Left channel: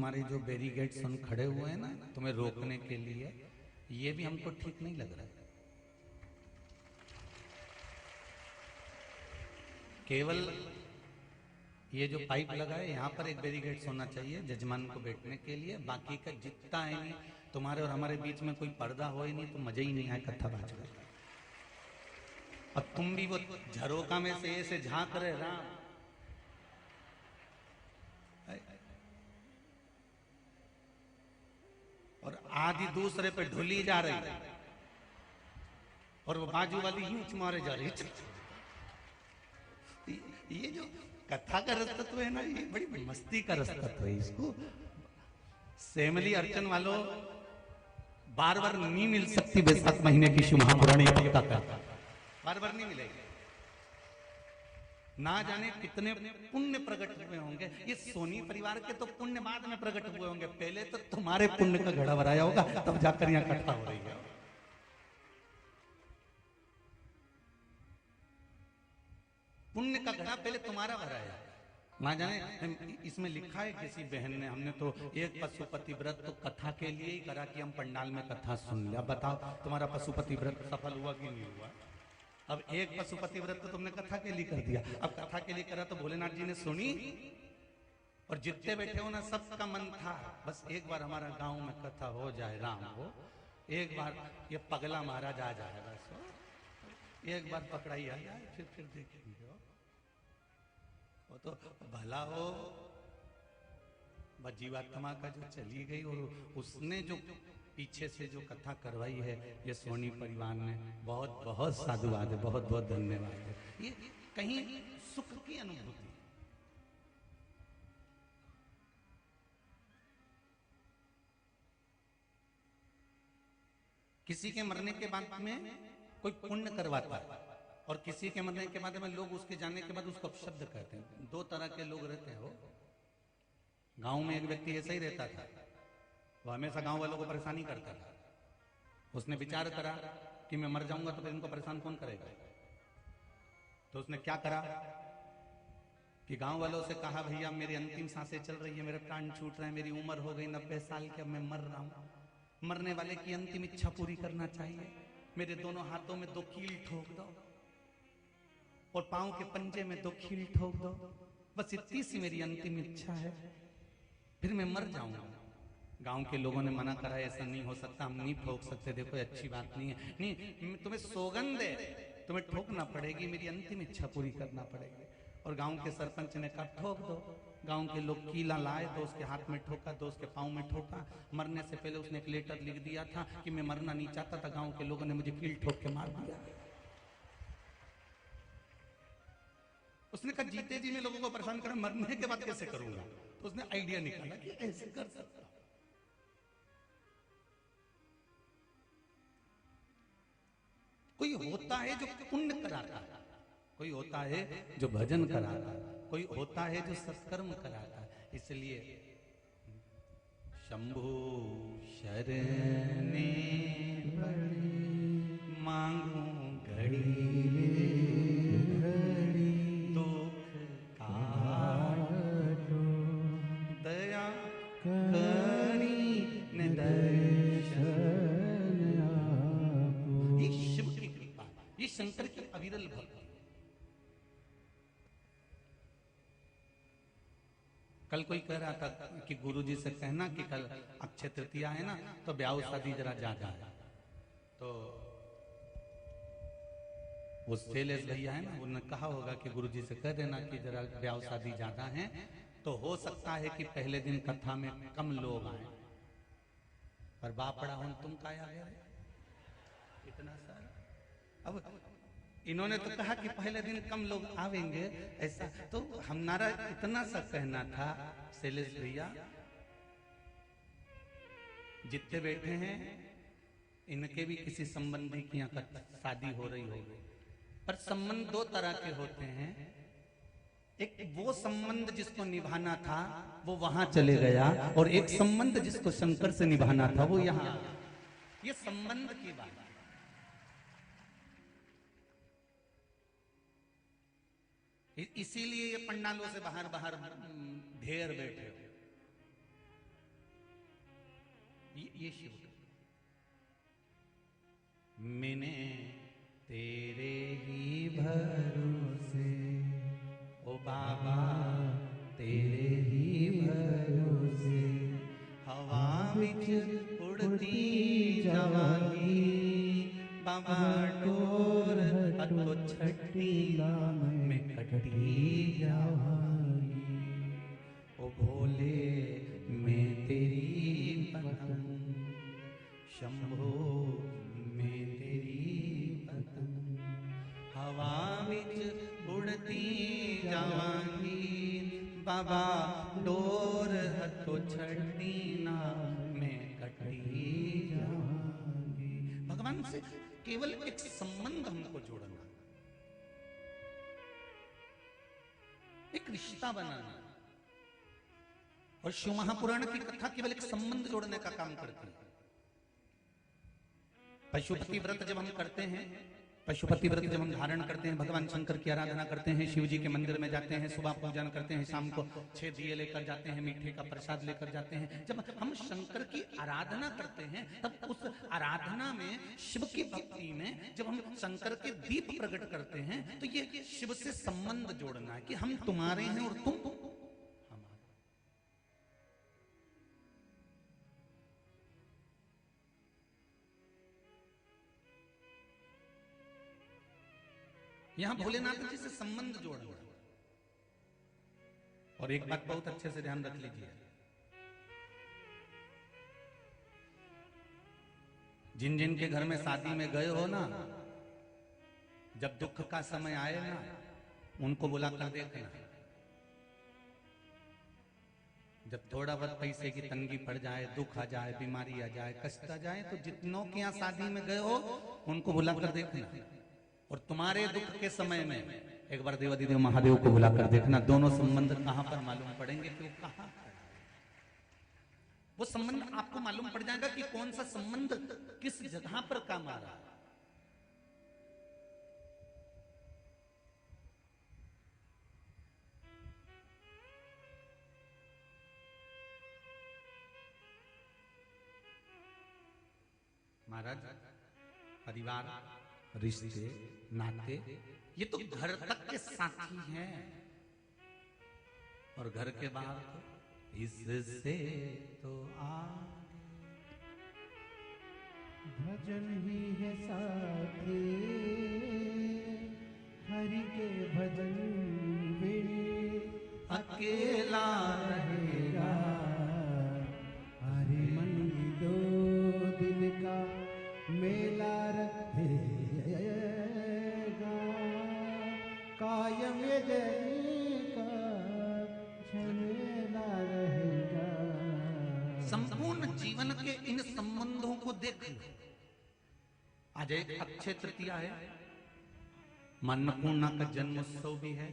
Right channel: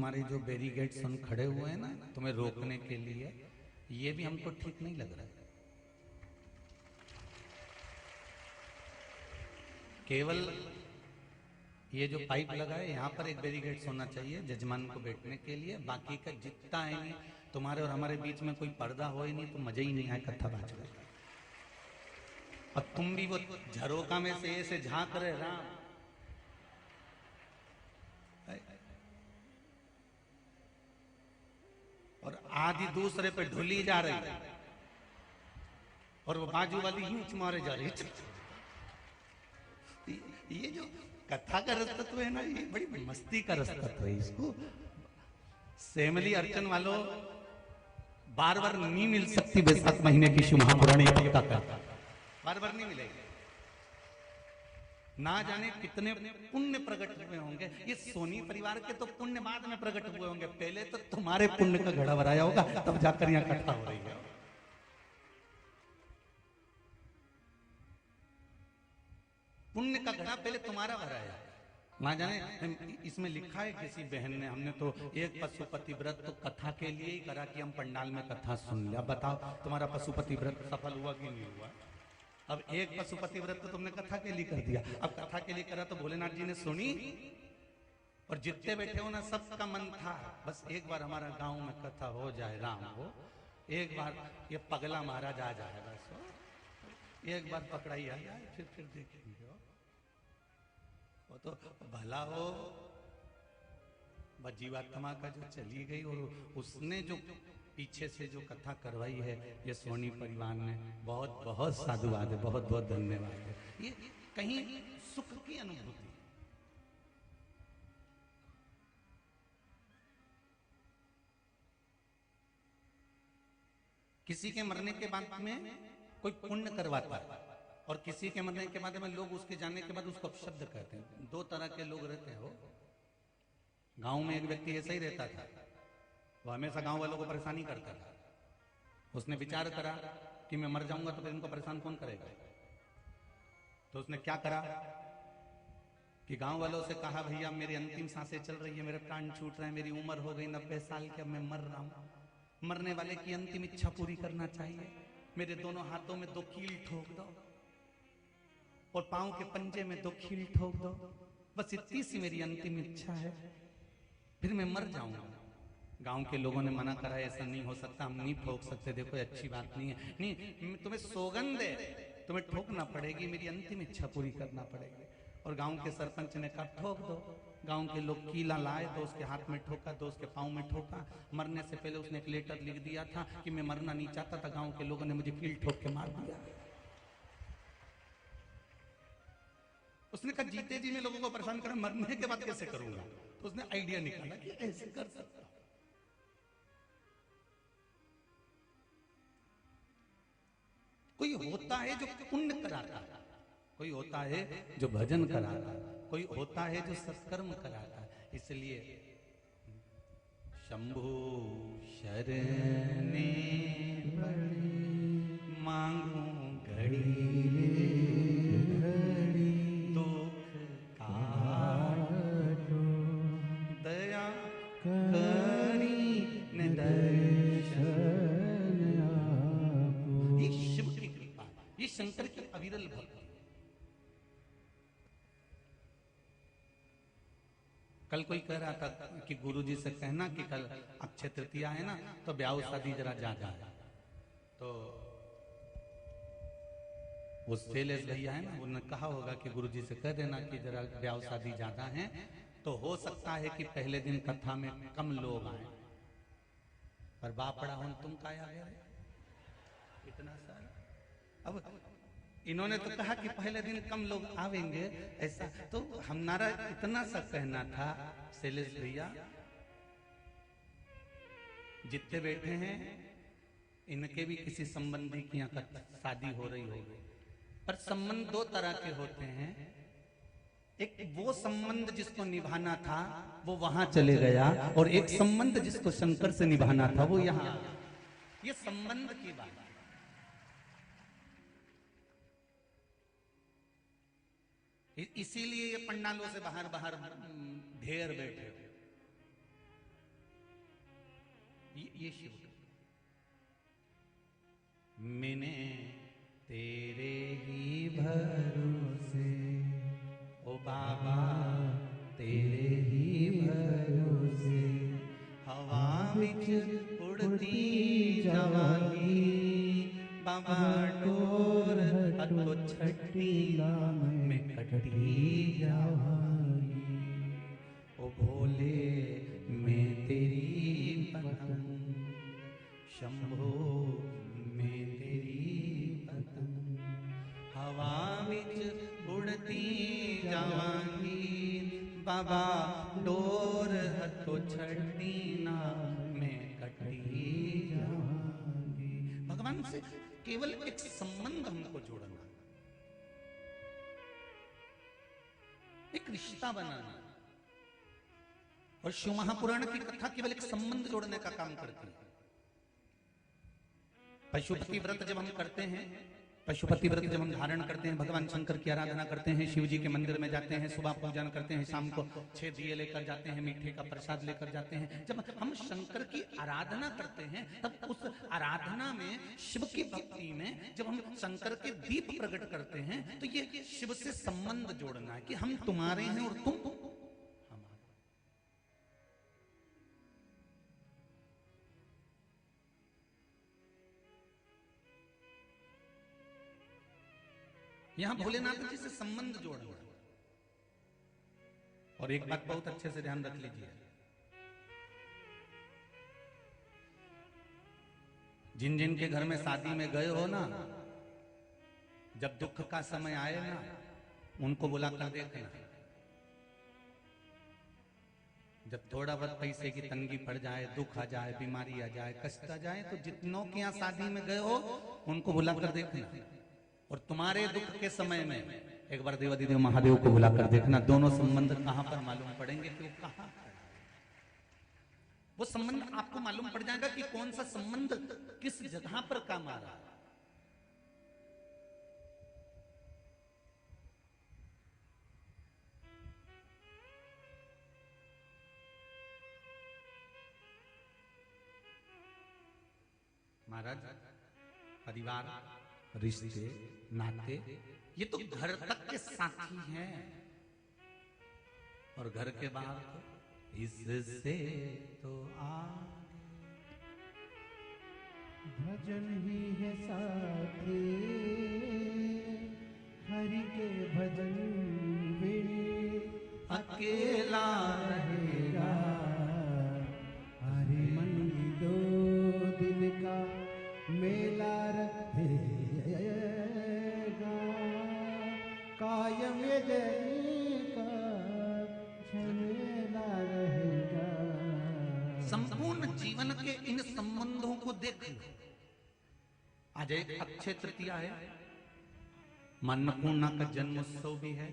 तुम्हारे जो बैरिकेड्स हम खड़े हुए हैं ना तुम्हें रोकने के लिए, ये भी हमको ठीक नहीं लग रहा। केवल ये जो पाइप लगा है यहाँ पर एक बैरिकेड्स होना चाहिए जजमान को बैठने के लिए, बाकी का जितना है नहीं, तुम्हारे और हमारे बीच में कोई पर्दा हो ही नहीं तो मजा ही नहीं आए कथा बात का। तो तुम भी वो झरोका में से ऐसे झांक रहे राम, और आधी दूसरे पे ढुली जा रही और वो बाजू वाली यूं मारे जा रही। ये जो कथा का रसतत्व है ना, ये बड़ी मस्ती का रसतत्व है। इसको सेमली अर्चन वालों बार बार नहीं मिल सकती बैसाख महीने की शिव महापुराणी कथा बार बार नहीं मिलेगी। ना जाने कितने पुण्य प्रकट हुए होंगे। ये सोनी परिवार के तो पुण्य बाद में प्रकट हुए होंगे, पहले तो तुम्हारे पुण्य का घड़ा भराया होगा तब जाकर यहाँ कथा हो रही है। पुण्य का घड़ा पहले तुम्हारा भरा है। ना जाने इसमें लिखा है किसी बहन ने, हमने तो एक पशुपति व्रत तो कथा के लिए ही करा कि हम पंडाल में कथा सुन लिया। बताओ तुम्हारा पशुपति व्रत सफल हुआ कि नहीं हुआ? अब एक पशुपति व्रत तो तुमने कथा के लिए कर दिया, अब कथा के लिए करा तो भोलेनाथ जी ने सुनी, और जितने बैठे हो ना सबका मन था बस एक बार हमारा गांव में कथा हो जाए, राम हो एक बार ये पगला महाराज आ जाए, बस एक बार पकड़ाई आ जाए फिर देखेंगे। वो तो भला हो बस जीवात्मा का चली गई, और उसने जो पीछे से जो कथा करवाई है ये सोनी परिवार ने, बहुत बहुत साधुवाद है, बहुत बहुत धन्यवाद है। ये कहीं सुख की अनुभूति। किसी के मरने के बाद में कोई पुण्य करवाता है और किसी के मरने के बाद में लोग उसके जाने के बाद उसको अपशब्द कहते हैं। दो तरह के लोग रहते हो। गांव में एक व्यक्ति ऐसा ही रहता था, वो हमेशा गांव वालों को परेशानी करता था। उसने विचार करा कि मैं मर जाऊंगा तो फिर इनको परेशान कौन करेगा, तो उसने क्या करा कि गांव वालों से कहा भैया मेरी अंतिम सांसें चल रही है, मेरा प्राण छूट रहा है, मेरी उम्र हो गई 90 साल की, मैं मर रहा हूं, मरने वाले की अंतिम इच्छा पूरी करना चाहिए, मेरे दोनों हाथों में 2 कील ठोक दो और पांव के पंजे में 2 कील ठोक दो, बस इतनी सी मेरी अंतिम इच्छा है, फिर मैं मर जाऊंगा। गांव के लोगों ने मना करा, ऐसा नहीं हो सकता, हम नहीं ठोक सकते, देखो अच्छी बात नहीं है, नहीं तुम्हें सौगंध है, तुम्हें ठोकना पड़ेगी, मेरी अंतिम इच्छा पूरी करना पड़ेगी। और गांव के सरपंच ने कहा ठोक दो। गांव के लोग कीला लाए तो उसके हाथ में ठोका, तो उसके पांव में ठोका। मरने से पहले उसने एक लेटर लिख दिया था कि मैं मरना नहीं चाहता था, गांव के लोगों ने मुझे कील ठोक के मार दिया। उसने कहा जीते जी मैं लोगों को परेशान करा, मरने के बाद कैसे करूंगा? तो उसने आइडिया निकाला कि ऐसे कर सकता। कोई होता है जो पुण्य कराता है, कोई होता है जो भजन कराता है, कोई होता है जो सत्कर्म कराता है। इसलिए शंभु शरणे मांगू घड़ी तो दया कोनी ये शिव की कृपा, ये शंकर की अविरल भक्ति। कल कोई कह रहा था कि गुरुजी से कहना कि कल अक्षय तृतीया है ना तो ब्याह शादी जरा ज्यादा है, तो वो शैलेश भैया है ना उन्होंने कहा होगा कि गुरुजी से कह देना कि जरा ब्याह शादी ज्यादा है, तो हो सकता है कि पहले दिन कथा में कम लोग आए, पर बापड़ा हम तुम क्या आ गए इतना सारा। अब इन्होंने तो कहा कि पहले दिन कम लोग आवेंगे, ऐसा तो हमारा इतना सा कहना था शैलेश भैया, जितने बैठे हैं इनके भी किसी संबंधी की यहाँ शादी हो रही होगी, पर संबंध 2 तरह के होते हैं। एक वो संबंध जिसको निभाना था वो वहां चले गया, और एक संबंध जिसको शंकर से निभाना था वो यहाँ आ गया। ये संबंध की बात है। इसीलिए ये पंडालों से बाहर बाहर ढेर बैठे, ये शिव मैंने तेरे ही भरोसे ओ बाबा तेरे ही भरोसे हवा बिच उड़ती जावागी बाबा डोर हटो छठी नाम में कटी जावागी ओ भोली मैं तेरी शंभो मैं तेरी हवा बिच उड़ती जावागी बाबा डोर हटो छठी नाम में कटी जावागी। भगवान से केवल एक संबंध हमको जोड़ना, एक रिश्ता बनाना, और शिव महापुराण की कथा केवल एक संबंध जोड़ने का काम करती है। पशुपति व्रत जब हम करते हैं, पशुपति व्रत जब हम धारण करते हैं, भगवान शंकर की आराधना करते हैं, शिव जी के मंदिर में जाते हैं, सुबह पूजन करते हैं, शाम को 6 दिए लेकर जाते हैं, मीठे का प्रसाद लेकर जाते हैं। जब हम शंकर की आराधना करते हैं तब उस आराधना में, शिव की भक्ति में जब हम शंकर के दीप प्रकट करते हैं तो ये शिव से संबंध जोड़ना है कि हम तुम्हारे हैं और तुम हमारे। यहां भोलेनाथ जी से संबंध जोड़ना। और एक बात बहुत अच्छे से ध्यान रख लीजिए, जिन जिन के घर में शादी में गए हो ना, जब दुख का समय आए ना, उनको बुला कर देखना। जब थोड़ा बहुत पैसे की तंगी पड़ जाए, दुख आ जाए, बीमारी आ जाए, कष्ट आ जाए, तो जितनों के यहाँ शादी में गए हो उनको बुला कर देखना। और तुम्हारे दुख के समय में एक बार देवाधिदेव महादेव को बुलाकर देखना। दोनों संबंध कहां पर मालूम पड़ेंगे कि वो कहां पर, वो संबंध आपको मालूम पड़ जाएगा कि कौन सा संबंध किस जगह पर काम आ रहा है। महाराज, परिवार, रिश्ते, नाते, ये तो घर तक के साथी है, और घर के बाहर इससे तो भजन ही है साथी, हरि के भजन बिन अकेला रहेगा। हरे मन दो दिन का मेला रहेगा, कायम का झमेला रहेगा। संपूर्ण जीवन के इन संबंधों को देखना। आज अक्षय तृतीया है, मां अन्नपूर्णा का जन्मोत्सव भी है।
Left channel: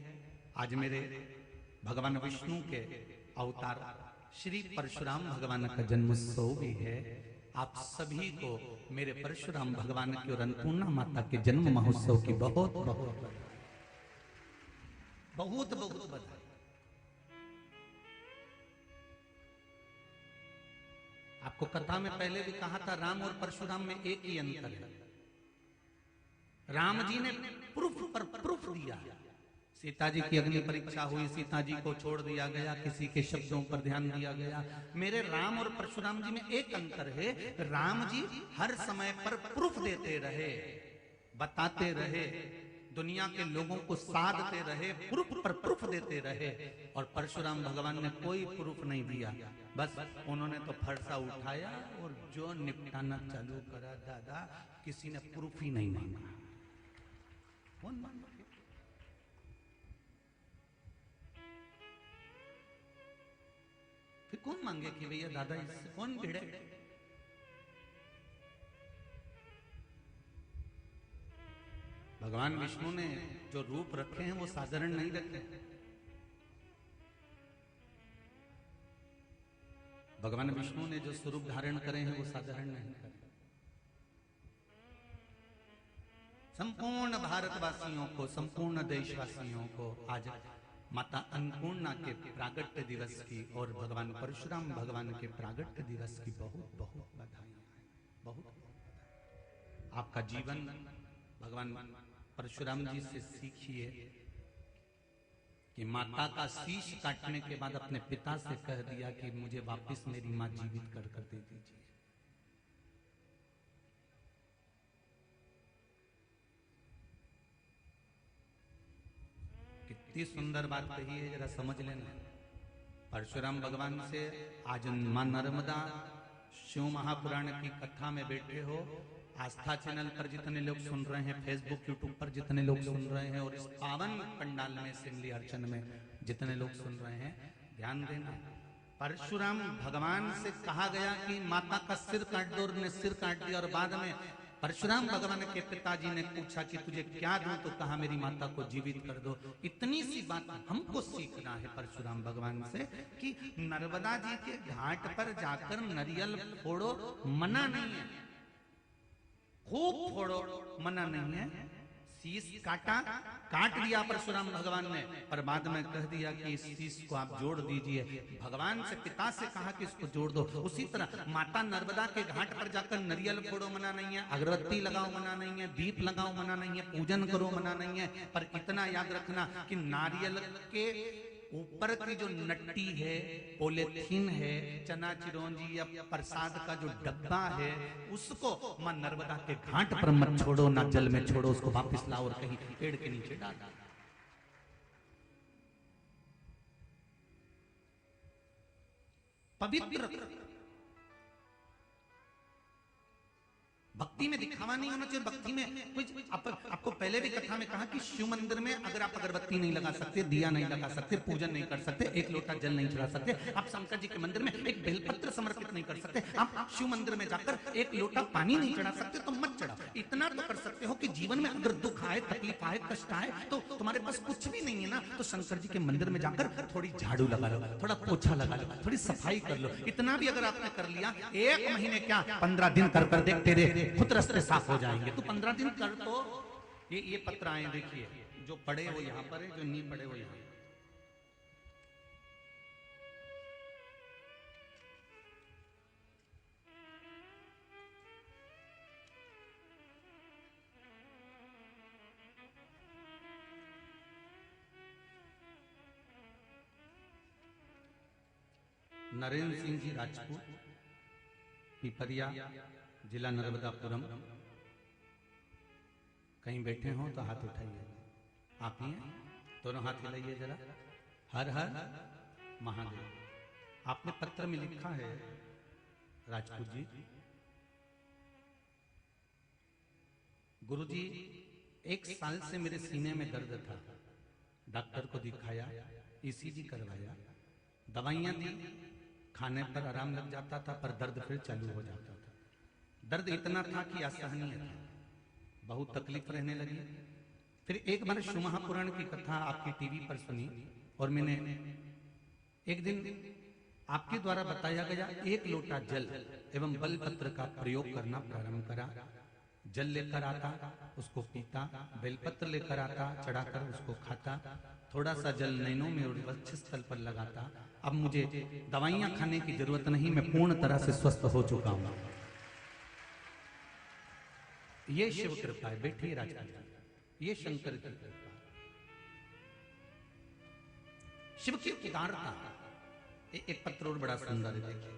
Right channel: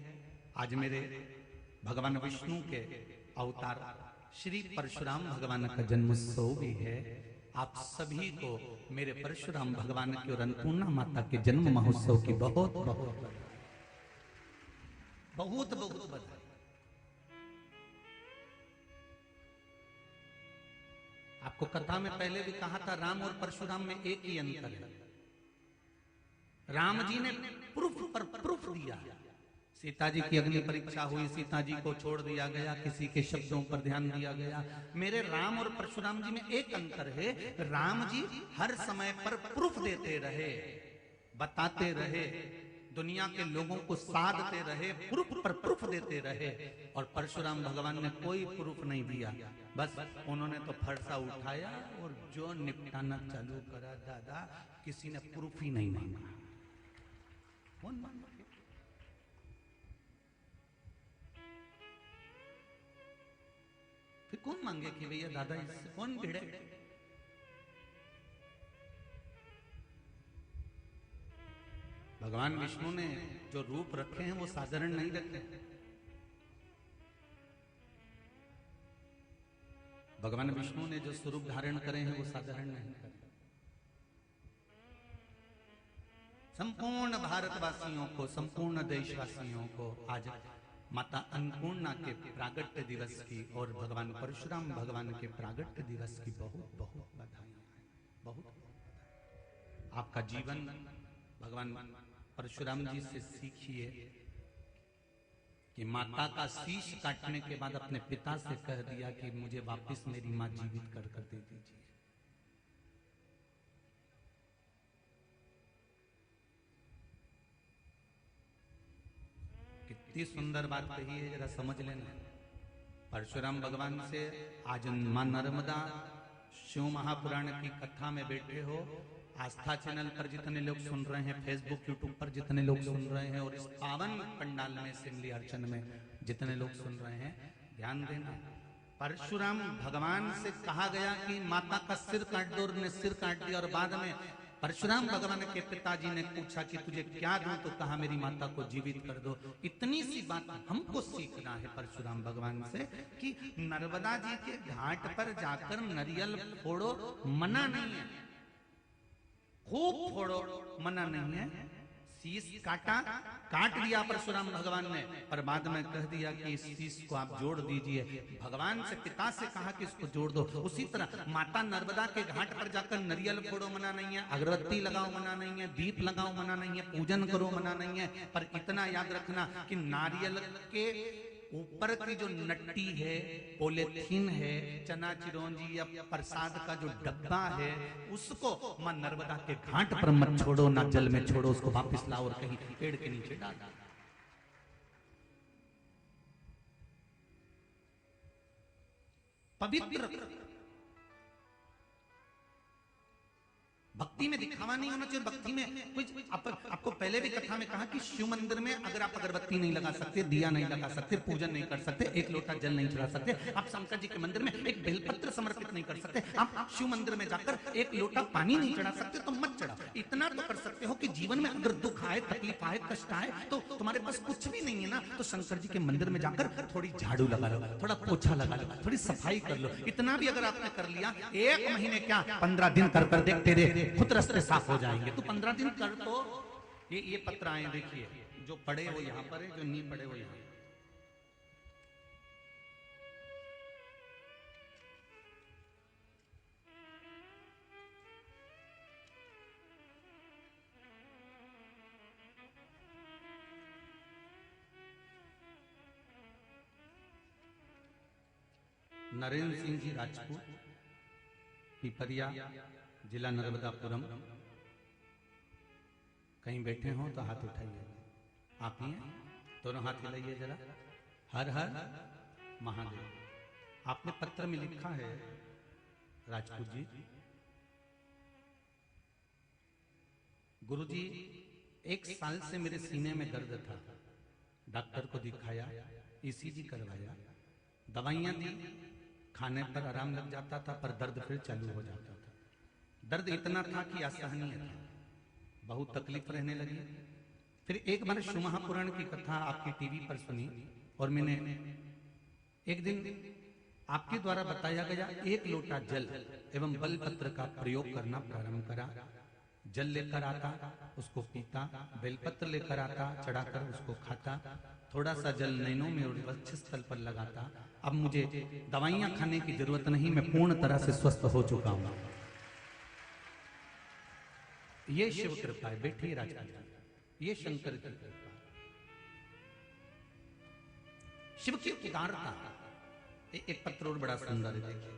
आज मेरे भगवान विष्णु के अवतार श्री परशुराम भगवान का जन्मोत्सव भी है। आप सभी को मेरे परशुराम भगवान की और अन्नपूर्णा माता के जन्म महोत्सव की बहुत बहुत बहुत बधाई। आपको कथा में पहले भी कहा था, राम और परशुराम में एक ही अंतर है। राम जी ने प्रूफ पर प्रूफ दिया। सीता जी की अग्नि परीक्षा हुई, सीता जी को छोड़ दिया गया, किसी के शब्दों पर ध्यान दिया गया। मेरे राम और परशुराम जी में एक अंतर है, राम जी हर समय पर प्रूफ देते रहे, बताते रहे, दुनिया के लोगों को साधते रहे, प्रूफ पर प्रूफ देते रहे। और परशुराम भगवान ने कोई प्रूफ नहीं दिया, बस उन्होंने तो फरसा उठाया और जो निपटाना चालू करा। दादा, किसी ने प्रूफ ही नहीं मांगा। कौन मांगा? फिर कौन मांगे कि भैया दादा इससे कौन भिड़े? भगवान विष्णु ने जो रूप रखे हैं वो साधारण नहीं रखे। भगवान विष्णु ने जो स्वरूप धारण करे हैं वो साधारण नहीं करे। संपूर्ण भारतवासियों को, संपूर्ण देशवासियों को आज माता अन्नपूर्णा के प्रागट्य दिवस की और भगवान परशुराम भगवान के प्रागट्य दिवस की बहुत बहुत बधाई। बहुत आपका जीवन भगवान परशुराम जी से सीखिए कि माता का शीश काटने के बाद अपने पिता से कह दिया कि मुझे वापस मेरी मां जीवित कर दे दीजिए। कितनी सुंदर बात कही है, जरा समझ लेना। परशुराम भगवान से आज मां नर्मदा शिव महापुराण की कथा में बैठे हो, आस्था चैनल पर जितने लोग सुन रहे हैं, फेसबुक यूट्यूब पर जितने लोग सुन रहे हैं, और इस पावन पंडाल में सिमली अर्चन में जितने लोग सुन रहे हैं, ध्यान देना। परशुराम भगवान से कहा गया कि माता का सिर काट दो, और उन्हें सिर काट दिया। और बाद में परशुराम भगवान के पिताजी ने पूछा कि तुझे क्या दूं, तो कहा मेरी माता को जीवित कर दो। इतनी सी बात हमको सीखना है परशुराम भगवान से कि नर्मदा जी के घाट पर जाकर नारियल फोड़ो, मना नहीं है, खूब फोड़ो, मना नहीं है। शीश काट दिया परशुराम भगवान ने, पर बाद में कह दिया कि इस शीश को आप जोड़ दीजिए। भगवान से पिता से कहा कि इसको जोड़ दो। उसी तरह माता नर्मदा के घाट पर जाकर नारियल फोड़ो, मना नहीं है, अगरबत्ती लगाओ, मना नहीं है, दीप लगाओ, मना नहीं है, पूजन करो, मना नहीं है। पर इतना याद रखना कि नारियल के ऊपर की जो नट्टी है, पॉलीथीन है, चना चिरौंजी या प्रसाद का जो डब्बा है, उसको मां नर्मदा के घाट पर मत छोड़ो, ना जल में छोड़ो, उसको वापस लाओ और कहीं पेड़ के नीचे डालो। पवित्र भक्ति में दिखावा नहीं होना चाहिए। भक्ति में कोई आपको पहले भी कथा में कहा कि शिव मंदिर में अगर आप अगरबत्ती नहीं लगा सकते, दिया नहीं लगा सकते, पूजन नहीं कर सकते, एक लोटा जल नहीं चढ़ा सकते, आप शंकर जी के मंदिर में एक बेलपत्र समर्पित नहीं कर सकते, आप शिव मंदिर में जाकर एक लोटा पानी नहीं चढ़ा सकते, तो मत चढ़ाओ। इतना तो कर सकते हो कि जीवन में अगर दुख आए, तकलीफ आए, कष्ट आए, तो तुम्हारे पास कुछ भी नहीं है ना, तो शंकर जी के मंदिर में जाकर थोड़ी झाड़ू लगा लो, थोड़ा पोछा लगा लो, थोड़ी सफाई कर लो। इतना भी अगर आपने कर लिया, 1 महीने क्या 15 दिन कर देख, तेरे खुद रास्ते साफ हो जाएंगे। तो 15 दिन कर दो। ये पत्र आए देखिए, जो पड़े वो यहाँ पर है, जो नहीं पड़े वो यहाँ। नरेंद्र सिंह जी राजपूत, पिपरिया, जिला नर्मदापुरम। कहीं बैठे हो तो हाथ उठाइए। आप ही दोनों हाथ हिलाइए जरा। हर हर महादेव। आपने पत्र में लिखा है राजपूत जी, गुरुजी 1 साल से मेरे सीने में दर्द था, डॉक्टर को दिखाया, ईसीजी करवाया, दवाइयां दी, खाने पर आराम लग जाता था, पर दर्द फिर चालू हो जाता था। दर्द इतना था कि असहनीय था, बहुत तकलीफ रहने लगी। फिर एक बार शिव महापुराण की कथा आपकी टीवी पर सुनी, और मैंने एक दिन आपके द्वारा बताया गया 1 लोटा जल एवं बेलपत्र का प्रयोग करना प्रारंभ करा। जल लेकर आता, उसको पीता, बेलपत्र लेकर आता, चढ़ाकर उसको खाता, थोड़ा सा जल नैनों में और वक्षस्थल पर लगाता। अब मुझे दवाइयां खाने की जरूरत नहीं, मैं पूर्ण तरह से स्वस्थ हो चुका हूं। ये शिव कृपा है। बैठिए राजा, ये शंकर शिव की उदारता। एक पत्र और बड़ा सुंदर है, देखिए।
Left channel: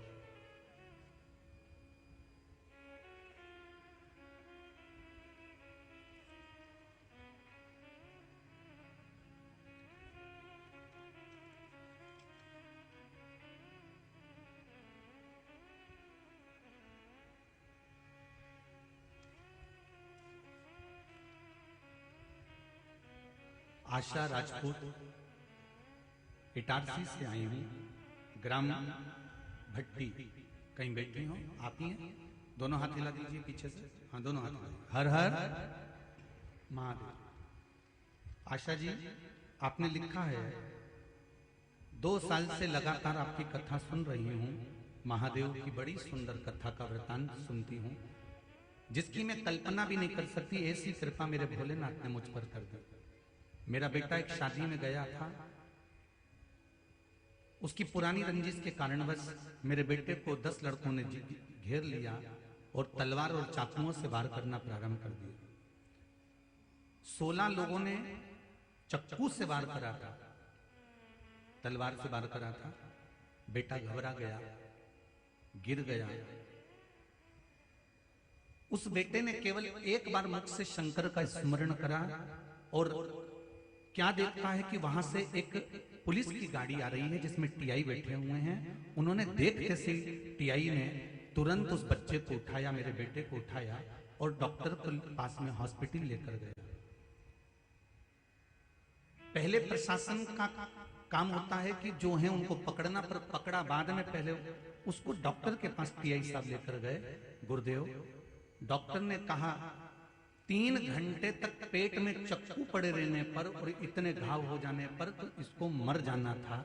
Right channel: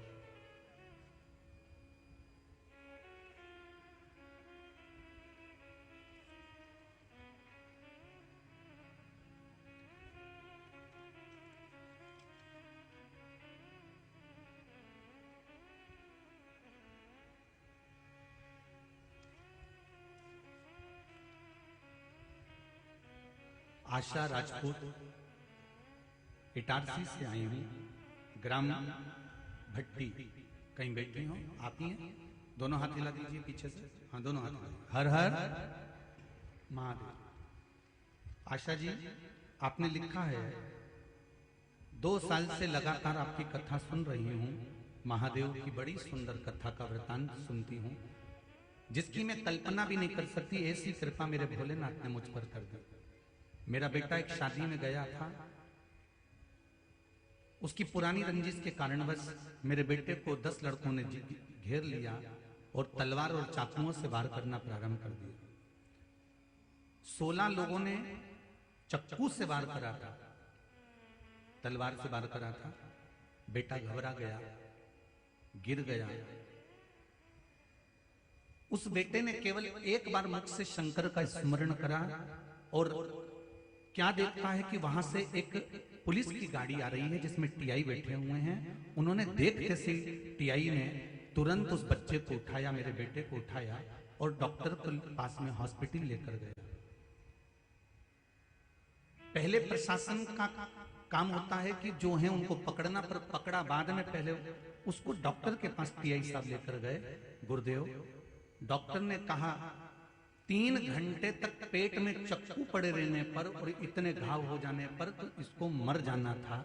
आशा राजपूत, इटारसी से आई हूँ, ग्राम भट्टी। कहीं बैठी हूँ, आप ही हैं? दोनों हाथ हिला दीजिए पीछे से। हाँ, दोनों हाथ। हर हर महादेव। आशा जी, आपने लिखा है 2 साल से लगातार आपकी कथा सुन रही हूँ। महादेव की बड़ी सुंदर कथा का वृतांत सुनती हूँ, जिसकी मैं कल्पना भी नहीं कर सकती। ऐसी कृपा मेरे भोलेनाथ ने मुझ पर कर दी। मेरा बेटा एक शादी में गया था, उसकी पुरानी रंजिश के कारणवश मेरे बेटे को 10 लड़कों ने घेर लिया और तलवार और चाकुओं से वार करना प्रारंभ कर दिया। 16 लोगों ने चक्कू से वार करा था, तलवार से वार करा था। बेटा घबरा गया, गिर गया। उस बेटे ने केवल एक बार मुख से शंकर का स्मरण करा और क्या देखता है कि वहां से एक पुलिस की गाड़ी आ रही है जिसमें टीआई बैठे हुए हैं। उन्होंने देखते से टीआई ने तुरंत उस बच्चे को उठाया, मेरे बेटे को उठाया और डॉक्टर के पास में हॉस्पिटल लेकर गया। पहले प्रशासन का काम होता है कि जो है उनको पकड़ना, पर पकड़ा बाद में, पहले उसको डॉक्टर के पास टीआई साहब लेकर गए। गुरुदेव, डॉक्टर ने कहा 3 घंटे तक पेट में चक्कू पड़े रहने पर और इतने घाव हो जाने पर तो इसको मर जाना था,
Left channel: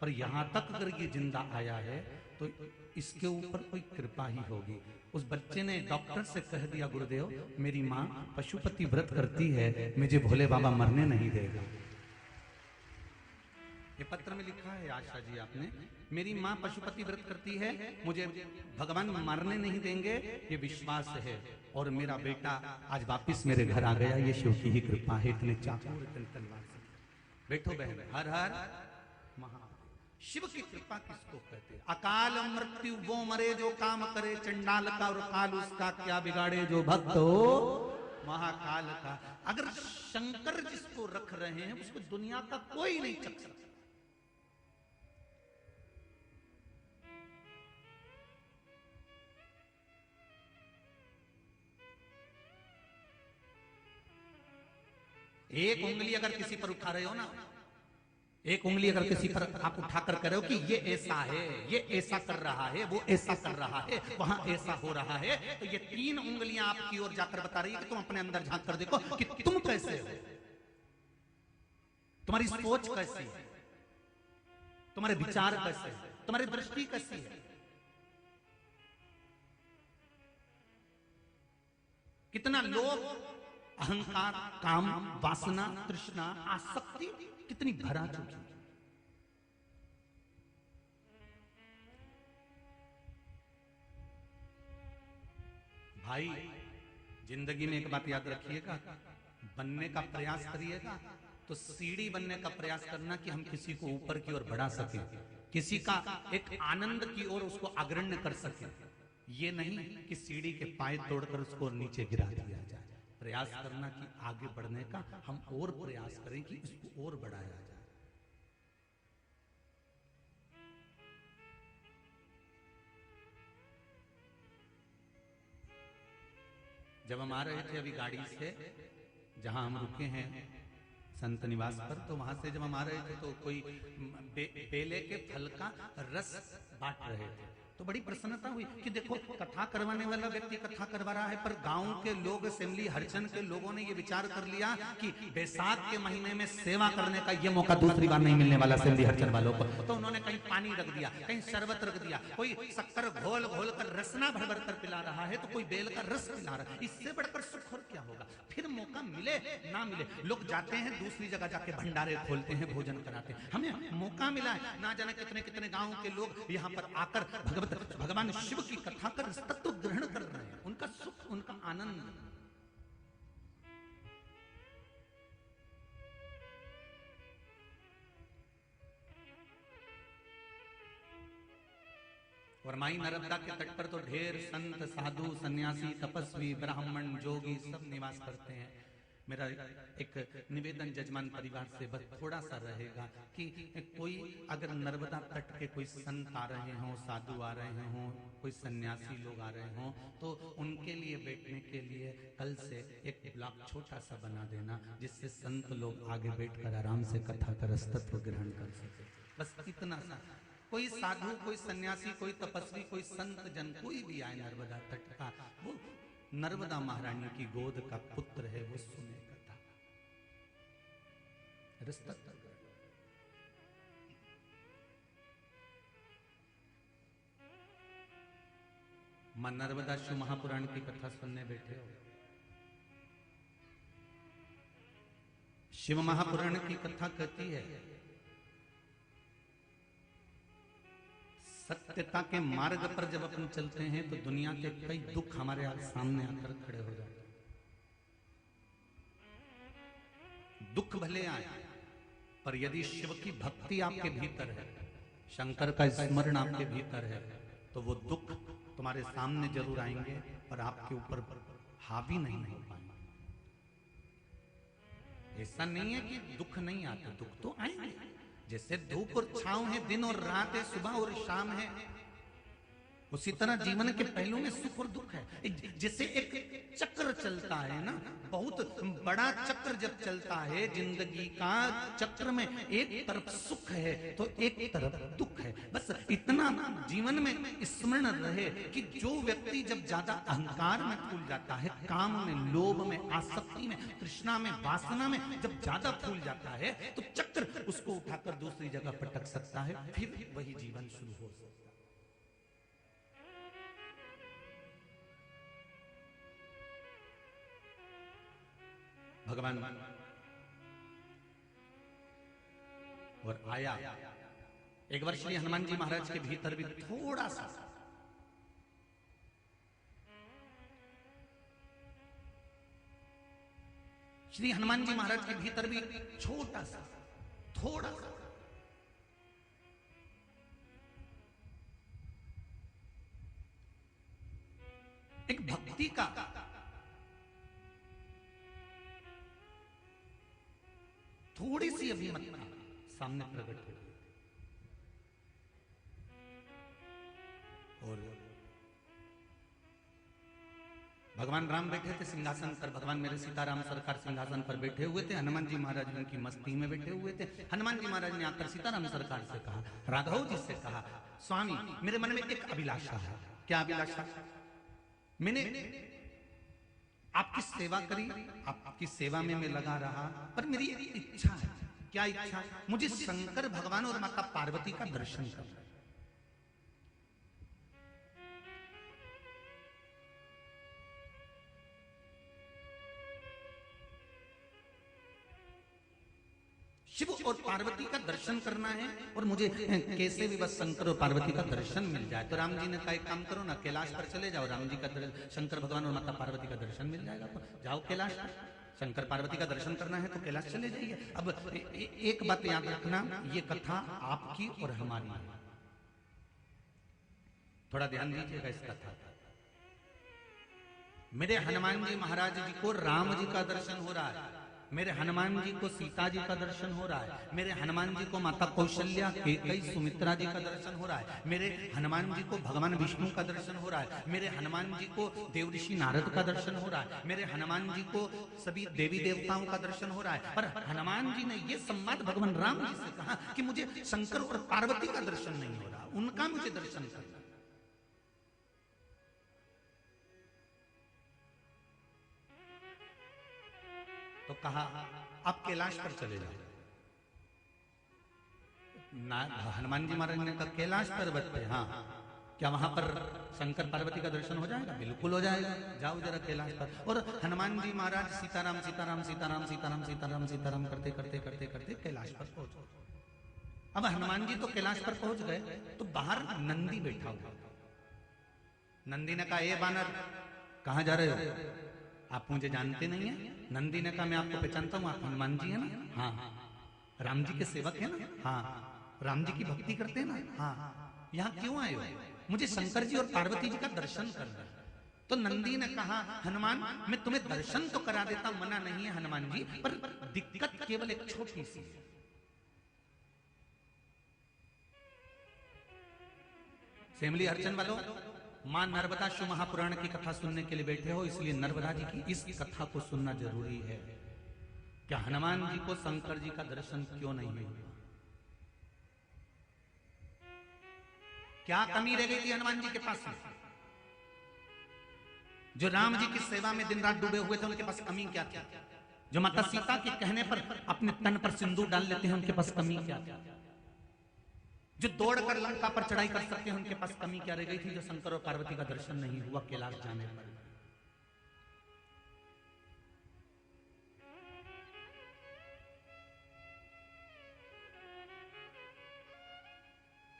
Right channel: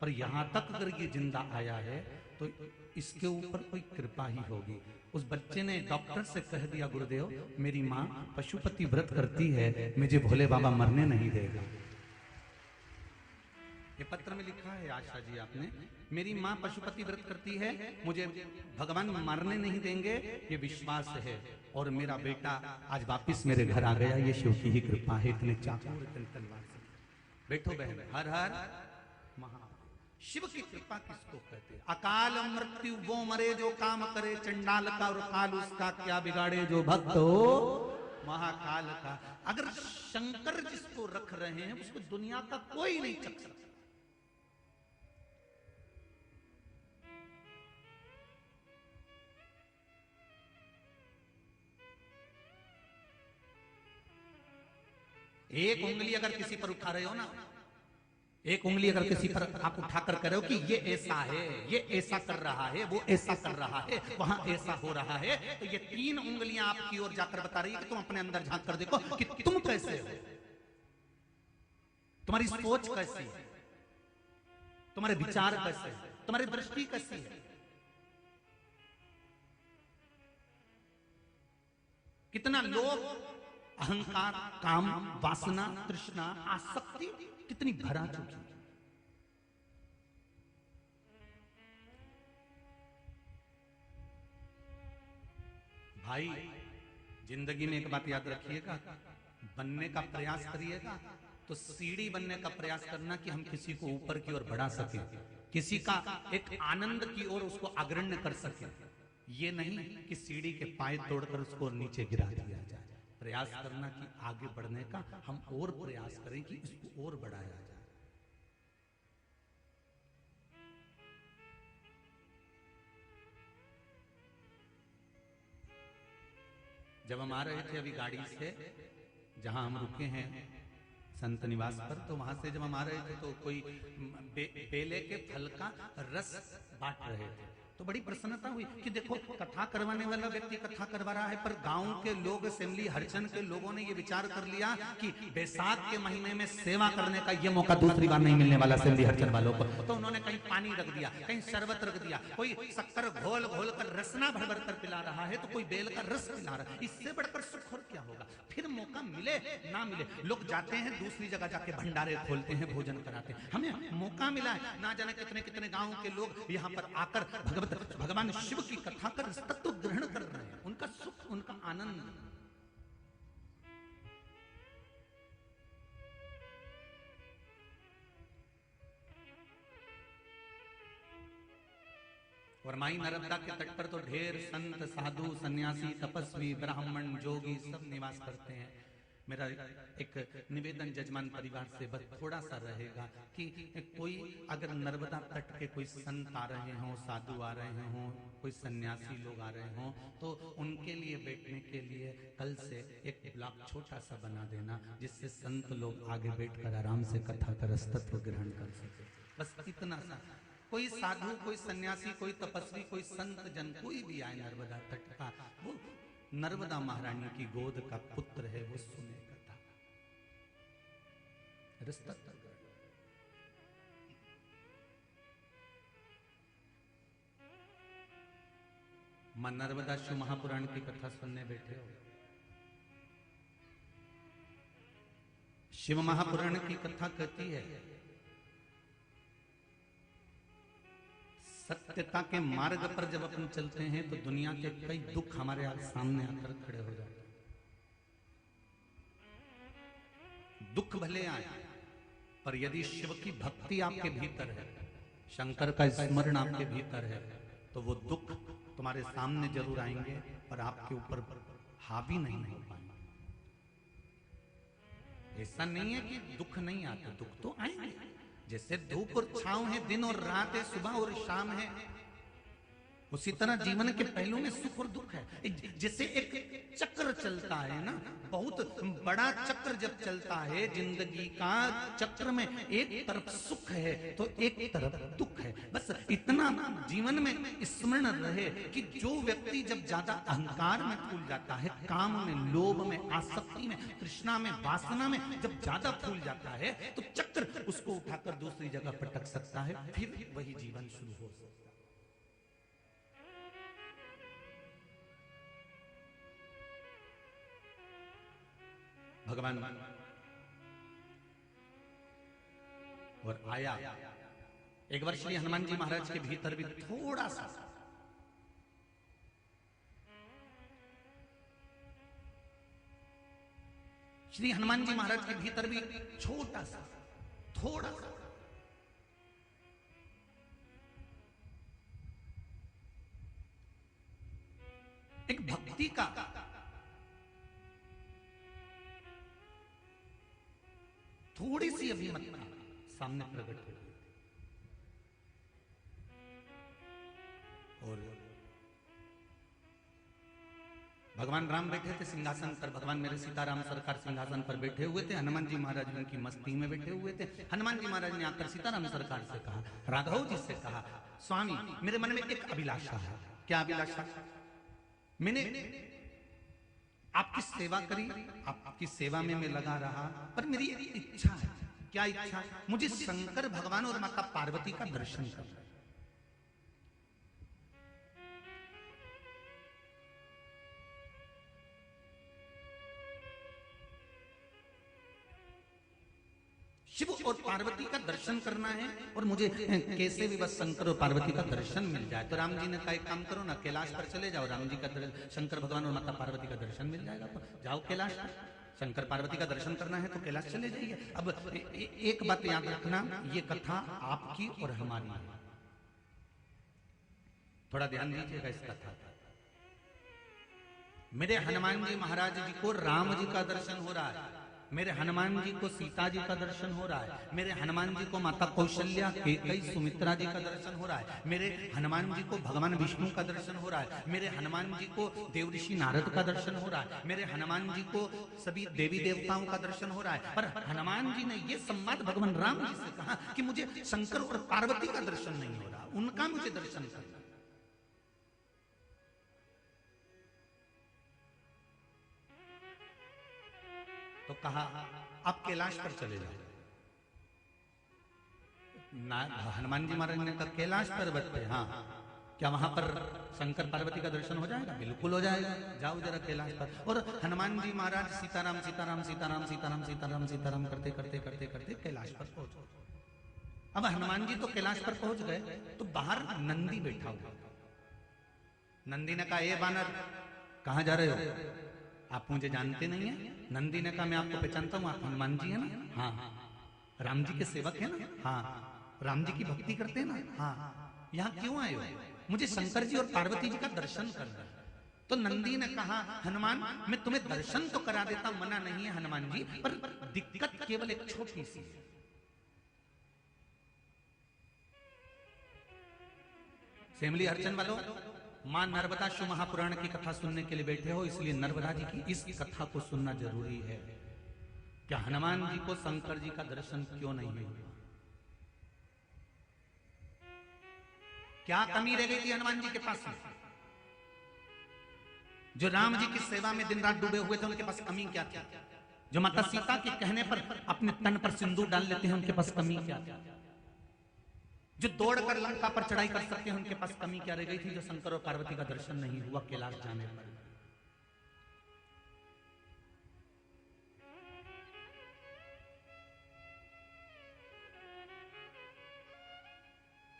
पर यहाँ तक अगर ये जिंदा आया है तो इसके ऊपर कोई कृपा ही होगी। उस बच्चे ने डॉक्टर से कह दिया, गुरुदेव मेरी माँ पशुपति व्रत करती है, मुझे भोले बाबा मरने नहीं देगा। ये पत्र में लिखा है आशा जी आपने, मेरी माँ पशुपति व्रत करती है, मुझे भगवान मारने नहीं देंगे, ये विश्वास है। और मेरा बेटा आज वापिस मेरे घर आ गया, ये शिव की ही कृपा है। इतने चाचा बैठो बहन, हर हर महा। शिव की कृपा किसको कहते हैं? अकाल मृत्यु वो मरे जो काम करे, चंडाल का और काल उसका क्या बिगाड़े, जो भक्त हो महाकाल का। अगर शंकर जिसको रख रहे हैं उसको दुनिया का कोई नहीं चक सकता। एक उंगली अगर किसी पर उठा रहे हो ना, एक उंगली अगर किसी पर आप उठाकर कह रहे हो कि ये ऐसा है, ये ऐसा कर रहा है, वो ऐसा कर रहा है, वहां ऐसा हो रहा है, तो ये 3 उंगलियां आपकी ओर जाकर बता रही है कि तुम अपने अंदर झांक कर देखो कि तुम कैसे हो, तुम्हारी सोच कैसी है, तुम्हारे विचार कैसे हैं, तुम्हारी दृष्टि कैसी है। कितना लोग अहंकार, काम, वासना, तृष्णा, आसक्ति कितनी भरा चुकी। भाई जिंदगी में एक बात याद रखिएगा, बनने का प्रयास करिएगा तो सीढ़ी बनने का प्रयास करना कि हम किसी को ऊपर की ओर बढ़ा सके, किसी का एक आनंद की ओर उसको अग्रण्य कर सके। ये नहीं कि सीढ़ी के पाए तोड़कर उसको नीचे गिरा दिया जाए। प्रयास करना कि आगे बढ़ने का, हम और प्रयास करें कि उसको और बढ़ाया जाए। जब हम आ रहे थे अभी गाड़ी से, जहां हम रुके हैं संत निवास पर, तो वहां से जब हम आ रहे थे तो कोई बेले के फल का रस बांट रहे थे, तो बड़ी प्रसन्नता हुई कि देखो कथा करवाने वाला व्यक्ति कथा करवा रहा है, पर गांव के लोग, असेंबली हरिजन के लोगों ने ये विचार कर लिया कि बैसाख के महीने में सेवा करने का ये मौका दूसरी बार नहीं मिलने वाला असेंबली हरिजन वालों को। तो उन्होंने कहीं पानी रख दिया, कहीं शरबत रख दिया, कोई शक्कर घोल घोल कर रसना भर भर कर पिला रहा है, तो कोई बेल का रस पिला रहा है। इससे बढ़कर सुख और क्या होगा? फिर मौका मिले ना मिले, लोग जाते हैं दूसरी जगह जाके भंडारे खोलते हैं, भोजन कराते हैं। हमें मौका मिला, ना जाने कितने कितने गांव के लोग यहाँ पर आकर भगवान शिव की कथा कर तत्व ग्रहण कर रहे हैं, उनका सुख, उनका आनंद। और माई नर्मदा के तट पर तो ढेर संत, साधु, सन्यासी, तपस्वी, ब्राह्मण, जोगी सब निवास करते हैं। मेरा एक निवेदन जजमान परिवार से थोड़ा सा रहेगा कि कोई अगर नर्मदा तट के कोई संत आ रहे हों, साधु आ रहे हों, कोई सन्यासी लोग आ रहे हों, तो उनके लिए बैठने के लिए कल से एक ब्लॉक छोटा सा बना देना, जिससे संत लोग आगे बैठकर आराम से कथा का रस्तत्व ग्रहण कर सके। बस इतना सा। कोई साधु, कोई सन्यासी, कोई तपस्वी, कोई संत जन, कोई भी आए नर्मदा तट का, वो नर्मदा महारानी की गोद का पुत्र है, वो सुने कथा रस्तत्व ग्रहण। मां नर्मदा शिव महापुराण की कथा सुनने बैठे हो। शिव महापुराण की कथा कहती है सत्यता के मार्ग पर जब अपन चलते हैं तो दुनिया के कई दुख हमारे सामने आकर खड़े हो जाते हैं। दुख भले आए, पर यदि शिव की भक्ति आपके भीतर है, शंकर का स्मरण आपके भीतर है, तो वो दुख तुम्हारे सामने जरूर आएंगे और आपके ऊपर हावी नहीं हो पाएंगे। ऐसा नहीं है कि दुख नहीं आते, दुख तो आएंगे। जैसे धूप और छांव है, दिन और रात है, सुबह और शाम है, उसी तरह जीवन के पहलू में सुख और दुख है। जैसे एक चक्र चलता है ना, बहुत बड़ा चक्र जब चलता है जिंदगी का, चक्र में एक तरफ सुख है तो एक तरफ दुख है। बस इतना जीवन में स्मरण रहे कि जो व्यक्ति जब ज्यादा अहंकार में फूल जाता है, काम में, लोभ में, आसक्ति में, तृष्णा में, वासना में जब ज्यादा फूल जाता है, तो चक्र उसको उठाकर दूसरी जगह पटक सकता है, फिर वही जीवन शुरू हो सकता है। भगवान और आया एक बार श्री हनुमान जी महाराज के भीतर भी थोड़ा सा, श्री हनुमान जी महाराज के भीतर भी छोटा सा, थोड़ा सा एक भक्ति का थोड़ी सी अभिमतता सामने प्रकट हुई। और भगवान राम बैठे थे सिंहासन पर, भगवान मेरे सीताराम सरकार सिंहासन पर बैठे हुए थे, हनुमान जी महाराज उनकी मस्ती में बैठे हुए थे। हनुमान जी महाराज ने आकर सीताराम सरकार से कहा, राघव जी से कहा, स्वामी मेरे मन में एक अभिलाषा है। क्या अभिलाषा? मैंने आपकी सेवा करी, आपकी सेवा में मैं लगा रहा, पर मेरी इच्छा है। क्या इच्छा? मुझे शंकर भगवान और माता पार्वती का दर्शन करना। शिव और पार्वती का दर्शन करना है, और मुझे कैसे भी बस शंकर और पार्वती का दर्शन मिल जाए। तो राम जी ने कहा, एक काम करो ना, कैलाश पर चले जाओ, राम जी का शंकर भगवान और माता पार्वती का दर्शन मिल जाएगा। जाओ कैलाश, शंकर पार्वती का दर्शन करना है तो कैलाश चले जाइए। अब एक बात याद रखना, ये कथा आपकी और हमारी है, थोड़ा ध्यान दीजिएगा इस कथा। मेरे हनुमान जी महाराज जी को राम जी का दर्शन हो रहा है, मेरे हनुमान जी को सीता जी का दर्शन हो रहा है, मेरे हनुमान जी को माता कौशल्या, केकई, सुमित्रा जी का दर्शन हो रहा है, मेरे हनुमान जी को भगवान विष्णु का दर्शन हो रहा है, मेरे हनुमान जी को देवऋषि नारद का दर्शन हो रहा है, मेरे हनुमान जी को सभी देवी देवताओं का दर्शन हो रहा है। पर हनुमान जी ने यह संवाद भगवान राम जी से कहा कि मुझे शंकर और पार्वती का दर्शन नहीं हो रहा, उनका मुझे दर्शन करना। तो कहा आप कैलाश पर चले जाओ। हनुमान जी महाराज ने कहा कैलाश पर बैठे, हाँ, क्या वहां पर शंकर पार्वती का दर्शन हो जाएगा? बिल्कुल हो जाएगा, जाओ जरा कैलाश पर। और हनुमान जी महाराज सीताराम सीताराम सीताराम सीताराम सीताराम सीताराम करते करते करते करते कैलाश पर पहुंच गए। अब हनुमान जी तो कैलाश पर पहुंच गए, तो बाहर नंदी बैठा हुआ। नंदी ने कहा, ए बानर, कहां जा रहे हो? आप मुझे जानते नहीं है? नंदी ने कहा, मैं आपको पहचानता हूँ, आप हनुमान जी है ना? हाँ। राम जी के सेवक है ना? हाँ। राम जी की भक्ति करते हैं ना? हाँ। यहाँ क्यों आए हो? मुझे शंकर जी और पार्वती जी का दर्शन करना है। तो नंदी ने कहा, हनुमान, मैं तुम्हें दर्शन तो करा देता, मना नहीं है हनुमान जी, पर दिक्कत केवल एक छोटी सी है। फैमिली अर्चन वालों, मां नर्मदा शिव महापुराण की कथा सुनने के लिए बैठे हो, इसलिए नर्मदा जी की इस कथा को सुनना जरूरी है। क्या हनुमान जी को शंकर जी का दर्शन क्यों नहीं हुआ? क्या कमी रह गई थी हनुमान जी के पास में? जो राम जी की सेवा में दिन रात डूबे हुए थे, उनके पास कमी क्या थी? जो माता सीता के कहने पर अपने तन पर सिंदूर डाल लेते हैं, उनके पास कमी क्या थी? जो दौड़कर लंका पर चढ़ाई कर सकते हैं, उनके पास कमी क्या रह गई थी जो शंकर और पार्वती का दर्शन नहीं हुआ कैलाश जाने पर?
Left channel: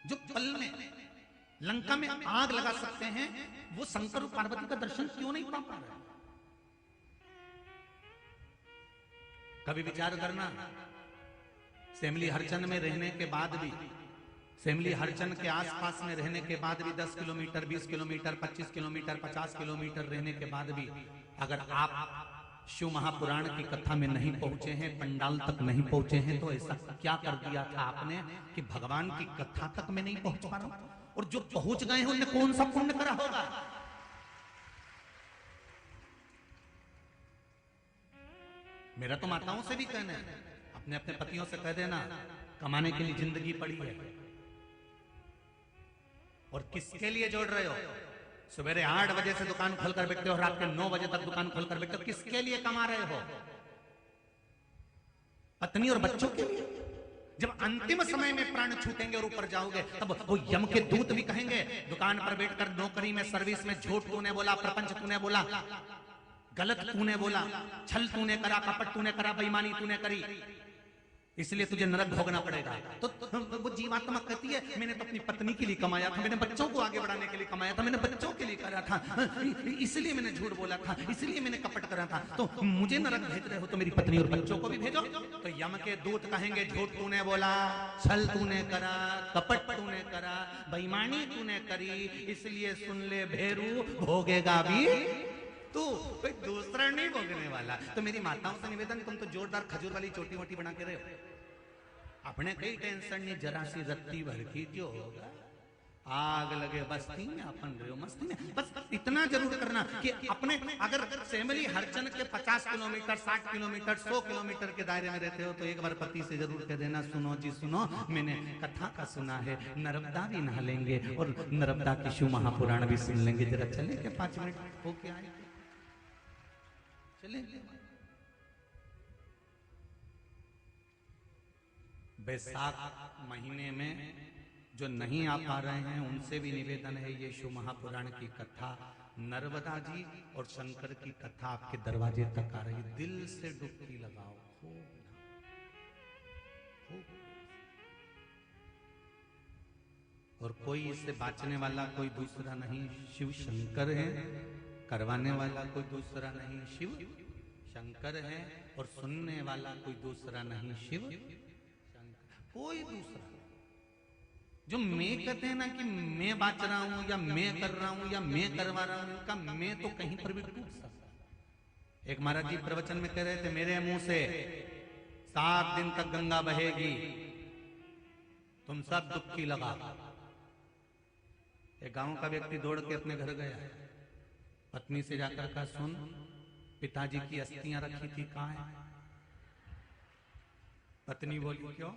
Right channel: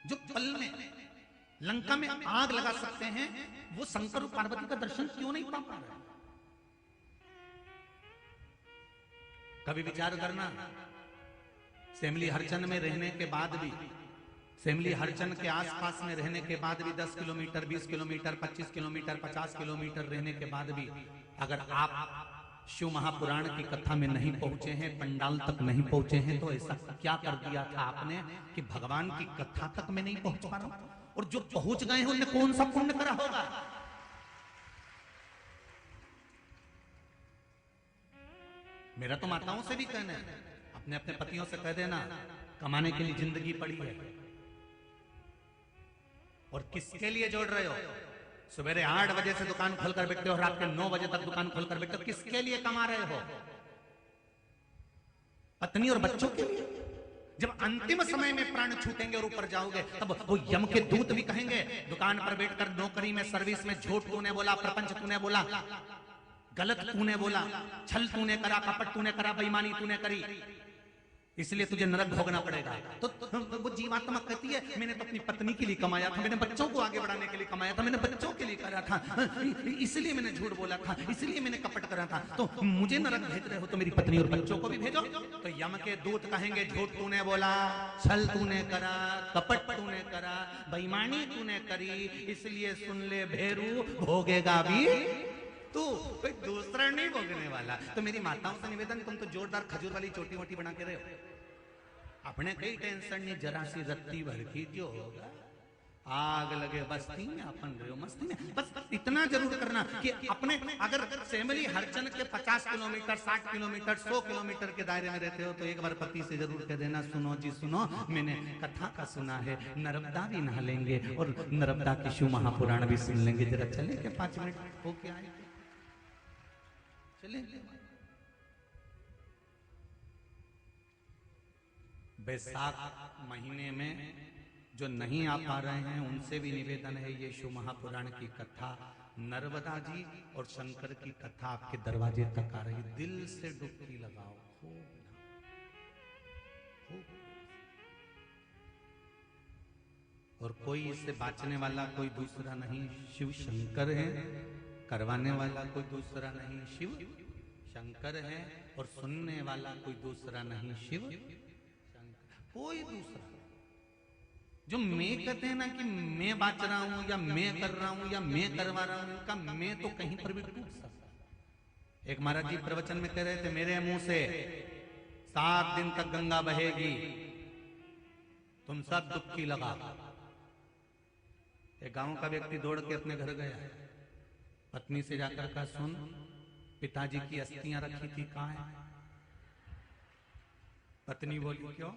जो पल में लंका में आग लगा सकते हैं, वो शंकर और पार्वती का दर्शन क्यों नहीं पा रहे? कभी विचार करना, सेमली हरचंद में रहने के बाद भी, सेमली हरचंद के आसपास में रहने के बाद भी 10 किलोमीटर, 20 किलोमीटर, 25 किलोमीटर, 50 किलोमीटर रहने के बाद भी अगर आप शिव महापुराण की कथा में नहीं पहुंचे हैं, पंडाल तक नहीं पहुंचे हैं, तो ऐसा क्या कर दिया था आपने कि भगवान की कथा तक में नहीं पहुंच पाए? और जो पहुंच गए हैं उन्हें कौन सा पुण्य करा होगा? मेरा तो माताओं से भी कहना है, अपने अपने पतियों से कह देना, कमाने के लिए जिंदगी पड़ी है, और किसके लिए जोड़ रहे हो? सवेरे 8 बजे से दुकान खोलकर बैठते हो, रात के 9 बजे तक दुकान खोलकर बैठते हो, किसके लिए कमा रहे हो? पत्नी और बच्चों के लिए। जब अंतिम समय में प्राण छूटेंगे और ऊपर जाओगे, तब वो यम के दूत भी कहेंगे, दुकान पर बैठकर नौकरी में, सर्विस में झूठ तूने बोला, प्रपंच तूने बोला, गलत तूने बोला, छल तूने करा, कपट तूने करा, बेईमानी तूने करी, इसलिए तुझे नरक भोगना पड़ेगा। तो वो जीवात्मा कहती है, मैंने तो अपनी पत्नी के लिए कमाया था, मैंने बच्चों को आगे बढ़ाने के लिए कमाया था, मैंने बच्चों के लिए करा था, इसलिए मैंने झूठ बोला था, इसलिए मैंने कपट करा था, तो मुझे नरक भेज रहे हो तो मेरी पत्नी और बच्चों को भी भेजो। तो यम के दूत कहेंगे, झूठ तूने बोला, छल तूने करा, कपट तूने करा, बेईमानी तूने करी, इसलिए सुन ले भेरू, भोगेगा भी तू, दूसरा नहीं भोगने वाला। तो मेरी माताओं से निवेदन, तुम तो जोरदार खजूर वाली चोटी वोटी बना के रहे हो, अपने कई टेंशन नहीं, जरा सी रत्ती भर की जो होगा, आग लगे बस्ती में, बस इतना जरूर करना कि अपने, अगर सेमली हरचंद के 50 किलोमीटर, 60 किलोमीटर, 100 किलोमीटर के दायरे में रहते हो, तो एक बार पति से जरूर कह देना, सुनो जी सुनो, मैंने कथा का सुना है, नर्मदा भी नहा लेंगे और नर्मदा की शिव महापुराण भी सुन लेंगे, जरा चलेंगे 5 मिनट होके आए, चलेंगे। बैसाख महीने में जो नहीं आ पा रहे हैं, उनसे भी निवेदन है, ये शिव महापुराण की कथा, नर्मदा जी और शंकर की कथा आपके दरवाजे तक आ रही है, दिल से डुबकी लगाओ, और कोई इससे बाँचने वाला कोई दूसरा नहीं, शिव शंकर है, करवाने वाला कोई दूसरा नहीं, शिव शंकर है, और सुनने वाला कोई दूसरा नहीं, शिव कोई दूसरा। जो मैं कहते हैं ना कि मैं बाँच रहा हूं, या मैं कर रहा हूं, या मैं करवा रहा हूं, का मैं तो कहीं पर भी टूट सकता है। एक महाराज जी प्रवचन में कह रहे थे, मेरे मुंह से 7 दिन तक गंगा बहेगी, तुम सब डुबकी लगा। एक गांव का व्यक्ति दौड़ के अपने घर गया, पत्नी से जाकर कहा, सुन, पिताजी की अस्थियां रखी थी, कहाँ है? पत्नी बोली, क्यों,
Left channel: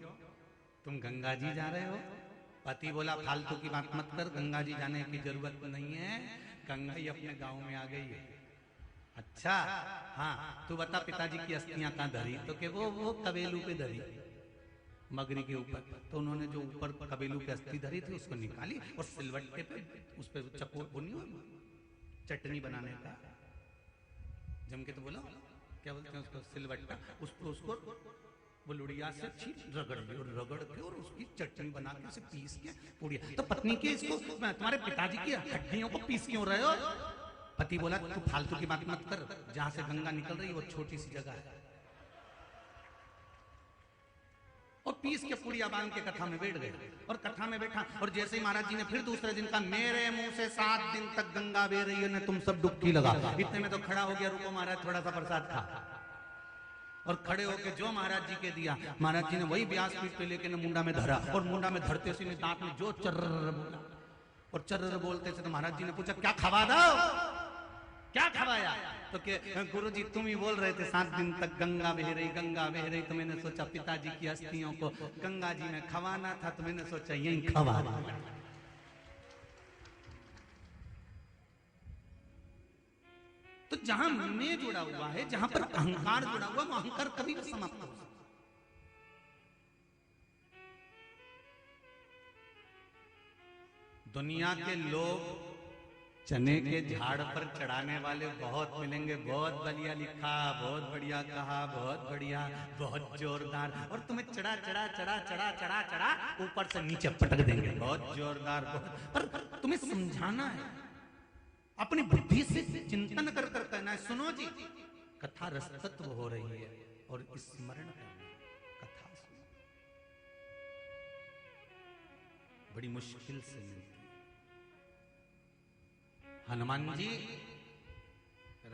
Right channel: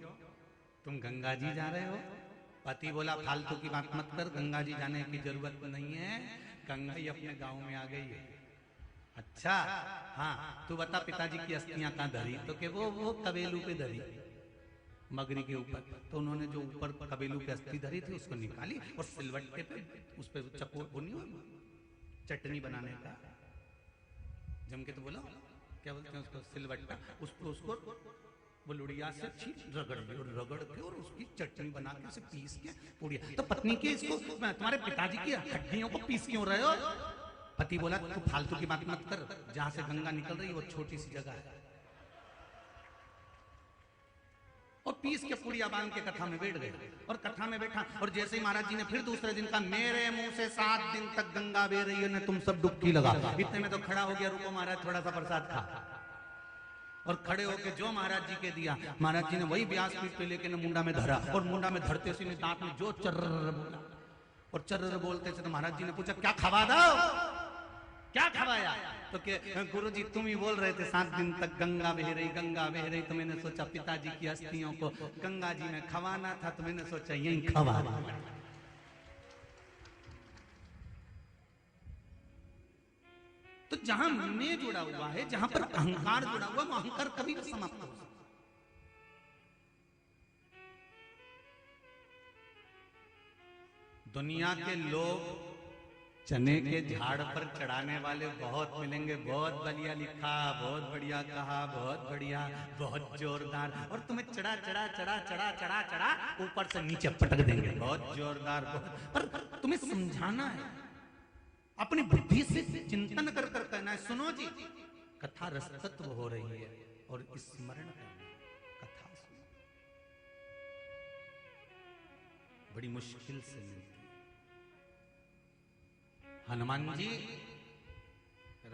तुम गंगा जी जा रहे हो? पति बोला, फालतू की बात मत कर, गंगा जी जाने की जरूरत नहीं है, गंगा जी अपने गांव में आ गई। अच्छा, हाँ, तू बता पिताजी की अस्थियां कहाँ धरी? तो के वो कबेलू पे धरी, मगरी के ऊपर। तो उन्होंने जो ऊपर कबेलू पे अस्थि धरी थी उसको निकाली और सिलवट्टे पे उस पर चक्कू बुनी, चटनी बनाने का, जम के तो बोलो क्या बोलते हैं उसको, सिलवट्टा, उसको वो लुड़िया से रगड़ दी, और रगड़ के और उसकी चटनी बना के उसे पीस के पूरी। तो पत्नी की, इसको तुम्हारे पिताजी की हड्डियों को पीस क्यों रहे हो? पति बोला, तू फालतू की बात मत कर, जहां से गंगा निकल रही है वो छोटी सी जगह है, और पीस के पूड़िया बांध के कथा में बैठ गए। और कथा में बैठा, और जैसे ही महाराज जी ने फिर दूसरे दिन कहा, मेरे मुंह से 7 दिन तक गंगा बह रही है, तुम सब डुबकी लगा। इतने में तो खड़ा हो गया, रुको महाराज थोड़ा सा प्रसाद खा, और खड़े होके जो महाराज जी के दिया, महाराज जी ने वही व्यास पीठ पे लेके मुंडा में धरा, और मुंडा में धरते से दांत में जो चर्र बोला, और चर्र बोलते से तो महाराज जी ने पूछा, क्या खवा दो, क्या खवाया? तो गुरु जी तुम ही बोल रहे थे 7 दिन तक गंगा बह रही, गंगा बह रही, तो मैंने सोचा पिताजी की अस्थियों को गंगा जी में खवाना था, तो मैंने सोचा यही खवा। तो जहां मैं जुड़ा हुआ है, जहां पर अहंकार जुड़ा हुआ है, वो अहंकार कभी भी समाप्त हो सकता। दुनिया के लोग चने के झाड़ पर चढ़ाने वाले बहुत मिलेंगे, बहुत बढ़िया लिखा, बहुत बढ़िया कहा, बहुत बढ़िया, बहुत जोरदार, और तुम्हें चढ़ा ऊपर से नीचे पटक देंगे, बहुत जोरदार, पर तुम्हें समझाना है, अपनी बुद्धि से चिंतन कर कर कहना है, सुनो जी कथा रसतत्व हो रही है और स्मरण करो कथा बड़ी मुश्किल से मिलती है। हनुमान जी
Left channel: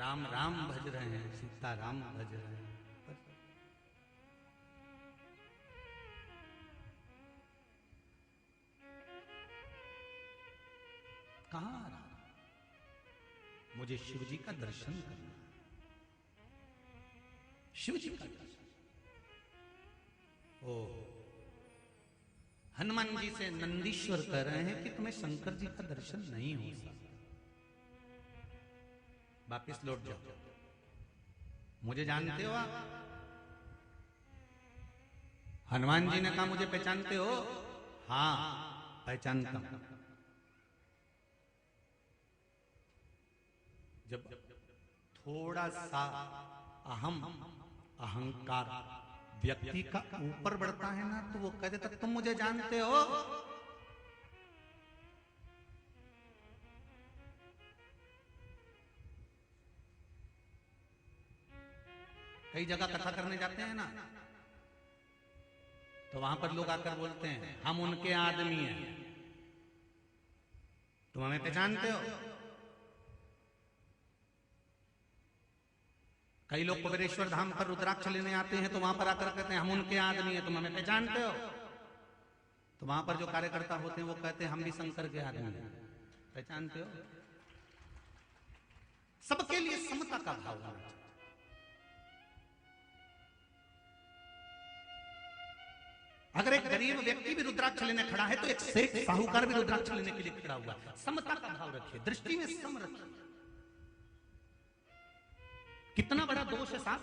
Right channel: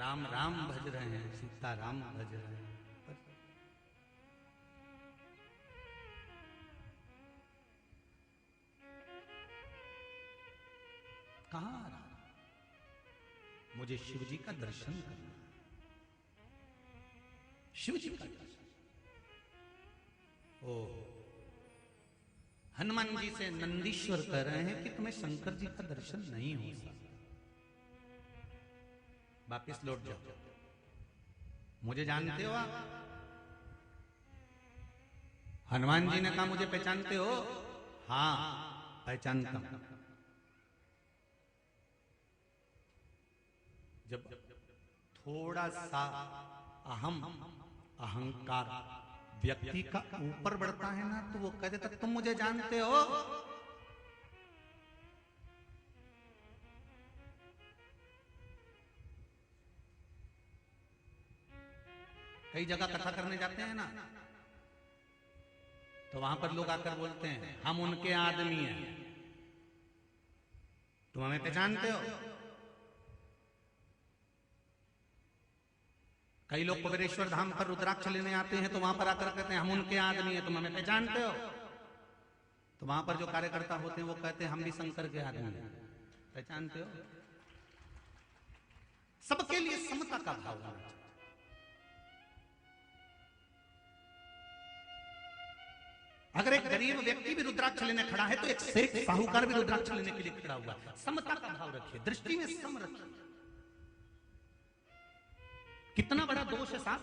राम राम भज रहे हैं, सीता राम भज रहे हैं, कहां मुझे शिव जी का दर्शन करो, शिव जी का दर्शन। ओ हनुमान जी से नंदीश्वर कह रहे हैं कि तुम्हें शंकर जी का दर्शन नहीं हो सकता, वापिस लौट जाओ, मुझे जानते हो आप? हनुमान जी ने कहा मुझे पहचानते हो? हाँ पहचानता हूं। जब थोड़ा सा अहंकार व्यक्ति का ऊपर बढ़ता है ना, तो वो कह देता तुम मुझे जानते हो? कई जगह कथा करने जाते हैं ना, तो वहां पर लोग आकर बोलते हैं हम उनके आदमी हैं, तुम हमें पहचानते हो? कई लोग कुबेरेश्वर धाम पर रुद्राक्ष लेने आते हैं, तो वहां पर आकर कहते हैं हम उनके आदमी हैं, तुम हमें पहचानते हो? तो वहां पर जो कार्यकर्ता होते हैं वो कहते हैं हम भी शंकर के आदमी हैं, पहचानते हो? सबके लिए समता का भाव होना चाहिए। अगर एक गरीब व्यक्ति भी रुद्राक्ष लेने खड़ा है तो एक सेठ साहूकार भी रुद्राक्ष लेने के लिए खड़ा हुआ है, समता का भाव रखिए, दृष्टि में सम रखिए। कितना बड़ा दोष है साहब,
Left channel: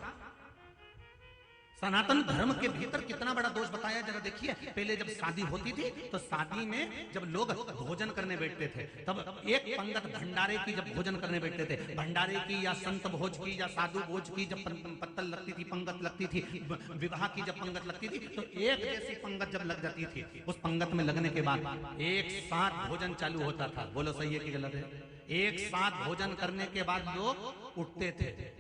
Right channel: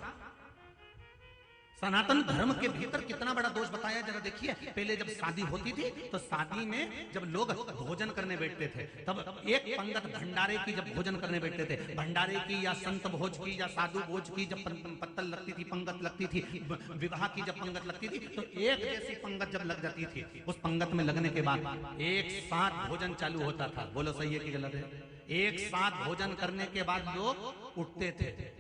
सनातन धर्म के भीतर कितना बड़ा दोष बताया जरा देखिए। पहले जब शादी होती थी तो शादी में जब लोग भोजन करने बैठते थे, तब एक पंगत भंडारे की जब भोजन करने बैठते थे, भंडारे की या संत भोज की या साधु भोज की जब पत्तल लगती थी, पंगत लगती थी, विवाह की जब पंगत लगती थी, तो एक जैसी पंगत जब लग जाती थी, उस पंगत में लगने के बाद एक साथ भोजन चालू होता था। बोलो सही है कि गलत है? एक साथ भोजन करने के बाद लोग उठते थे,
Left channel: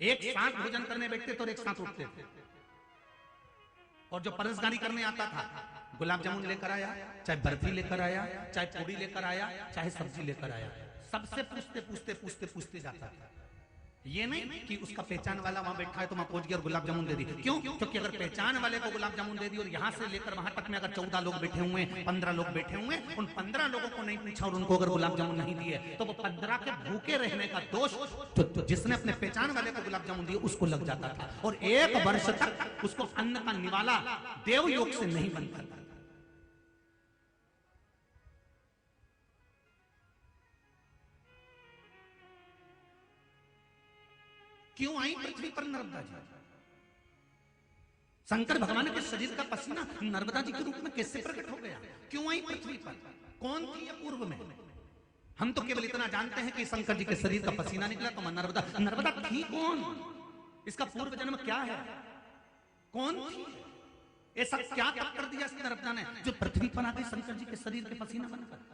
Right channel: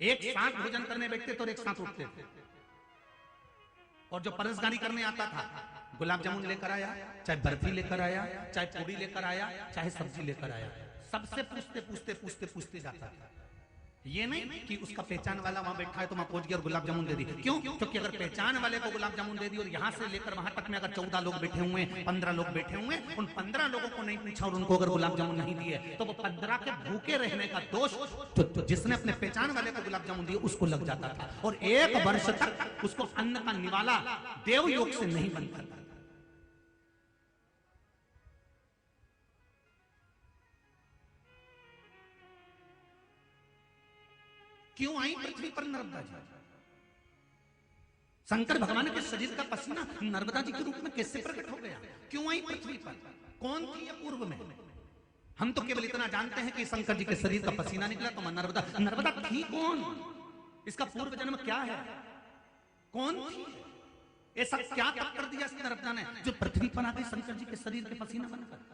एक साथ भोजन करने बैठते थे और एक साथ उठते थे। और जो परसदारी करने आता था, गुलाब जामुन लेकर आया, चाहे बर्फी लेकर आया, चाहे पूरी लेकर आया, चाहे सब्जी लेकर आया, सबसे पूछते पूछते पूछते पूछते जाता था। ये नहीं कि उसका पहचान वाला वहां बैठा है तो वहां पहुंच गया और गुलाब जामुन दे दी। क्यों? क्योंकि अगर पहचान वाले को गुलाब जामुन दे दी और यहाँ से लेकर वहां तक में अगर 14 लोग बैठे हुए, 15 लोग बैठे हुए, उन 15 लोगों को नहीं पूछा और उनको अगर गुलाब जामुन नहीं दिए, तो वो 15 के भूखे रहने का दोष तो जिसने अपने पहचान वाले को गुलाब जामुन दिए उसको लग जाता था, और 1 वर्ष तक उसको अन्न का निवाला देवयोग से नहीं बनता था। क्यों आई पृथ्वी पर नर्मदा जी? शंकर भगवान के शरीर का पसीना नर्मदा जी के रूप में कैसे प्रकट हो गया? क्यों आई पृथ्वी पर? कौन थी ये पूर्व में? हम तो केवल इतना जानते हैं कि शंकर जी के शरीर का पसीना निकला तो नर्मदा। नर्मदा थी कौन? इसका पूर्व जन्म क्या है? कौन थी? ऐसा क्या तप कर दिया इस नर्मदा ने जो पृथ्वी पर आके शंकर जी के शरीर के पसीना बनकर?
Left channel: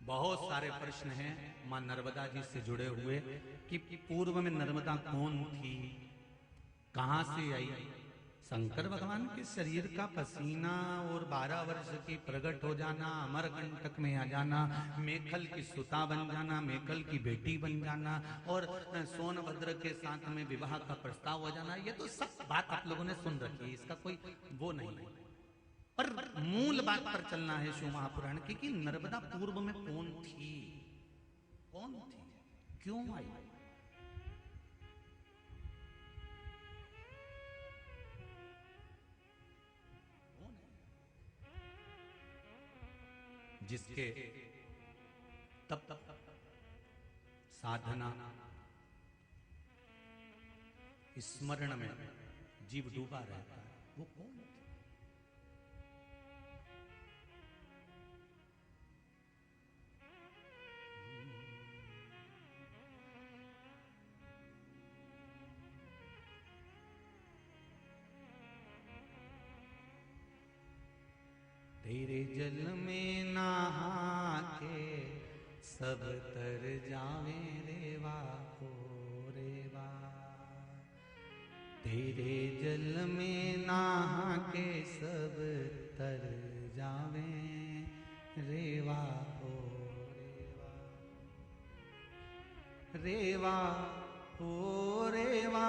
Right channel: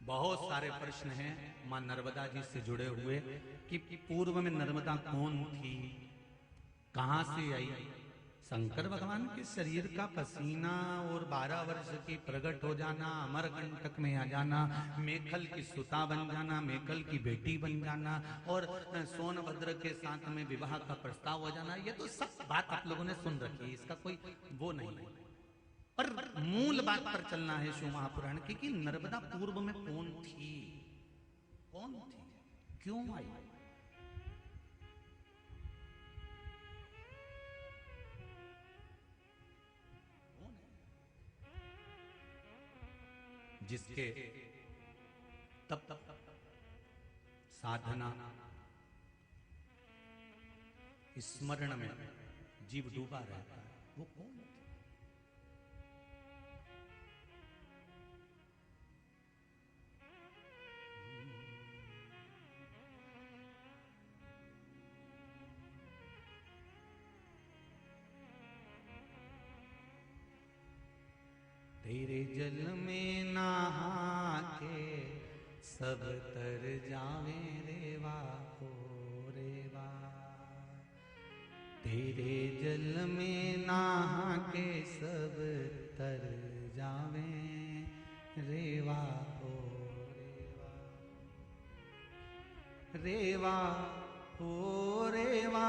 बहुत सारे प्रश्न हैं मां नर्मदा जी से जुड़े हुए कि पूर्व में नर्मदा कौन थी, कहां से आई? शंकर भगवान के शरीर का पसीना और 12 वर्ष की प्रकट हो जाना, अमरकंटक में आ जाना, मेखल की सुता बन जाना, मेखल की बेटी बन जाना और सोनभद्र के साथ में विवाह का प्रस्ताव हो जाना, ये तो सब बात आप लोगों ने सुन रखी है, इसका कोई वो नहीं है। पर मूल बात पर चलना है शिव महापुराण की कि नर्मदा पूर्व में कौन थी, कौन थी, क्यों आई? जिसके तब साधना स्मरण में जीव डूबा रहता है, वो कौन? तेरे जल में नहा के सब तर जावे रेवा को रेवा। तेरे जल में नहा के सब तर जावे रेवा को रेवा ओ रेवा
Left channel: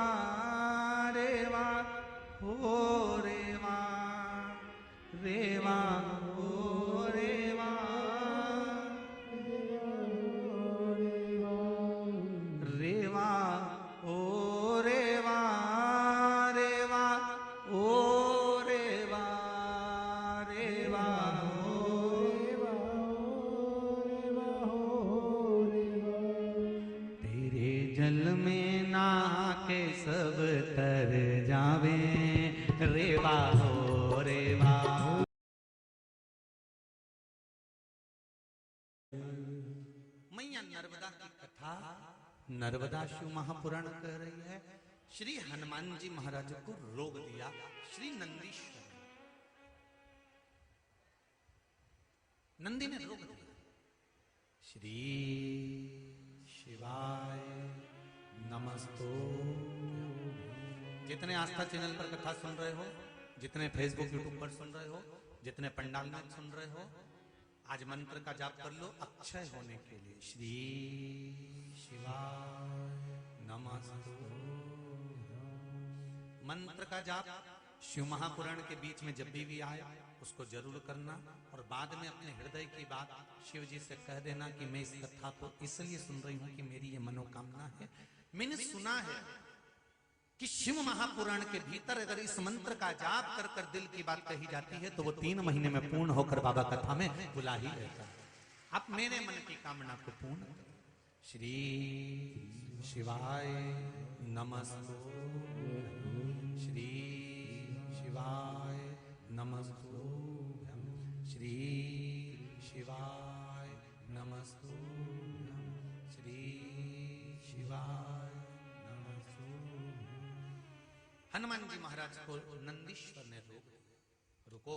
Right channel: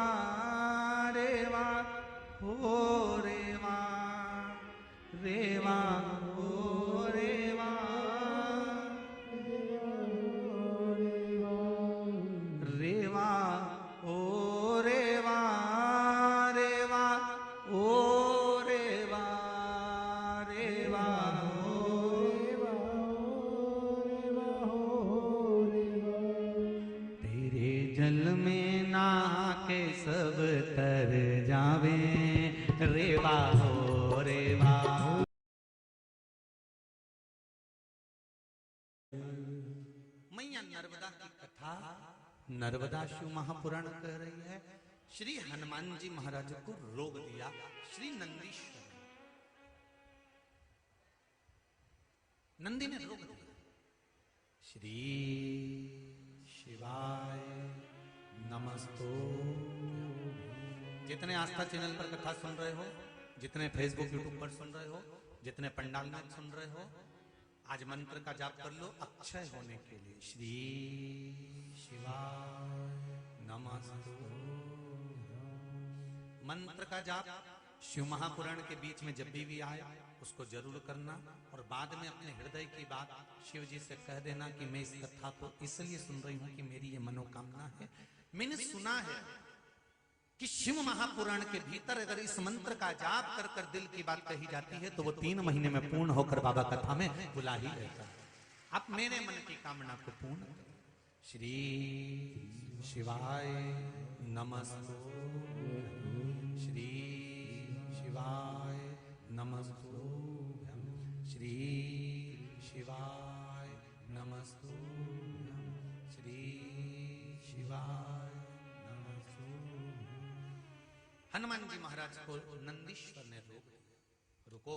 रेवा ओ रेवा रेवा ओ रेवा रेवा ओ रेवा रेवा ओ रेवा रेवा तेरे जल में नहा के सब तर जावे रेवा हो रेवा। मैया नर्मदा की कथा नर्मदा शिव महापुराण कह रही है। श्री हनुमान जी महाराज को रोग दिया श्री नंदीश्वर नंदी ने रोग दिया। श्री शिवाय नमस्तो। जितने आस्था चैनल पर कथा सुन रहे हो, जितने फेसबुक यूट्यूब पर सुन रहे हो, जितने पंडाल में सुन रहे हो, आज मंत्र का जाप कर लो अक्षय होने के लिए। श्री शिवाय नमस्तु। मंत्र का जाप शिव महापुराण के बीच में जब भी आए उसको जरूर करना और बाद में अपने हृदय की बात शिव जी से कह देना कि मैं इस कथा को इसलिए सुन रही हूँ कि मेरी ये मनोकामना है। मैंने सुना है कि शिव महापुराण के भीतर अगर इस मंत्र का जाप कर कर दिल की बात कही जाती है तो वो 3 महीने में पूर्ण होकर बाबा कथा में बुला ही लेता है। आप मेरे मन की कामना को पूर्ण। श्री शिवाय नमस्ते। श्री शिवाय नमस्ते। श्री शिवाय नमस्ते। श्री शिवाय नमस्ते। हनुमान जी महाराज को नंदीश्वर ने रुको,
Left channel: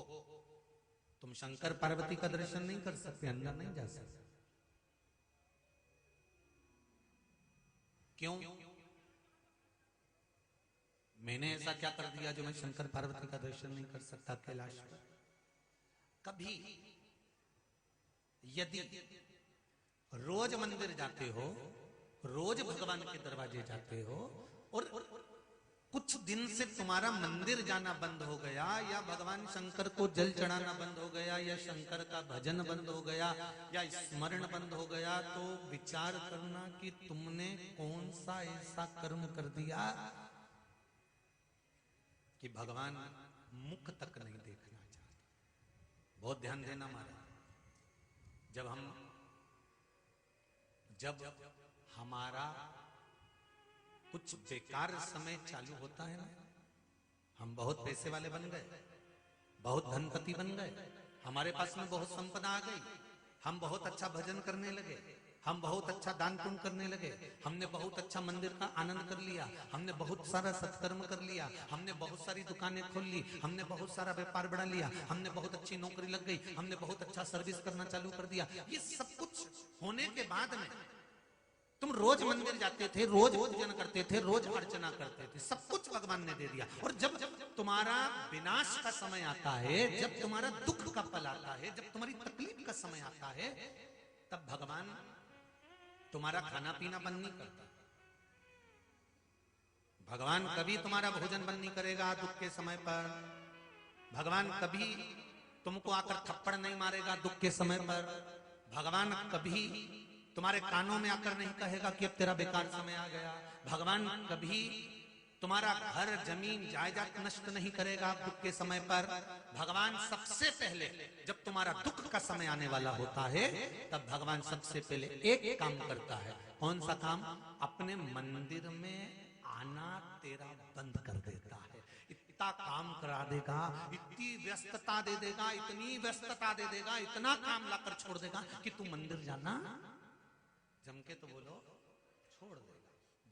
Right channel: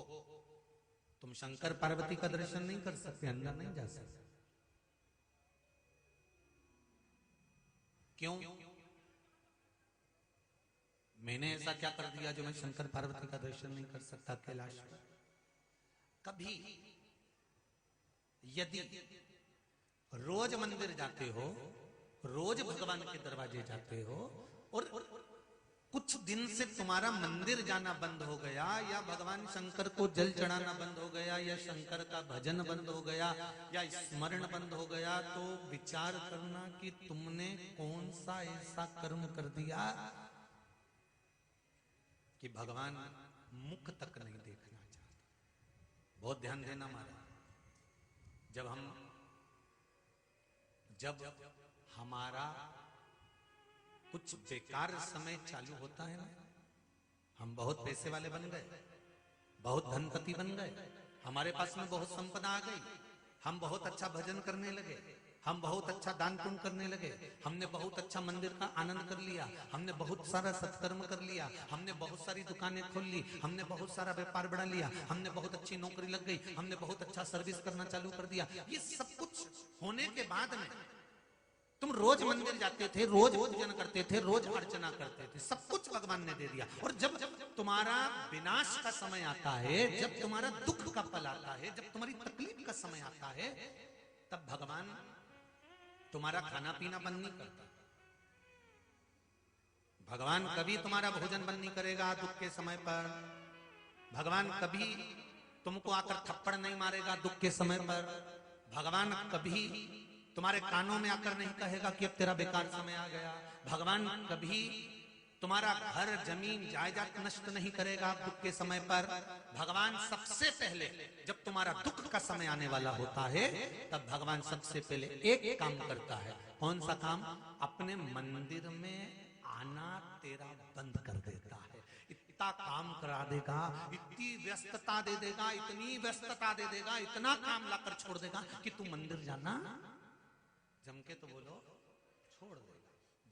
तुम शंकर पार्वती का दर्शन नहीं कर सकते, अंदर नहीं जा सकते। क्यों? मैंने ऐसा क्या कर दिया जो मैं शंकर पार्वती का दर्शन नहीं कर सकता कैलाश में? कभी यदि रोज मंदिर जाते हो, रोज भगवान के दरवाजे जाते हो और कुछ दिन से तुम्हारा मंदिर जाना बंद हो गया या भगवान शंकर को जल चढ़ाना बंद हो गया या शंकर का भजन बंद हो गया या स्मरण बंद हो गया, तो विचार करना कि तुमने कौन सा ऐसा कर्म कर दिया कि भगवान मुख तक नहीं देखना चाहते। बहुत ध्यान देना महाराज। जब हमारा कुछ बेकार समय चालू होता है, हम बहुत पैसे वाले बन गए, बहुत धनपति बन गए, हमारे पास में बहुत संपदा आ गई, हम बहुत अच्छा भजन करने लगे, हम बहुत अच्छा दान पुण्य करने लगे, हमने बहुत अच्छा मंदिर का आनंद कर लिया, हमने बहुत सारा सत्कर्म कर लिया, हमने बहुत सारी दुकानें खोल ली, हमने बहुत सारा व्यापार बढ़ा लिया, हमने बहुत अच्छी नौकरी लग गई, हमने बहुत अच्छा सर्विस करना चालू कर दिया। ये सब कुछ होने के बाद में तुम रोज मंदिर जाते थे, रोज पूजन करते थे, रोज अर्चना करते थे, सब कुछ भगवान ने दे दिया। और जब तुम्हारा विनाश का समय आता है, जब तुम्हारा दुख का पल आता है, जब तुम्हारी तकलीफ का समय आता है, तब भगवान तुम्हारा खाना पीना बंद नहीं करता। भगवान कभी तुम्हारा भोजन बंद नहीं करेगा दुख के समय पर। भगवान कभी तुमको आकर थप्पड़ नहीं मारेगा दुख के समय पर। भगवान कभी तुम्हारे कानों में आकर नहीं कहेगा कि अब तेरा बेकार समय आ गया। भगवान कभी तुम्हारा घर जमीन जायदाद नष्ट नहीं करेगा दुख के समय पर। भगवान सबसे पहले जब तुम्हारा दुख का समय आने वाला होता है, तब भगवान सबसे पहले एक काम करता है। कौन सा काम? अपने मंदिर में आना तेरा बंद कर देता है। इतना काम करा देगा, इतनी व्यस्तता दे देगा, इतनी व्यस्तता दे देगा, इतना काम लाकर छोड़ देगा कि तू मंदिर जाना जम के तो बोलो छोड़ देगा।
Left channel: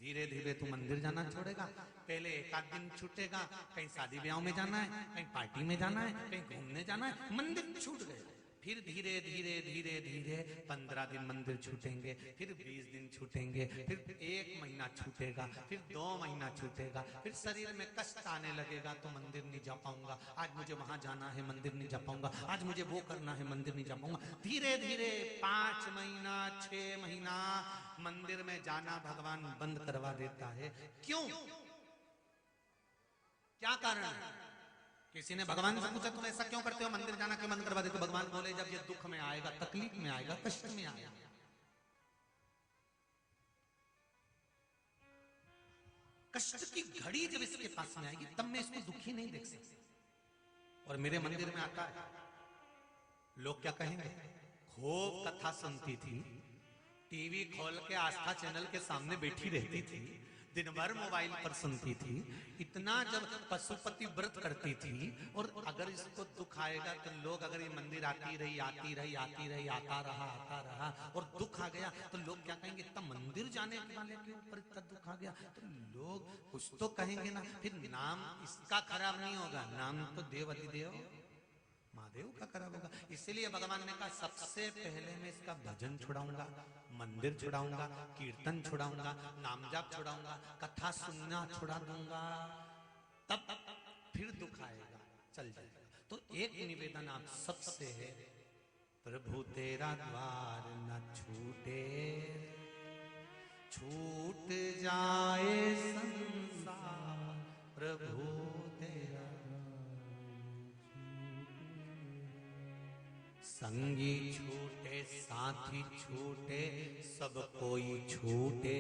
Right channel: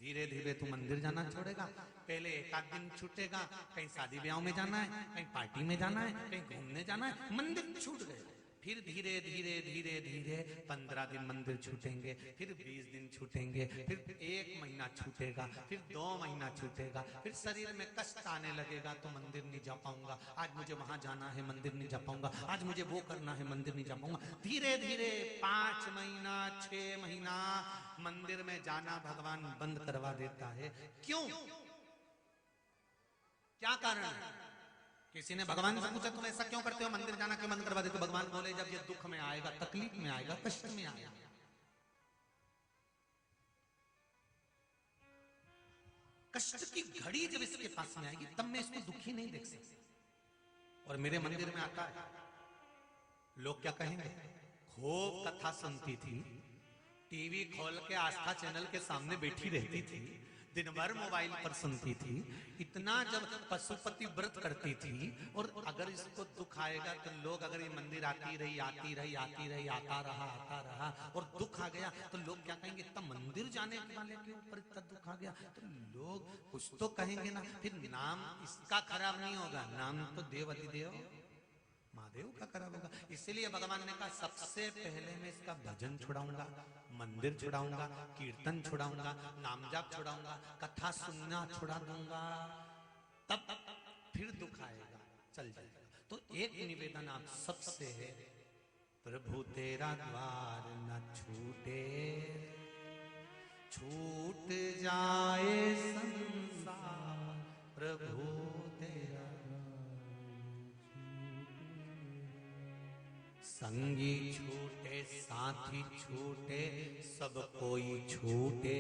धीरे धीरे तू मंदिर जाना छोड़ेगा। पहले एक आध दिन छूटेगा, कहीं शादी ब्याह में जाना है, कहीं पार्टी में जाना है, कहीं घूमने जाना है, मंदिर छूट गए। फिर धीरे धीरे धीरे धीरे 15 दिन मंदिर छूटेंगे, फिर 20 दिन छूटेंगे, फिर 1 महीना छूटेगा, फिर 2 महीना छूटेगा, फिर शरीर में कष्ट आने लगेगा तो मंदिर नहीं जा पाऊंगा, आज मुझे वहां जाना है मंदिर नहीं जा पाऊंगा, आज मुझे वो करना है मंदिर नहीं जा पाऊंगा। धीरे धीरे 5 महीना 6 महीना मंदिर में जाना भगवान बंद करवा देता है। क्यों? क्या कारण है? किसी ने भगवान से पूछा तुम ऐसा क्यों करते हो, मंदिर जाना क्यों बंद करवा देते हो? भगवान बोले जब ये दुख में आएगा, तकलीफ में आएगा, कष्ट में आएगा, कष्ट की घड़ी जब इसके पास में आएगी तब मैं इसको दुखी नहीं देख सकती। और मेरे मंदिर में आता है, लोग क्या कहेंगे, खूब कथा सुनती थी, टीवी खोल के आस्था चैनल के सामने बैठी रहती थी, दिन भर मोबाइल पर सुनती थी, इतना जब पशुपति व्रत करती थी, और अगर इसको दुख आएगा तो लोग, अगर ये मंदिर आती रही आता रहा और दुख आ गया तो लोग क्या कहेंगे, इतना मंदिर जाने वाले के ऊपर इतना दुख आ गया, तो लोग कुछ तो कहेंगे ना। फिर नाम इसका खराब नहीं होगा, नाम तो देव अधिदेव महादेव का खराब होगा। इसलिए भगवान ने कहा सबसे पहले मैं इसका भजन छुड़ाऊंगा, मंदिर छुड़ाऊंगा, कीर्तन छुड़ाऊंगा, नाम जाप छुड़ाऊंगा, कथा सुनना छुड़ा दूंगा, तब फिर दुख आएगा, चल जाएगा। तो एक निवेदन आप सबसे है, प्रभु तेरा द्वार न छूटे, छूट जाए संसार, प्रभु तेरा संगी छूटे, साथी छूटे, सब कोई छूटे,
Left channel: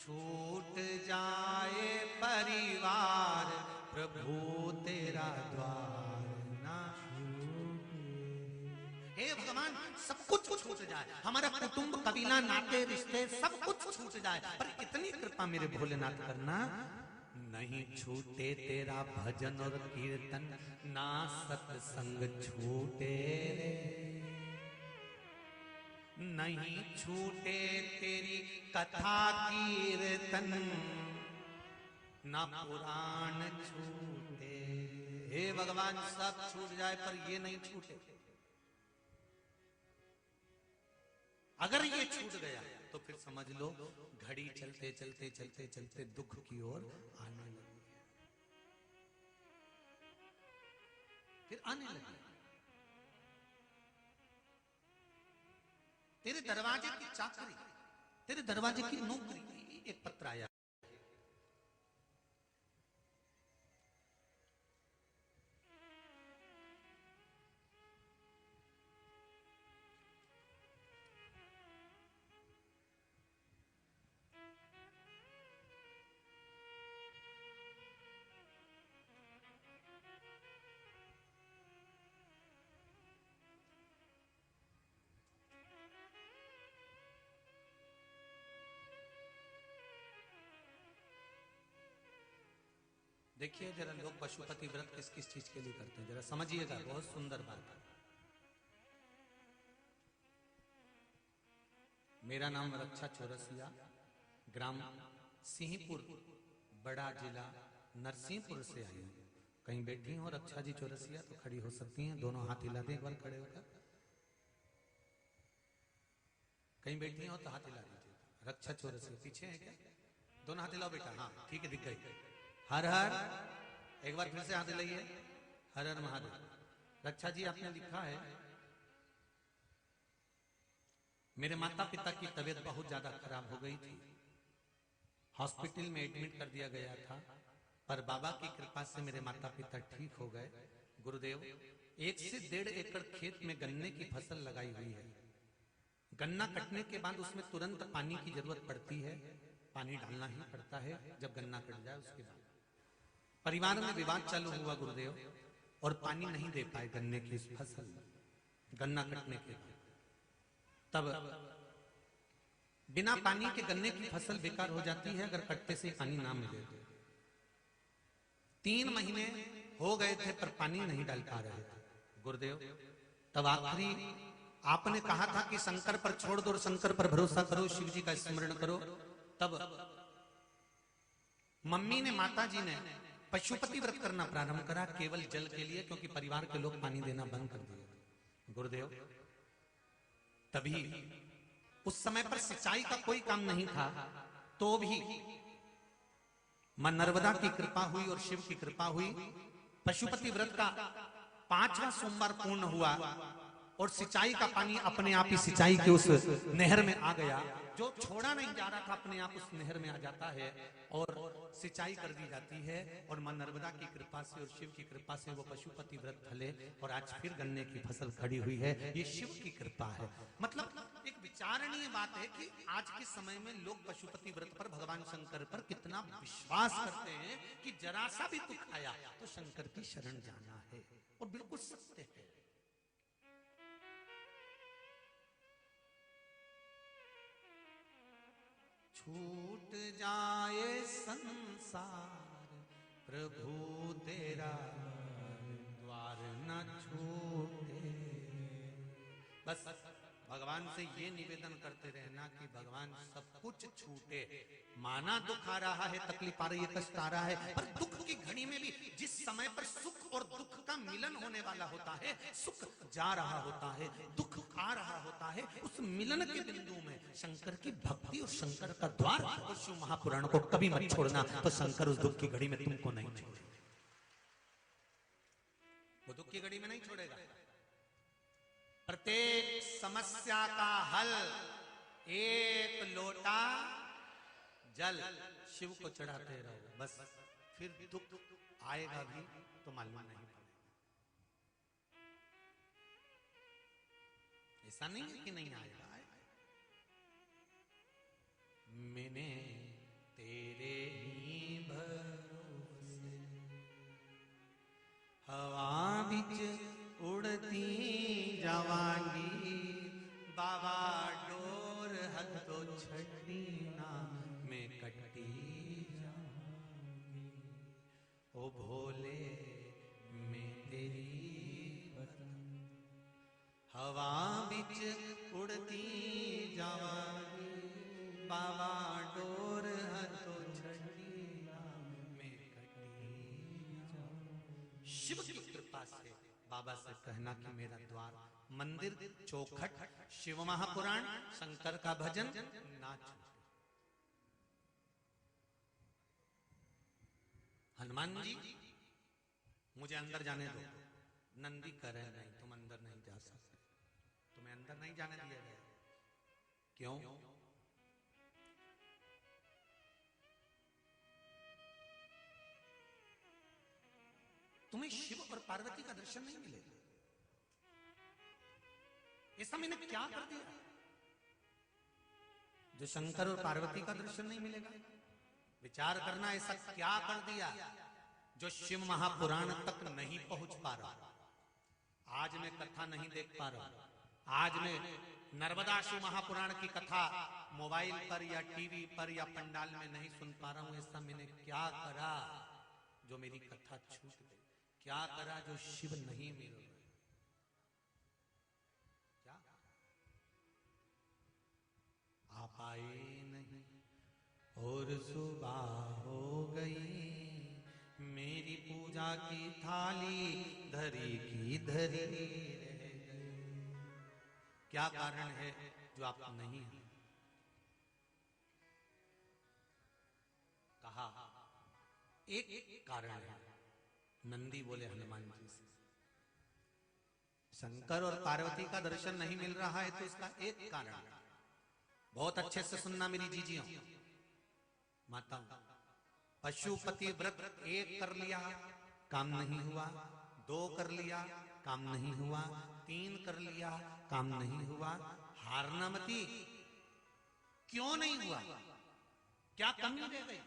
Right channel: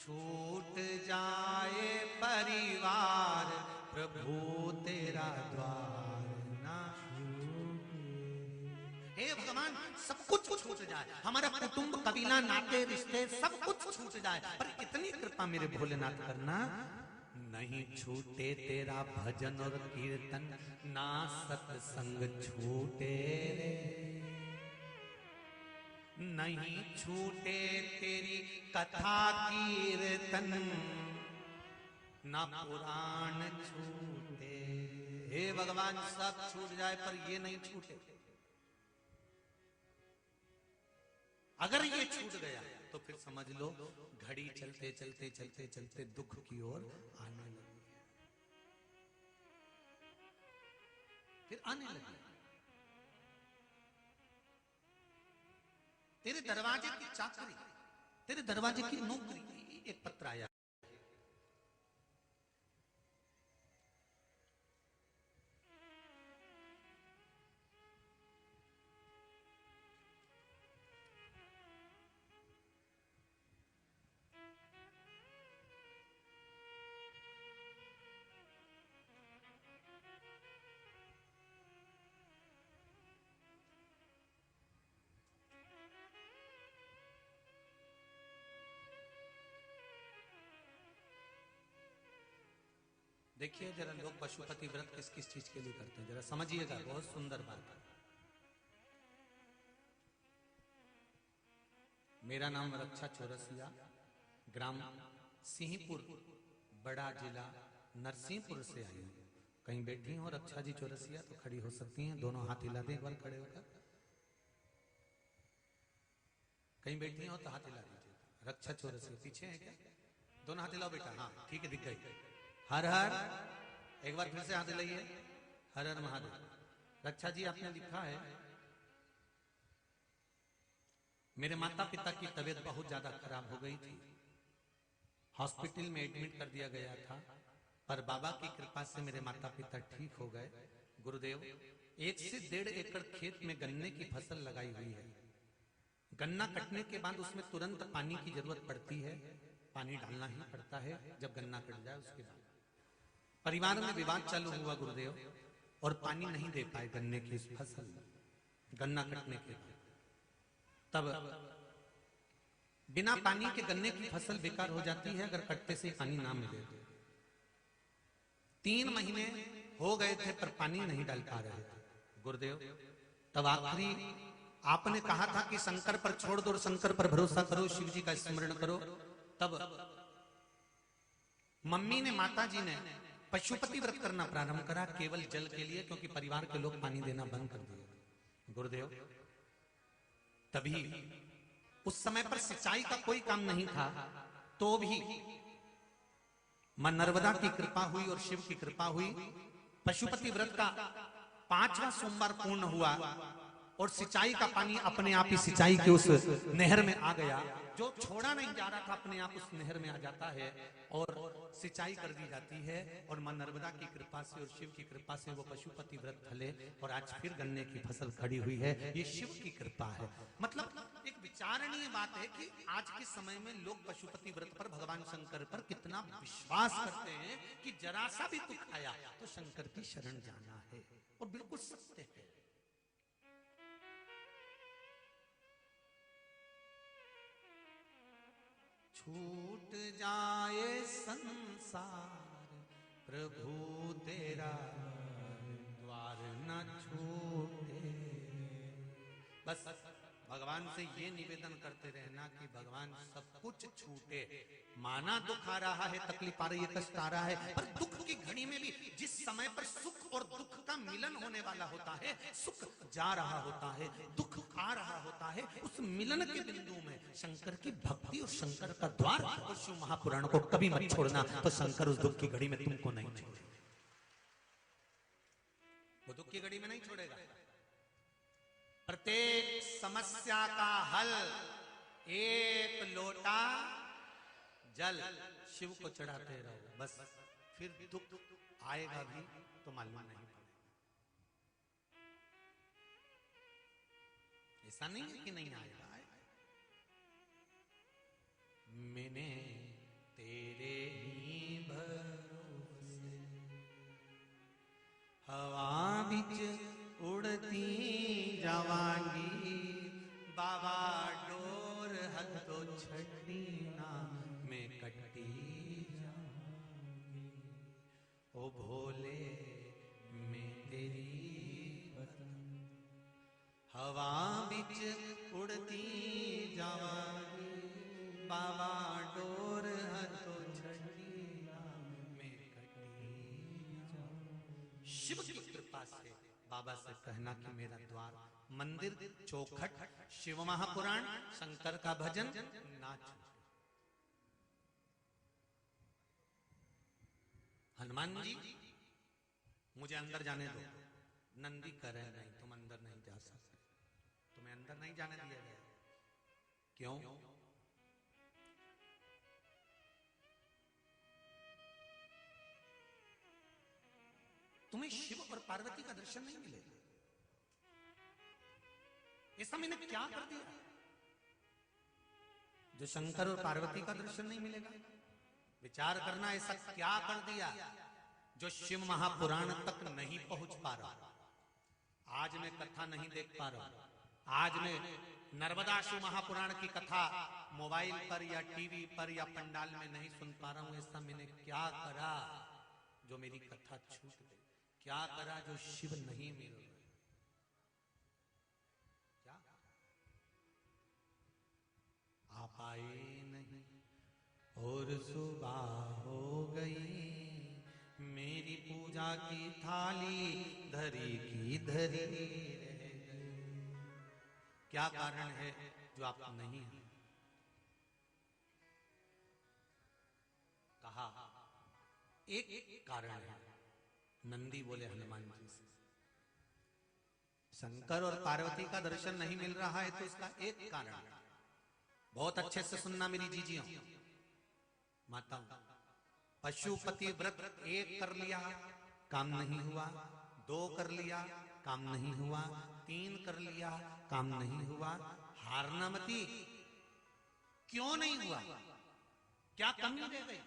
छूट जाए परिवार, प्रभु तेरा द्वार ना छूटे। हे भगवान, सब कुछ छूट जाए, हमारा कुटुंब, कबीला, नाते, रिश्ते सब कुछ छूट जाए, पर इतनी कृपा मेरे भोलेनाथ करना, नहीं छूटे तेरा भजन कीर्तन, ना सत्संग छूटे, नहीं छूटे तेरी कथा कीर्तन, ना पुराण छूटे। हे भगवान, सब छूट जाए पर ये नहीं छूटे। अगर ये छूट गया तो फिर समझ लो घड़ी चलते चलते चलते चलते दुख की ओर फिर आने लगे। तेरे दरवाजे की चाकरी, तेरे दरवाजे की नौकरी, एक पत्र आया, देखिए जरा लोग पशुपति व्रत किस किस चीज के लिए करते हैं, जरा समझिएगा, बहुत सुंदर बात है। मेरा नाम रक्षा चौरसिया, ग्राम सिंहपुर, बड़ा जिला नरसिंहपुर से है। कहीं बैठी हो रक्षा जी चौरसिया तो खड़ी हो सकती हैं, दोनों हाथ हिला दें एक बार खड़े होकर। कहीं बैठी हो तो हाथ हिला दीजिए। रक्षा चौरसिया पीछे है क्या? दोनों हाथ हिलाओ बेटा, हाँ ठीक है, दिख गई। हर हर, एक बार फिर से हाथ हिलाइए, हर हर महादेव। रक्षा जी आपने लिखा है, मेरे माता पिता की तबीयत बहुत ज्यादा खराब हो गई थी, हॉस्पिटल में एडमिट कर दिया गया था, पर बाबा की कृपा से मेरे माता पिता ठीक हो गए। गुरुदेव, 1 से 1.5 एकड़ खेत में गन्ने की फसल लगाई हुई है। गन्ना कटने के बाद उसमें तुरंत पानी की जरूरत पड़ती है, पानी डालना ही पड़ता है जब गन्ना कट जाए। उसके बाद परिवार में विवाद चालू हुआ गुरुदेव, और पानी नहीं दे पाए गन्ने की फसल, गन्ना कटने के बाद। तब बिना पानी के गन्ने की फसल बेकार हो जाती है अगर कटते से पानी ना मिले। 3 महीने हो गए थे पर पानी नहीं डाल पा रहे थे गुरुदेव। तब आखिरी आपने कहा था कि शंकर पर छोड़ दो, शंकर पर भरोसा करो, शिव जी का स्मरण करो। तब मम्मी ने, माता जी ने पशुपति व्रत करना प्रारंभ करा केवल जल के लिए, क्योंकि परिवार के लोग पानी देना बंद कर दिए। गुरुदेव, तभी उस समय पर सिंचाई का कोई काम नहीं था, तो भी मां नर्मदा की कृपा हुई और शिव की कृपा हुई। पशुपति व्रत का 5वां सोमवार पूर्ण हुआ और सिंचाई का पानी अपने आप ही सिंचाई के उस नहर में आ गया। जो छोड़ा नहीं जा रहा था अपने आप उस नहर में आ जाता है और सिंचाई कर दी जाती है। और मां नर्मदा की कृपा से और शिव की कृपा से वो पशुपति व्रत फले और आज फिर गन्ने की फसल खड़ी हुई है। ये शिव की कृपा है। मतलब एक विचारणीय बात है कि आज के समय में लोग पशुपति व्रत पर, भगवान शंकर पर कितना विश्वास करते हैं कि जरा सा भी दुख आया तो शंकर की शरण जाना है, और बिल्कुल सत्य है। छूट जाए संसार प्रभु तेरा द्वार न छूटे। बस भगवान से ये निवेदन करते रहना कि भगवान सब कुछ छूटे। माना दुख आ रहा है, तकलीफ आ रही है, कष्ट आ रहा है, पर दुख की घड़ी में भी जिस समय पर सुख और दुख का मिलन होने वाला होता है, सुख जा रहा होता है, दुख आ रहा होता है, उस मिलन के बिंदु में शंकर की भक्ति और शंकर का द्वार और शिव महापुराण को कभी मत छोड़ना, तो शंकर उस दुख की घड़ी में तुमको नहीं छोड़ेगा। वो दुख की घड़ी में नहीं छोड़ेगा। प्रत्येक समस्या का हल एक लोटा जल शिव को चढ़ाते रहो, बस फिर दुख आएगा भी तो मालूम नहीं। ऐसा नहीं है कि नहीं आएगा। मैंने तेरे ही भरोसे हवा बिच उड़ती जवानी, बाबा डोर हथों छड़ी ना मैं कटी ओ भोले मैं तेरी हवा बिच उड़ती जवानी, बाबा डोर हथों छड़ी मैं कटी। शिव की कृपा से बाबा से कहना कि मेरा द्वार, मंदिर, चौखट, शिव महापुराण, शंकर का भजन ना छूटे। हनुमान जी, मुझे अंदर जाने दो। नंदी कह रहे नहीं, तुम अंदर नहीं जा सकते, तुम्हें अंदर नहीं जाने दिया गया। क्यों? तुम्हें शिव और पार्वती का दर्शन नहीं मिलेगा। ऐसा मैंने क्या कर दिया जो शंकर और पार्वती का दर्शन नहीं मिलेगा? विचार करना, ऐसा क्या कर दिया जो शिव महापुराण तक नहीं पहुंच पा रहा? आज मैं कथा नहीं देख पा रहा, आज मैं नर्मदा शिव महापुराण की कथा मोबाइल पर या टीवी पर या पंडाल में नहीं सुन पा रहा हूं। ऐसा मैंने क्या करा जो मेरी कथा छूट गई? क्या करा जो शिव नहीं मिल रहा? क्या आप आए नहीं और सुबह हो गई, मेरी पूजा की थाली धरी की धरी रह गई। क्या कारण है जो आपको नहीं है? कहा एक कारण है। नंदी बोले हनुमान जी से, शंकर और पार्वती का दर्शन नहीं मिल रहा है तो इसका एक कारण है। बहुत अच्छे से सुनना मेरी जीजियों। माता, पशुपति व्रत 1 कर लिया, काम नहीं हुआ, 2 कर लिया, काम नहीं हुआ, 3 कर लिया, काम नहीं हुआ। हारना मती। क्यों नहीं हुआ? क्या कमी रह गई?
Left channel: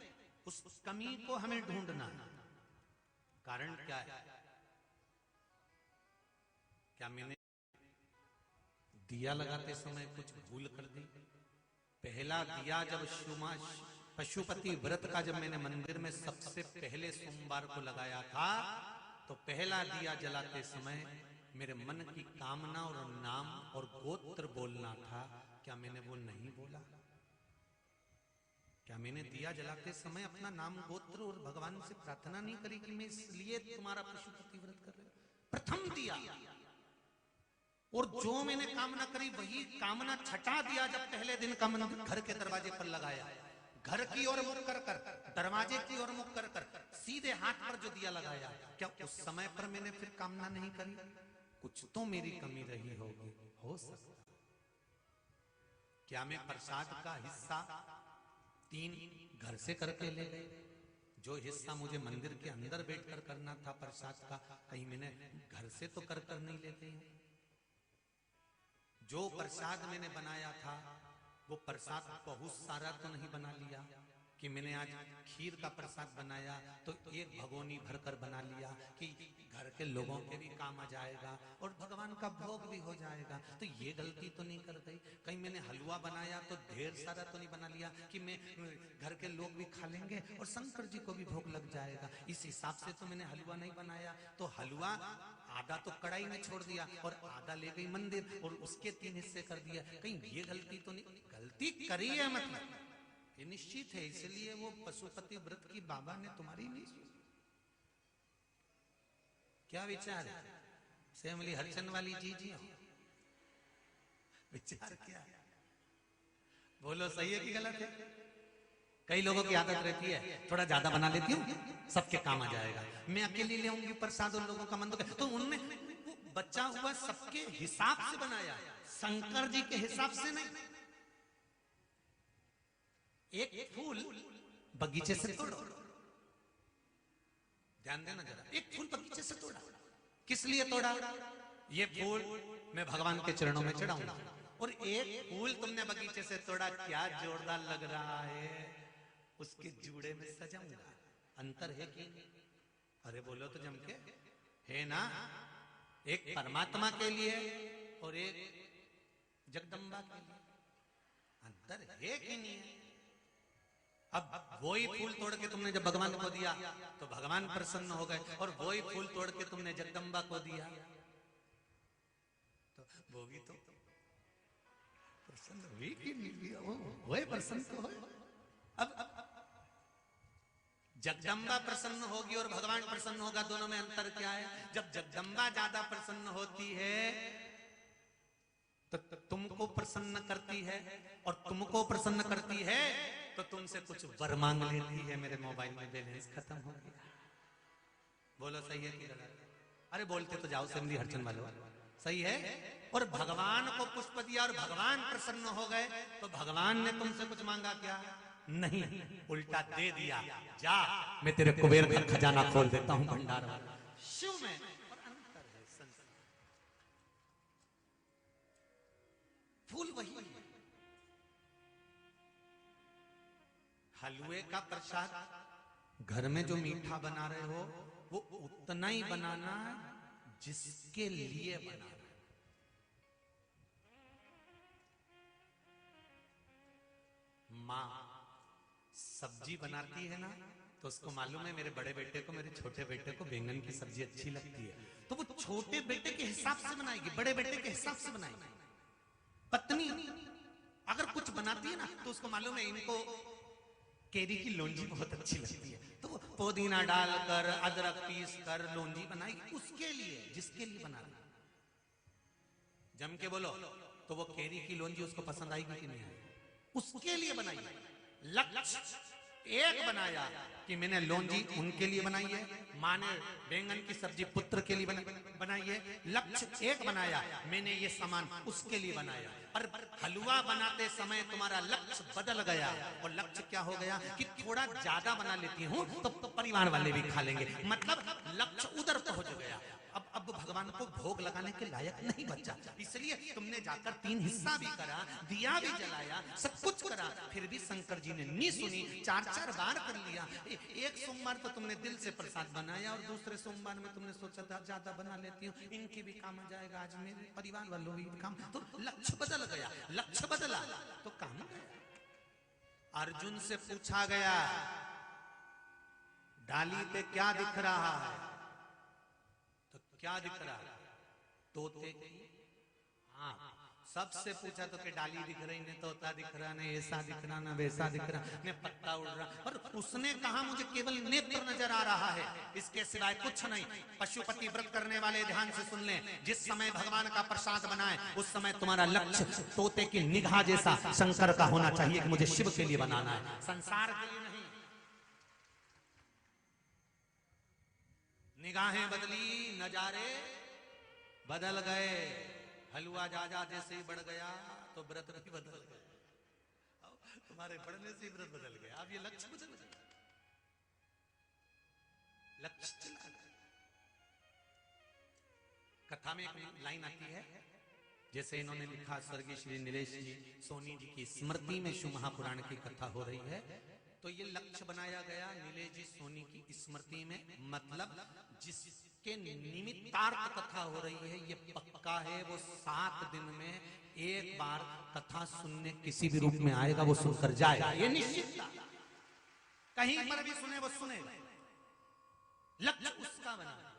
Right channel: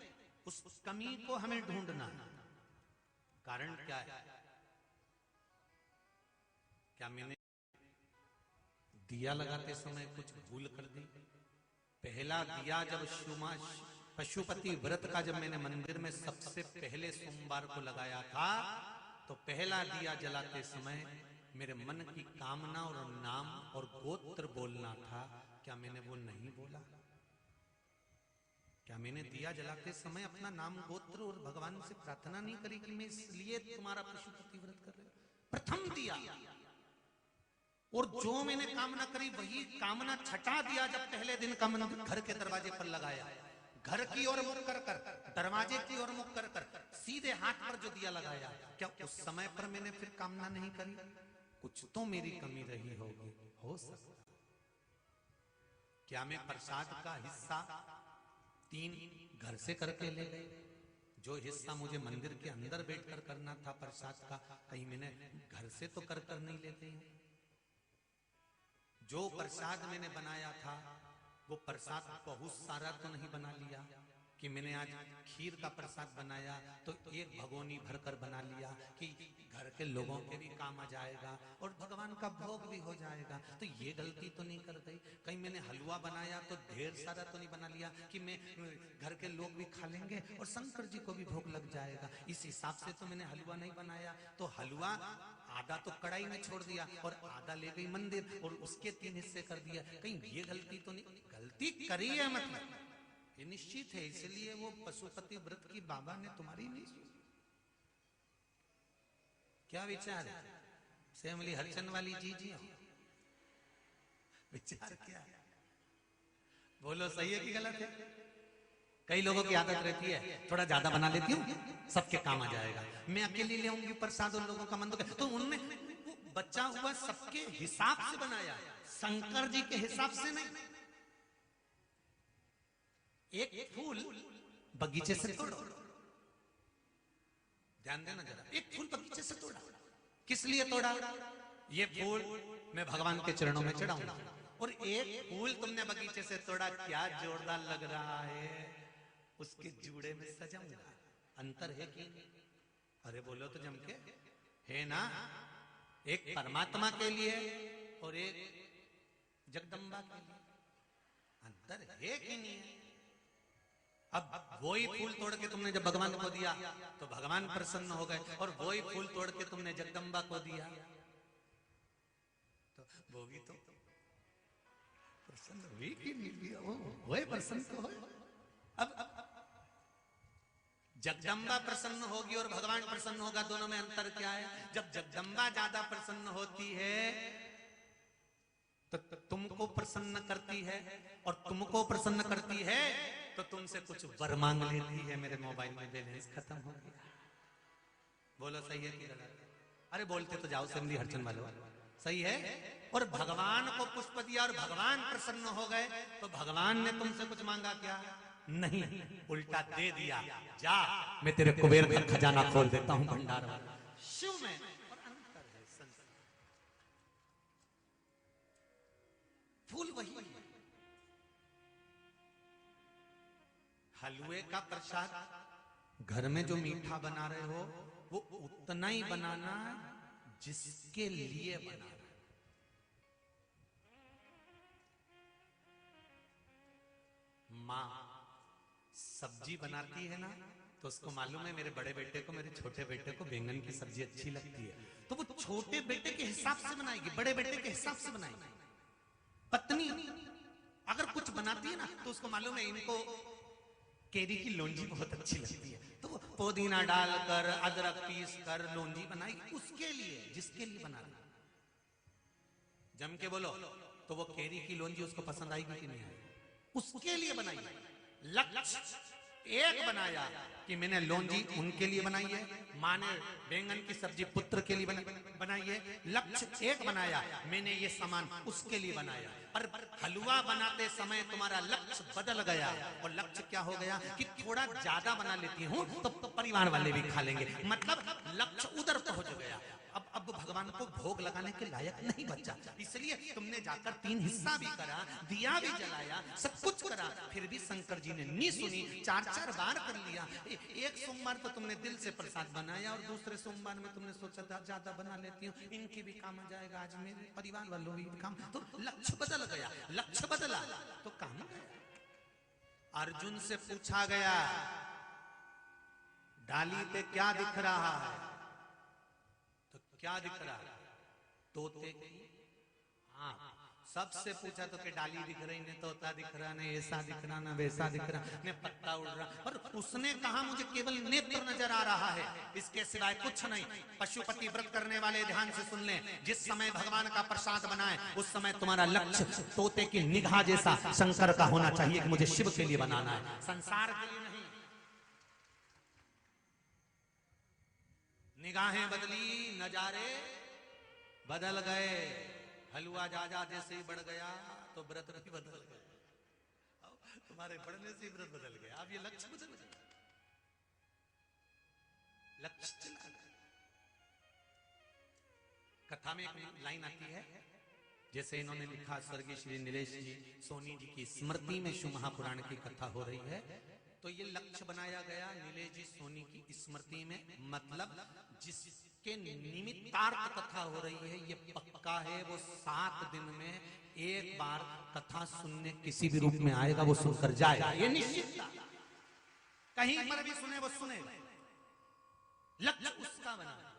उस कमी को हमें ढूंढना है। कारण क्या है? क्या मैंने दिया लगाते समय कुछ भूल कर दी? पहला दिया जब पशुपति व्रत का जब मैंने मंदिर में सबसे पहले सोमवार को लगाया था, तो पहला दिया जलाते समय मेरे मन की कामना और नाम और गोत्र बोलना था। क्या मैंने वो नहीं बोला? क्या मैंने दिया जलाते समय अपना नाम गोत्र और भगवान से प्रार्थना नहीं करी कि मैं इसलिए तुम्हारा पशुपति व्रत कर रहा हूं? प्रथम दिया, और जो मैंने कामना करी वही कामना छटा दिया। जब पहले दिन कामना घर के दरवाजे पर लगाया, घर की ओर मुख कर कर, दरवाजे की ओर मुख कर कर, सीधे हाथ पर जो दिया लगाया, क्या उस समय पर मैंने फिर कामना नहीं करी? कुछ तो मेरी कमी रही होगी, हो सकता। क्या मैं प्रसाद का हिस्सा 3 घर से करके ले गई? जो हिस्सा मुझे मंदिर के अंदर बैठकर करना था प्रसाद का, कहीं मैंने घर से तो कर नहीं ले गई? जो प्रसाद मैंने बनाया था वो प्रसाद बहुत सारा तो नहीं बना लिया कि मैंने आज खीर का प्रसाद बनाया तो एक भगोनी भरकर बना लिया कि घर के लोगों के भी काम आ जाएगा और भगवान का भोग भी हो जाएगा। तो ये गलती तो नहीं कर गई? कहीं मैंने हलवा बनाया तो ढेर सारा तो नहीं बना लिया कि मैं घर के लोग भी खा लेंगे और शंकर जी को भी भोग लग जाएगा? इस हिसाब से तो मैंने हलवा नहीं बनाया। तो हलवा आधा तो कढ़ाई में छोड़ दिया और आधा ले गई मंदिर और उसके 3 हिस्से कर दिए। कहीं ये गलती तो नहीं? गलती करी है, मतलब ये निश्चित है। इसलिए वो पशुपति व्रत की बाबा ने तुम्हारी नहीं सुनी। क्या विचार है? सेमली हलचन वाली जी हो, विचार क्या? बोलो, सही है कि गलत है? कई लोगों की आदत रहती है थोड़ा ज्यादा बना लेती हूँ, सबके काम आ जाएगा। मैं अकेली ले आऊंगी प्रसाद और लोगों का मन तो उनमें बचा हुआ सबके हिसाब से बनाया, शंकर जी के हिसाब से नहीं। एक फूल बगीचे से तोड़ो, ध्यान देना जरा। एक फूल बगीचे से तोड़ा, किस लिए तोड़ा? ये फूल मैं भगवान के चरणों में चढ़ाऊंगा। और एक फूल तुमने बगीचे से तोड़ा, क्या जोरदार लग रहा है, उसके जूड़े में सजाऊंगा। अंतर है कि? अरे बोलो तो जम के, है ना? एक परमात्मा के लिए और एक जगदम्बा के लिए। अंतर है कि नहीं है? अब वही फूल तोड़ के तुमने जब भगवान को दिया तो भगवान प्रसन्न हो गए, और वही फूल तोड़ के तुमने जगदम्बा को दिया तो वो भी तो प्रसन्न हुई कि नहीं हुई? वही प्रसन्न तो हो। अब जगदम्बा प्रसन्न होगी और भगवान प्रसन्न होगा, दोनों में अंतर क्या है? जब जगदम्बा ज्यादा प्रसन्न होती है तो तुमको प्रसन्न करती है, और तुमको प्रसन्न करती है तो तुमसे कुछ वर मांग लेती है। मेरे मोबाइल में बैलेंस खत्म हो गया। बोलो, सही है कि गलत? अरे बोलते तो जाओ, समझी हरचन वालों, सही है। और भगवान को पुष्प दिया और भगवान प्रसन्न हो गए, तो भगवान ने तुमसे कुछ मांगा क्या? नहीं, उल्टा दे दिया। जा, मैं तेरे कुबेर का खजाना खोल देता हूं, भंडार में। शिव में फूल वही है। हलवे का प्रसाद घर में जो मीठा बना रहे हो वो उतना ही बनाना जिसके लिए बनाओ। माँ सब्जी बनाती है ना, तो उसको मालूम है मेरे बड़े बेटे को, मेरे छोटे बेटे को बैंगन की सब्जी अच्छी लगती है, तो वो छोटे बेटे के हिसाब से बनाएगी, बड़े बेटे के हिसाब से बनाएगी। पत्नी अगर कुछ बनाती है ना तो उसको मालूम है इनको केरी की लौंजी बहुत अच्छी लगती है, तो पुदीना डालकर अदरक पीस कर लौंजी बनाएगी उसके लिए, जिसके लिए बनाना। जम के बोलो, तो वो केरी की लौंजी उसको पसंद आएगी कि नहीं आएगी? उसके लिए बनाई। लक्ष्य एक बनाया कि मैंने लौंजी उनके लिए बनाई है, माँ ने बैंगन की सब्जी पुत्र के लिए बनाई है। लक्ष्य एक बनाया, मैंने ये सामान उसके लिए बनाया। पर हलवा बनाते समय तुम्हारा लक्ष्य बदल गया, और लक्ष्य क्या हो गया कि थोड़ा ज्यादा बना लेती हूँ तो परिवार वाले भी खा लेंगे, मतलब लक्ष्य उधर पहुंच गया। अब भगवान को भोग लगाने के लायक नहीं बचा, इसलिए तुमने जाकर 3 हिस्सा भी करा, दिया भी जलाया, सब कुछ करा, फिर भी शंकर जी ने नहीं सुनी। 4 बार कर लिया। एक सोमवार तो तुमने दिल से प्रसाद बनाया, और दूसरे सोमवार में तुमने सोचा ज्यादा बना लेती हूँ, इनके भी काम आ जाएगा, आज मेरे परिवार वालों भी काम, तो लक्ष्य बदल गया। लक्ष्य बदला तो काम। अर्जुन से पूछा गया, डाली पे क्या दिख रहा है? क्या दिख रहा है? तोते की आंख। सबसे पूछा तो कि डाली दिख रही नहीं, तोता दिख रहा नहीं, ऐसा दिख रहा ना वैसा दिख रहा, ये पत्ता उड़ रहा। उसने कहा मुझे केवल नेत्र नजर आ रहा है, इसके सिवाय कुछ नहीं। पशुपति व्रत करने वाले ध्यान से सुन लें, जिस समय भगवान का प्रसाद बनाए उस समय तुम्हारा लक्ष्य पोते की निगाह जैसा शंकर का होना चाहिए कि मुझे शिव के लिए बनाना है, संसार के लिए नहीं। निगाहें बदली, नजारे बदल गए। हलवा जा जैसे ही बढ़ गया तो व्रत भी बदल गया। तुम्हारे बढ़ने से व्रत बदल गया, अब ये लक्ष्य बदल गया, लक्ष्य चला गया। कथा में एक लाइन आती है, जैसे इन्होंने लिखा, स्वर्गीय श्री नीलेश जी सोनी जी की स्मृति में शिव महापुराण की कथा हो रही है, तो ये लक्ष्य बनाया गया नीलेश जी सोनी की स्मृति में, मतलब जिसके निमित्तार्थ कथा हो रही है, ये पक्का है वो 7 दिन में एक बार कथा सुनने किसी भी रूप में आएगा, वो सुनकर जाएगा, ये निश्चित था। कहीं पर भी सुने वो सुनेगा, लक्ष्य उसका बना।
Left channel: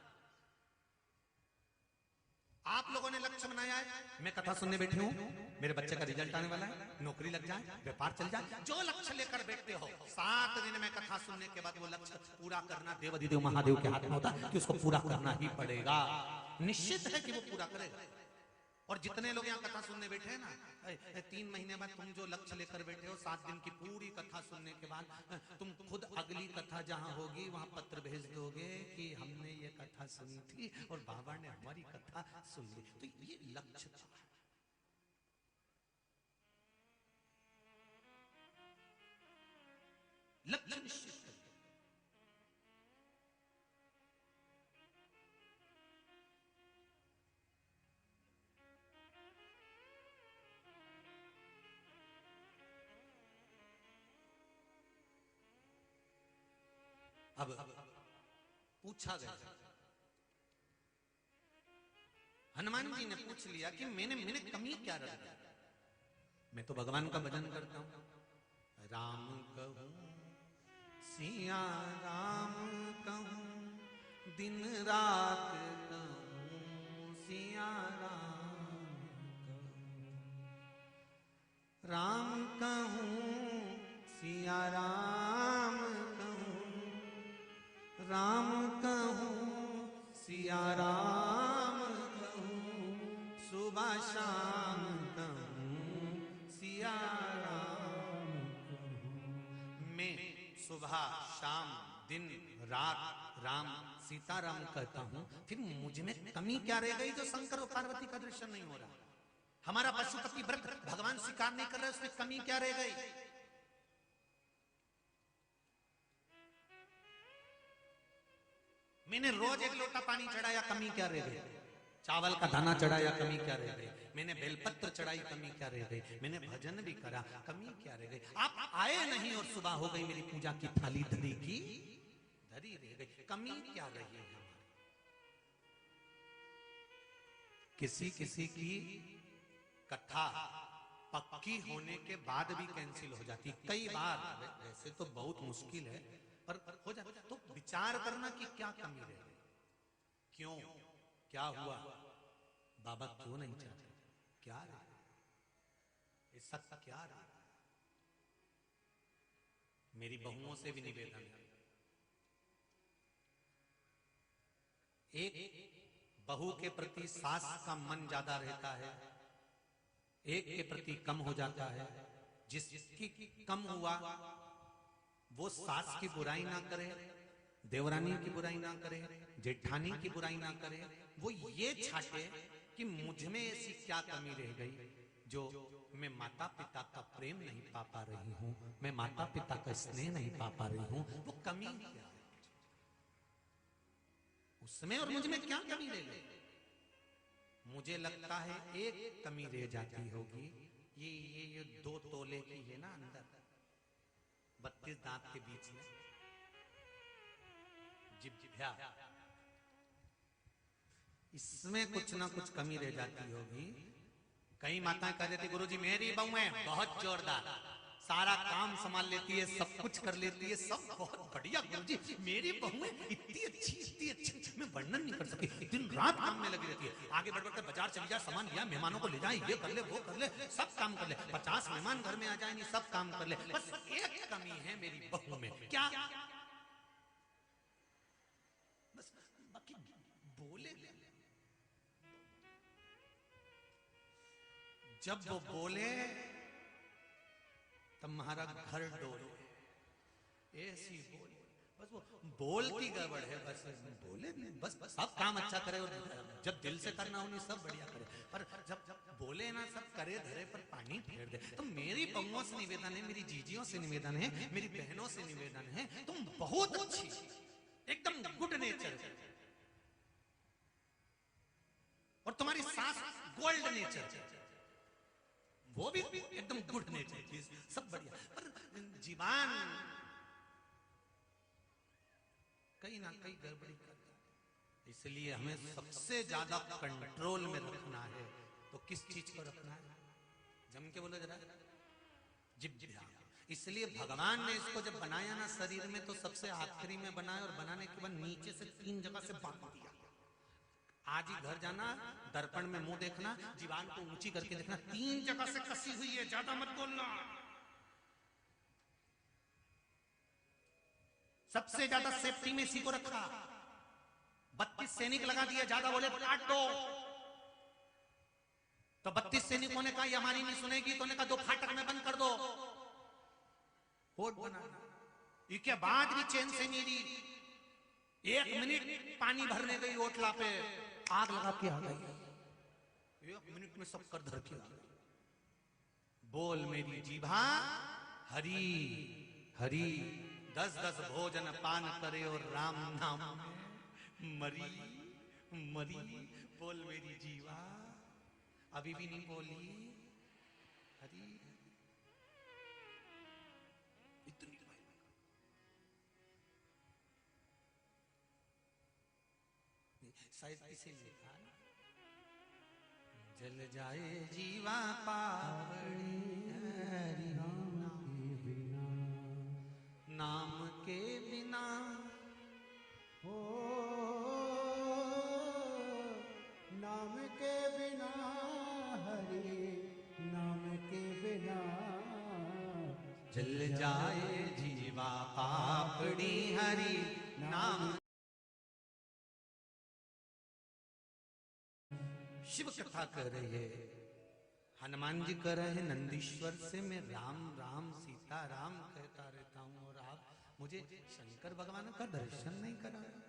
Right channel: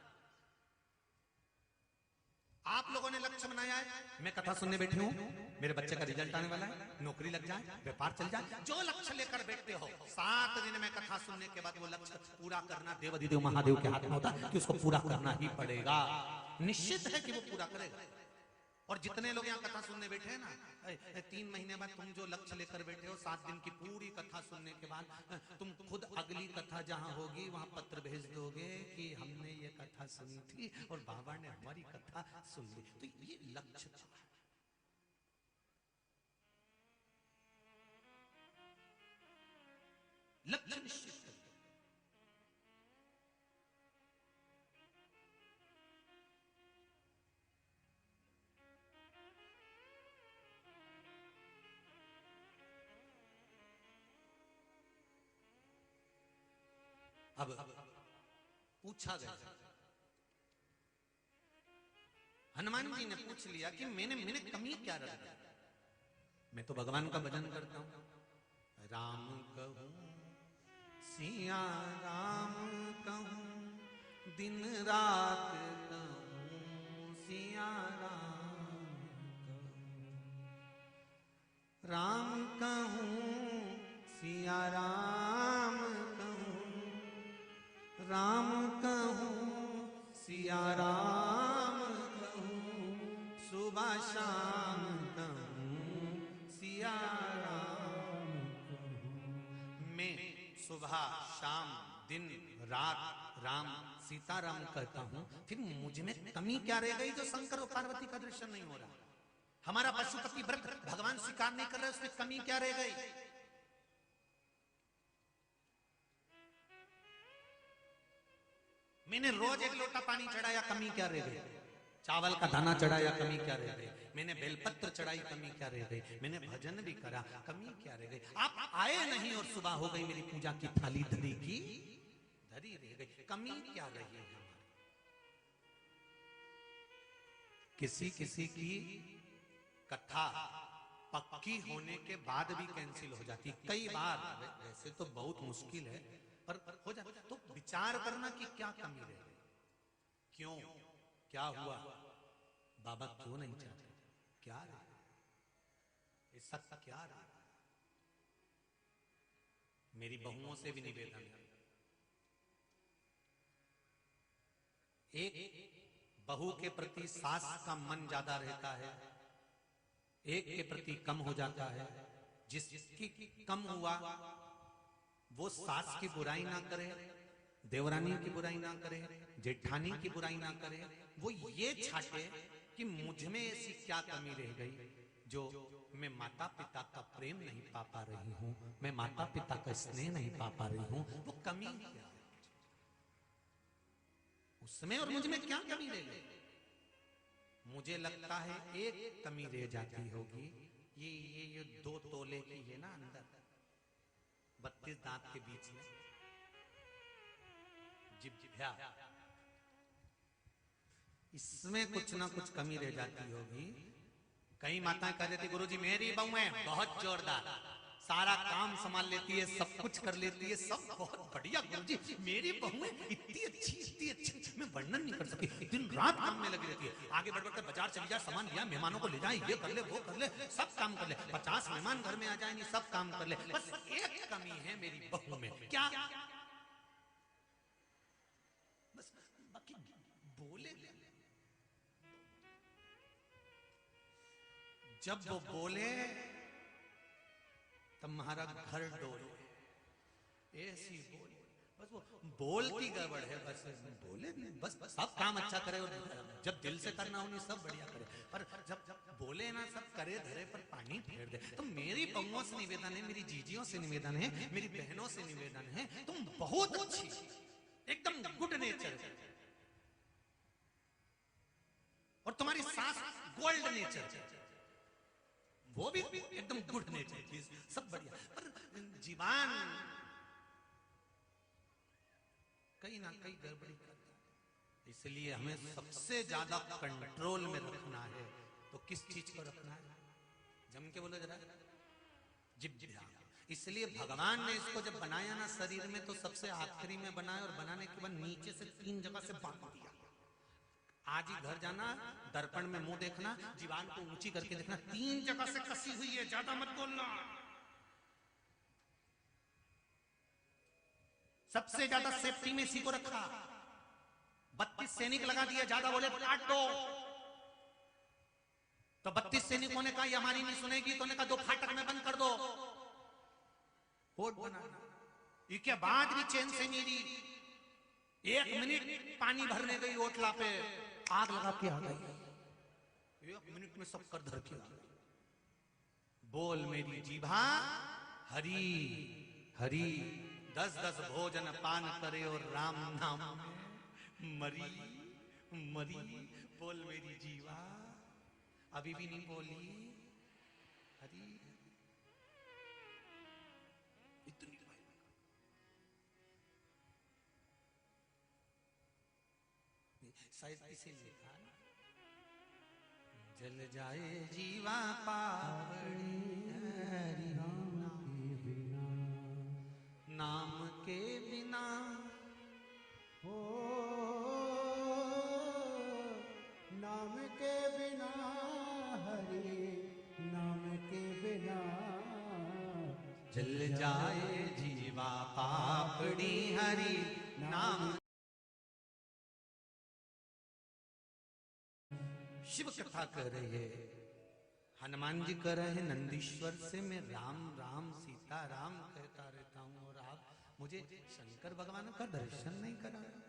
आप लोगों ने लक्ष्य बनाया है, मैं कथा सुनने बैठी हूँ, मेरे बच्चे का रिजल्ट आने वाला है, नौकरी लग जाए, व्यापार चल जाए, जो लक्ष्य लेकर बैठते हो 7 दिन में कथा सुनने के बाद वो लक्ष्य पूरा करना देवाधिदेव महादेव के हाथ में होता है, उसको पूरा करना ही पड़ेगा, निश्चित है कि वो पूरा करेगा। और जितने लोग यहाँ कथा सुनने बैठे हैं ना, 3 महीने में तुम जो लक्ष्य लेकर बैठे हो, 7 दिन की पूरी कथा सुनने के बाद तुम खुद अगली कथा जहाँ होगी वहां पत्र भेज दोगे कि हमने ये कथा सुनी थी और बाबा ने हमारी कथा सुनी थी। लक्ष्य निश्चित है। अब पूछा गया, हनुमान जी ने पूछ लिया कि मैंने कमी क्या रख दी, मैं तो भगवान का भजन करता हूं, राम कहूं सिया राम कहूं दिन रात कहूं सिया राम कहूं सिया राम कहूं सिया राम सुबह शाम कहूं सिया राम, मैं सुबह शाम दिन रात राम सीताराम कहता हूं, फिर मुझ में कमी क्या रह गई जो शंकर और पार्वती का दर्शन नहीं हो रहा? हमारा पशुपति व्रत भगवान स्वीकार नहीं कर रहा, इसमें कमी क्या रह गई? मैंने रोज 1 लोटा पानी चढ़ाया, कमी क्या रह गई? चावल का दाना चढ़ाया, कमी क्या रह गई? मैंने बेलपत्र चढ़ाई, कमी क्या रह गई? मैंने भजन भी करा, कमी क्या रह गई? आप आए नहीं और सुबह हो गई मेरी पूजा की थाली धरी की धरी रह गई, कमी क्या रह गई? किसी किसी की कथा पक्की होने के बाद भी कैंसिल हो जाती, कई बार, ऐसे तो बहुत मुश्किल है पर हो जाता है। तो विचार करना कि क्या कमी रही, क्यों, क्या हुआ, बाबा क्यों नहीं चाहते, क्या ये सब क्या रहा? मेरी बहुओं से भी निवेदन है, एक बहू के प्रति सास का मन ज्यादा रहता है, एक के प्रति कम हो जाता है। जिसकी कम हुआ वो सास की बुराई ना करे, देवरानी की बुराई ना करे, जेठानी की बुराई ना करे, वो ये छापे कि मुझ में ऐसी क्या कमी रह गई जो मैं माता पिता का प्रेम नहीं पा पा रही हूँ, मैं माता पिता का स्नेह नहीं पा पा रही हूँ, वो कमी क्या है उसमें और मुझ में, क्या कमी रह गई? मुझे लगता है एक कमी रह जाती होगी, ये 2 तोले की है ना अंदर 32 दांत के बीच में जिभ्या, इसमें कुछ ना कुछ कमी रह जाती होगी। कई माताएं कह देती गुरुजी मेरी बहू है बहुत जोरदार, सारा काम संभाल लेती है, सब कुछ कर लेती है, सब बहुत बढ़िया गुरुजी, मेरी बहू है इतनी अच्छी मैं वर्णन नहीं कर सकती, दिन रात काम में लगी रहती है। आगे बढ़ बढ़कर बाजार चले जा, सामान लिया, मेहमानों को ले जाए, ये कर ले, वो कर ले, सब काम कर ले, 50 मेहमान घर में आ जाएंगे, सब काम कर ले, बस एक कमी है मेरी बहू में। क्या? बस बाकी बोले। जब वो बोले तब महाराज घर डोले, ऐसी बोली, बस वो बोलती गड़बड़ है, बस बोले, बस सब काम अच्छा करे, और जब दिल से करना उन्हें सब बढ़िया करे, पर जब बोले ना सब करे धरे पर पानी फेर दे। तो मेरी बहुओं से निवेदन है, मेरी जीजियों से निवेदन है, मेरी बहनों से निवेदन है, तुम बहुत अच्छी, एकदम गुड नेचर, और तुम्हारी सास गोल्ड नेचर, वो भी एकदम गुड नेचर, सब बढ़िया, जीवान कहीं ना कहीं गड़बड़ी करता है। इसलिए हमें सबसे ज्यादा कंट्रोल में रखना है। तो किस चीज को रखना है? जम के बोलो जरा, जिद। इसलिए भगवान ने इसको जब बनाया ना शरीर में, तो सबसे आखिरी में बनाया, और बनाने के बाद नीचे से 3 जगह से बांट दिया। आज ही घर जाना, दर्पण में मुंह देखना, जीवान को ऊंची करके देखना, 3 जगह से कसी हुई है, ज्यादा मत बोलना। सबसे ज्यादा सेफ्टी में इसी को रखा, 32 सैनिक लगा दिए, ज्यादा बोले तो काट दो। तो 32 सैनिकों ने कहा ये हमारी नहीं सुनेगी, तो ने कहा 2 फाटक में बंद कर दो, होट बनाना। इसके बाद भी चैन से नहीं रही, 1 मिनट पानी भरने गई ओटला पे, आग लगा के आ गई, 1 मिनट में सब कर धर के। बोल मेरी जीभा हरी हरी, 10-10 भोजन पान करे और राम नाम मरी मरी। बोल मेरी जीवा, अभी भी नहीं बोली हरी, इतनी शायद इसे लिखा, जल जाए जीवा पावड़ी हरि नाम के बिना, हो नाम के बिना हरि, नाम के बिना जल जाए जीवा पापड़ी हरि नाम। शिव कथा कर रहे हैं, हनुमान जी कह रहे हैं नंदीश्वर से मैं राम राम सीता राम कहता रहता हूँ, और आप मुझे शंकर भगवान का दर्शन नहीं करा रहे,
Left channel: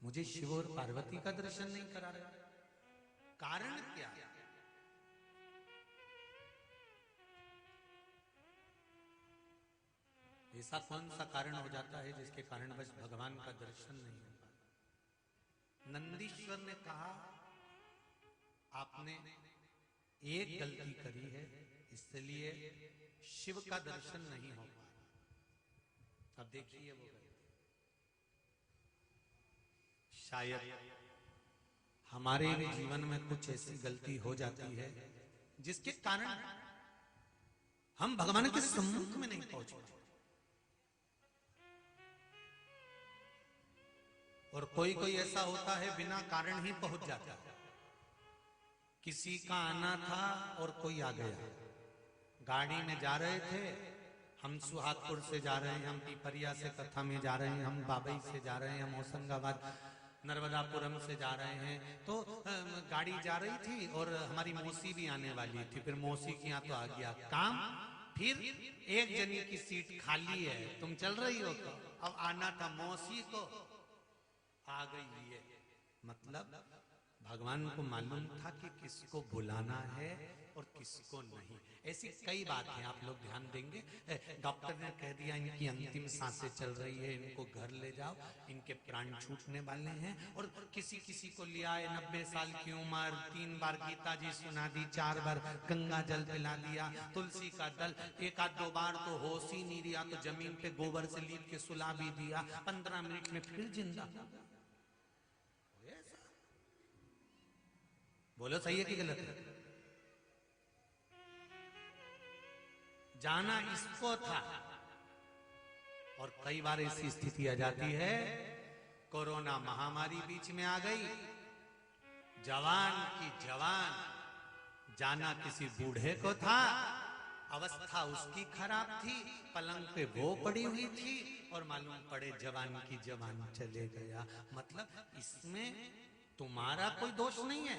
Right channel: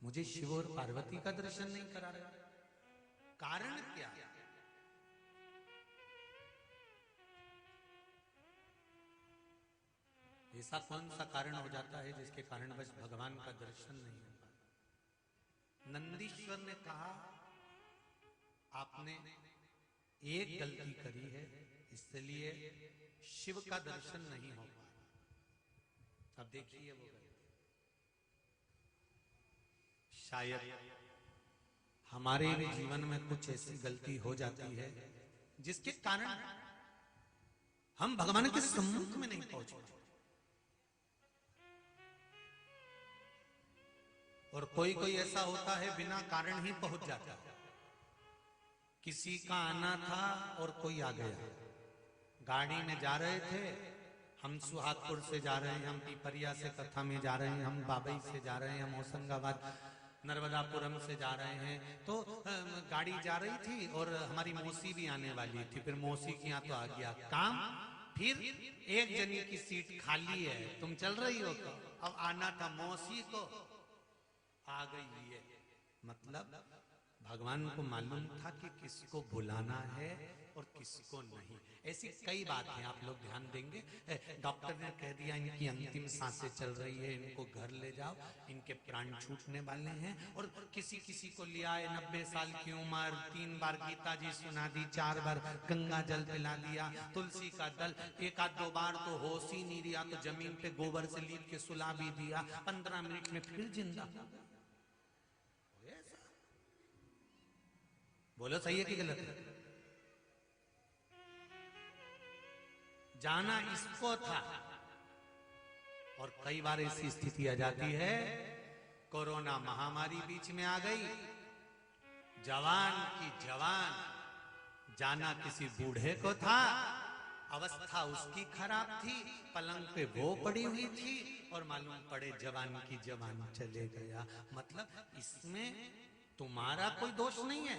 मुझे शिव और पार्वती का दर्शन नहीं करा रहे। कारण क्या? ऐसा कौन सा कारण हो जाता है जिसके कारण बस भगवान का दर्शन नहीं होता? नंदीश्वर ने कहा आपने एक गलती करी है, इसलिए शिव का दर्शन नहीं हो पा रहा। अब देखिए वो शायद हमारे भी जीवन में कुछ ऐसी गलती हो जाती है जिसके कारण हम भगवान के सम्मुख में नहीं पहुंच पाते, और कोई कोई ऐसा होता है बिना कारण ही पहुंच जाता है। किसी का आना था और कोई आ गया, गाड़ी में जा रहे थे, हम सुहागपुर से जा रहे हैं, हम पिपरिया से कथा में जा रहे हैं, हम बाबई से जा रहे हैं, हम होशंगाबाद नर्मदापुरम से जा रहे हैं, तो गाड़ी जा रही थी और हमारी मौसी भी आने वाली थी, फिर मौसी के यहाँ तो आ गया काम, फिर एक जनी की सीट खाली है, तुम चल रही हो, तो अब आना था मौसी को आ गई है। मतलब भगवान को मालूम था कि किसको बुलाना है और किसको नहीं। ऐसी कई बातें आप लोग ध्यान देंगे। डॉक्टर ने कह दिया इनकी अंतिम सांसें चल रही है, इनको घर ले जाओ, इनके प्राण छूटने वाले हैं, और किसी किसी को ले आए 90 साल की उम्र, 3 बार गीता जी सुना दी, 4 बार गंगा जल पिला दिया, तुलसी का दल 1-2 बार तो होश ही नहीं दिया, तो जमीन पे गोबर से लीप के सुला भी दिया, 15 मिनट में फिर जिंदा। बोलो सही है कि गलत है? जाना इसको था, और कई बार ऐसी स्थिति आ जाती है, कोरोना महामारी बीच में आ गई, जवान की जवान जाना किसी बूढ़े को था, अवस्था उसकी खराब थी, पलंग पे वो पड़ी हुई थी और मालूम पड़े जवान की जवान चले गया। मतलब इसमें तुम्हारा कोई दोष नहीं है,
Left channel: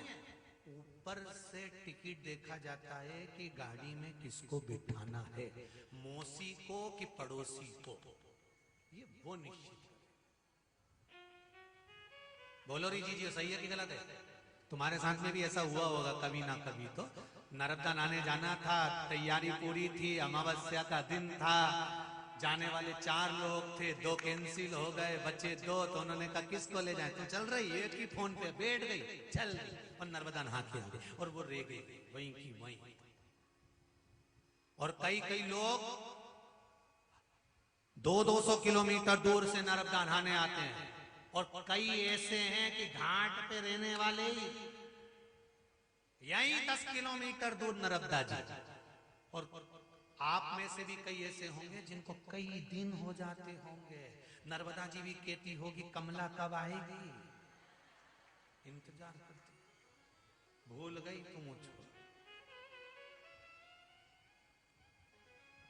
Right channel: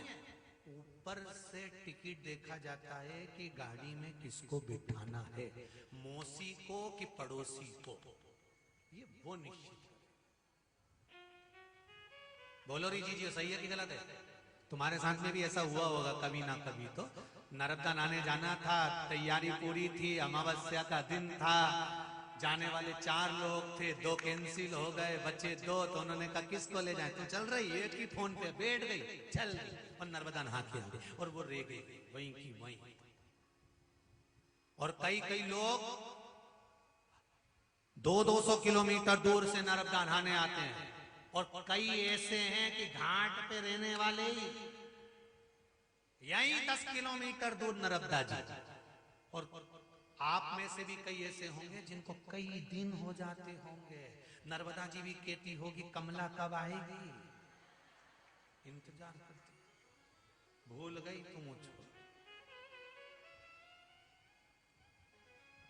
ऊपर से टिकट देखा जाता है कि गाड़ी में किसको बिठाना है, मौसी को कि पड़ोसी को, ये वो निश्चित है। बोलो री जी सही है कि गलत है? तुम्हारे साथ में भी ऐसा हुआ होगा कभी ना कभी। तो नर्मदा नहाने जाना था, तैयारी पूरी थी, अमावस्या का दिन था, जाने वाले 4 लोग थे, 2 कैंसिल हो गए, बचे 2। तो उन्होंने कहा किसको ले जाए, तू चल रही है कि फोन पे बैठ गई, चल और नर्मदा नहा के गई और वो रह गई वहीं की वहीं। और कई कई लोग 200-200 किलोमीटर दूर से नर्मदा नहाने आते हैं, और कई ऐसे हैं कि घाट पे रहने वाले यही 10 किलोमीटर दूर नर्मदा जी। और आप में से भी कई ऐसे होंगे जिनको कई दिन हो जाते होंगे, नर्मदा जी भी कहती होगी कमला कब आएगी, इंतजार करती, भूल गई तुम मुझको।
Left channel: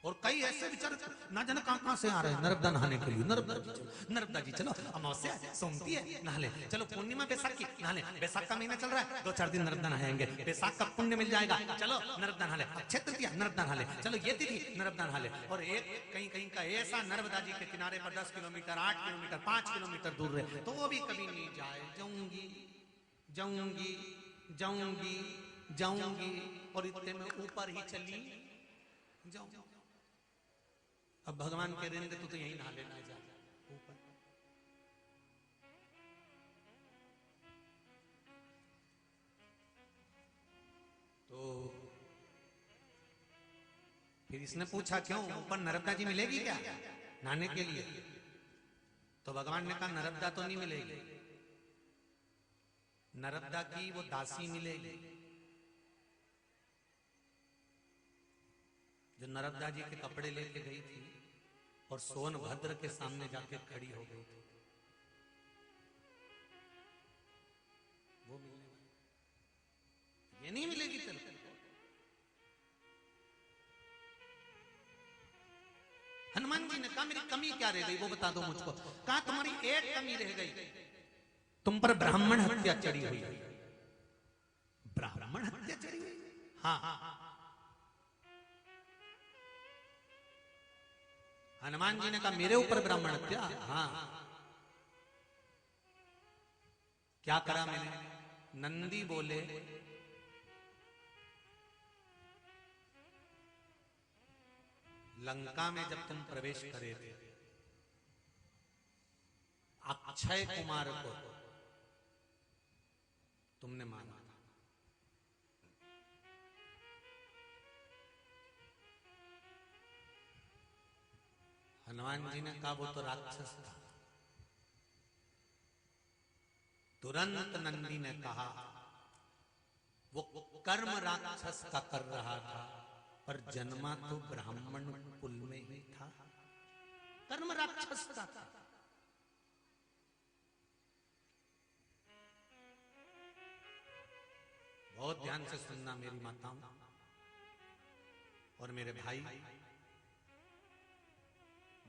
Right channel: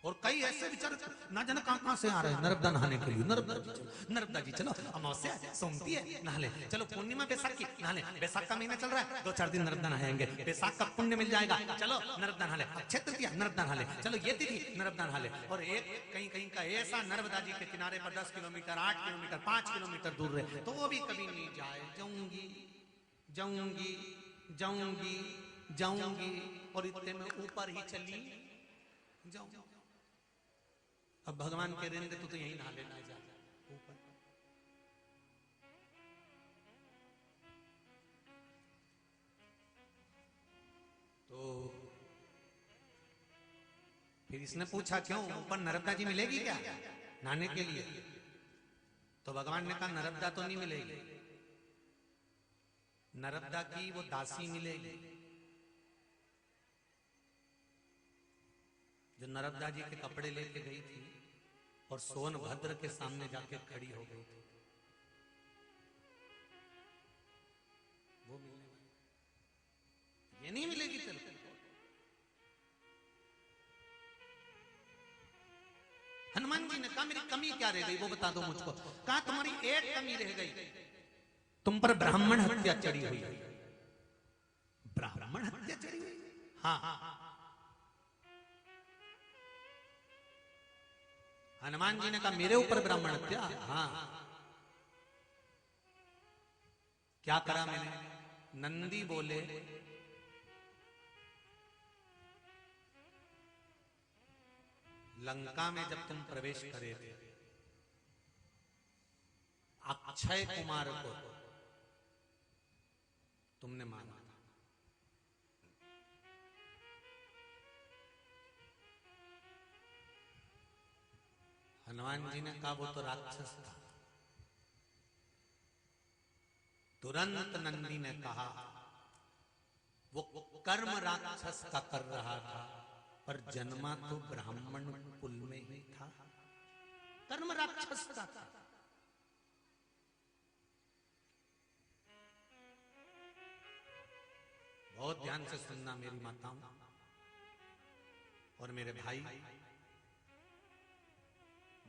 और कई ऐसे बेचारे ना जाने कहां से आ रहे हैं नर्मदा नहाने के लिए। नर्मदा जी चलो, अमावस्या सोमती है नहा ले, चलो पूर्णिमा बैसाखी नहा ले, बैसाख का महीना चल रहा है 2-4 दिन नर्मदा नहाएंगे, बैसाख का पुण्य मिल जाएगा, चलो नर्मदा नहा ले, अक्षय तृतीया नर्मदा नहा ले, चलो ये तिथि नर्मदा नहा ले। और एक कहीं कहीं का ऐसा नर्मदा जी के किनारे पर 10 किलोमीटर 8 किलोमीटर 5 किलोमीटर दूर रहे तो वो भी कभी नहीं जाए, जाऊंगी जाऊंगी जाऊंगी जाऊंगी, और इतने में ऊपर ही चली जाऊंगी। अब भगवान कह रहे हैं तो यही नहा लेना जा ऊपर। तो फिर इसने पूछा क्यों ऊपर नर्मदा जी मिलेगी क्या नहाने के लिए? तो भगवान ने कहा नर्मदा तो नहीं मिलेगी, नर्मदा की वो दासी मिलेगी जो नर्मदा जी के कपड़े लेके गई थी और सोनभद्र के सामने जाके खड़ी हो गई थी, वो मिलेगी, ये नहीं मिलेगी। चलो हनुमान जी ने कहा मेरी कमी क्या रह गई वो बता दो मुझको। कहा तुम्हारी एक कमी रह गई, तुम पर ब्राह्मण हत्या चढ़ी हुई। ब्राह्मण हत्या चढ़ी? हाँ। हनुमान जी ने कहा मेरे ऊपर ब्राह्मण हत्या? हाँ। क्या करा मैंने? नंदी बोले लंका में जब तुम प्रवेश करे थे अक्षय कुमार को तुमने माना था, हनुमान जी ने कहा वो तो राक्षस था। तुरंत नंदी ने कहा वो कर्म राक्षस का कर रहा था पर जन्मा तो ब्राह्मण कुल में ही था, कर्म राक्षस का था। बहुत ध्यान से सुनना मेरी माता और मेरे भाई,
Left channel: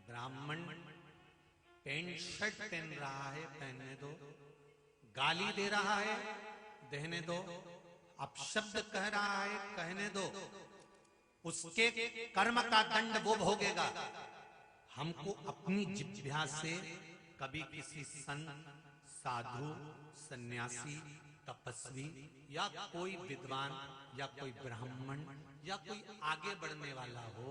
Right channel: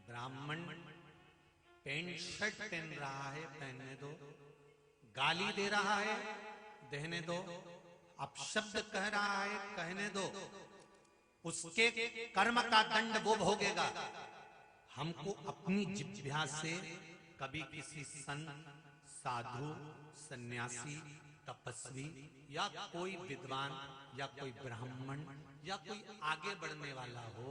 ब्राह्मण पैंट शर्ट पहन रहा है पहनने दो, गाली दे रहा है देने दो, अपशब्द कह रहा है कहने दो, उसके कर्म का दंड वो भोगेगा। हमको अपनी जिह्वा से कभी किसी संत साधु सन्यासी तपस्वी या कोई विद्वान या कोई ब्राह्मण या कोई आगे बढ़ने वाला हो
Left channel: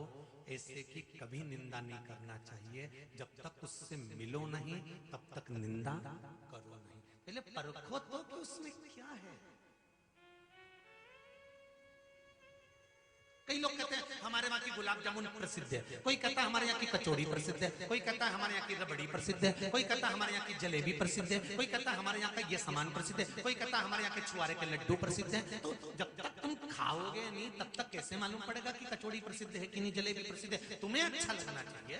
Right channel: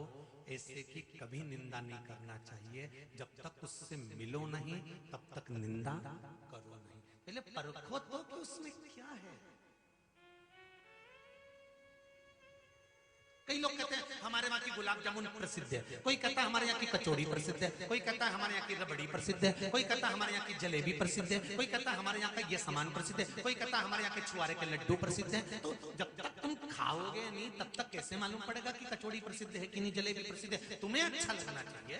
ऐसे की कभी निंदा नहीं करना चाहिए। जब तक उससे मिलो नहीं तब तक निंदा करो नहीं। पहले परखो तो कि उसमें क्या है। कई लोग कहते हैं हमारे वहां की गुलाब जामुन प्रसिद्ध है, कोई कहता है हमारे यहाँ की कचौड़ी प्रसिद्ध है, कोई कहता है हमारे यहाँ की रबड़ी प्रसिद्ध है, कोई कहता है हमारे यहाँ की जलेबी प्रसिद्ध है, कोई कहता है हमारे यहाँ का ये सामान प्रसिद्ध है, कोई कहता है हमारे यहाँ के छुआरे के लड्डू प्रसिद्ध है। तो जब तक तुम खाओगे नहीं तब तक कैसे मालूम पड़ेगा कि कचौड़ी प्रसिद्ध है कि नहीं, जलेबी प्रसिद्ध है? तुम्हें अच्छा लगना चाहिए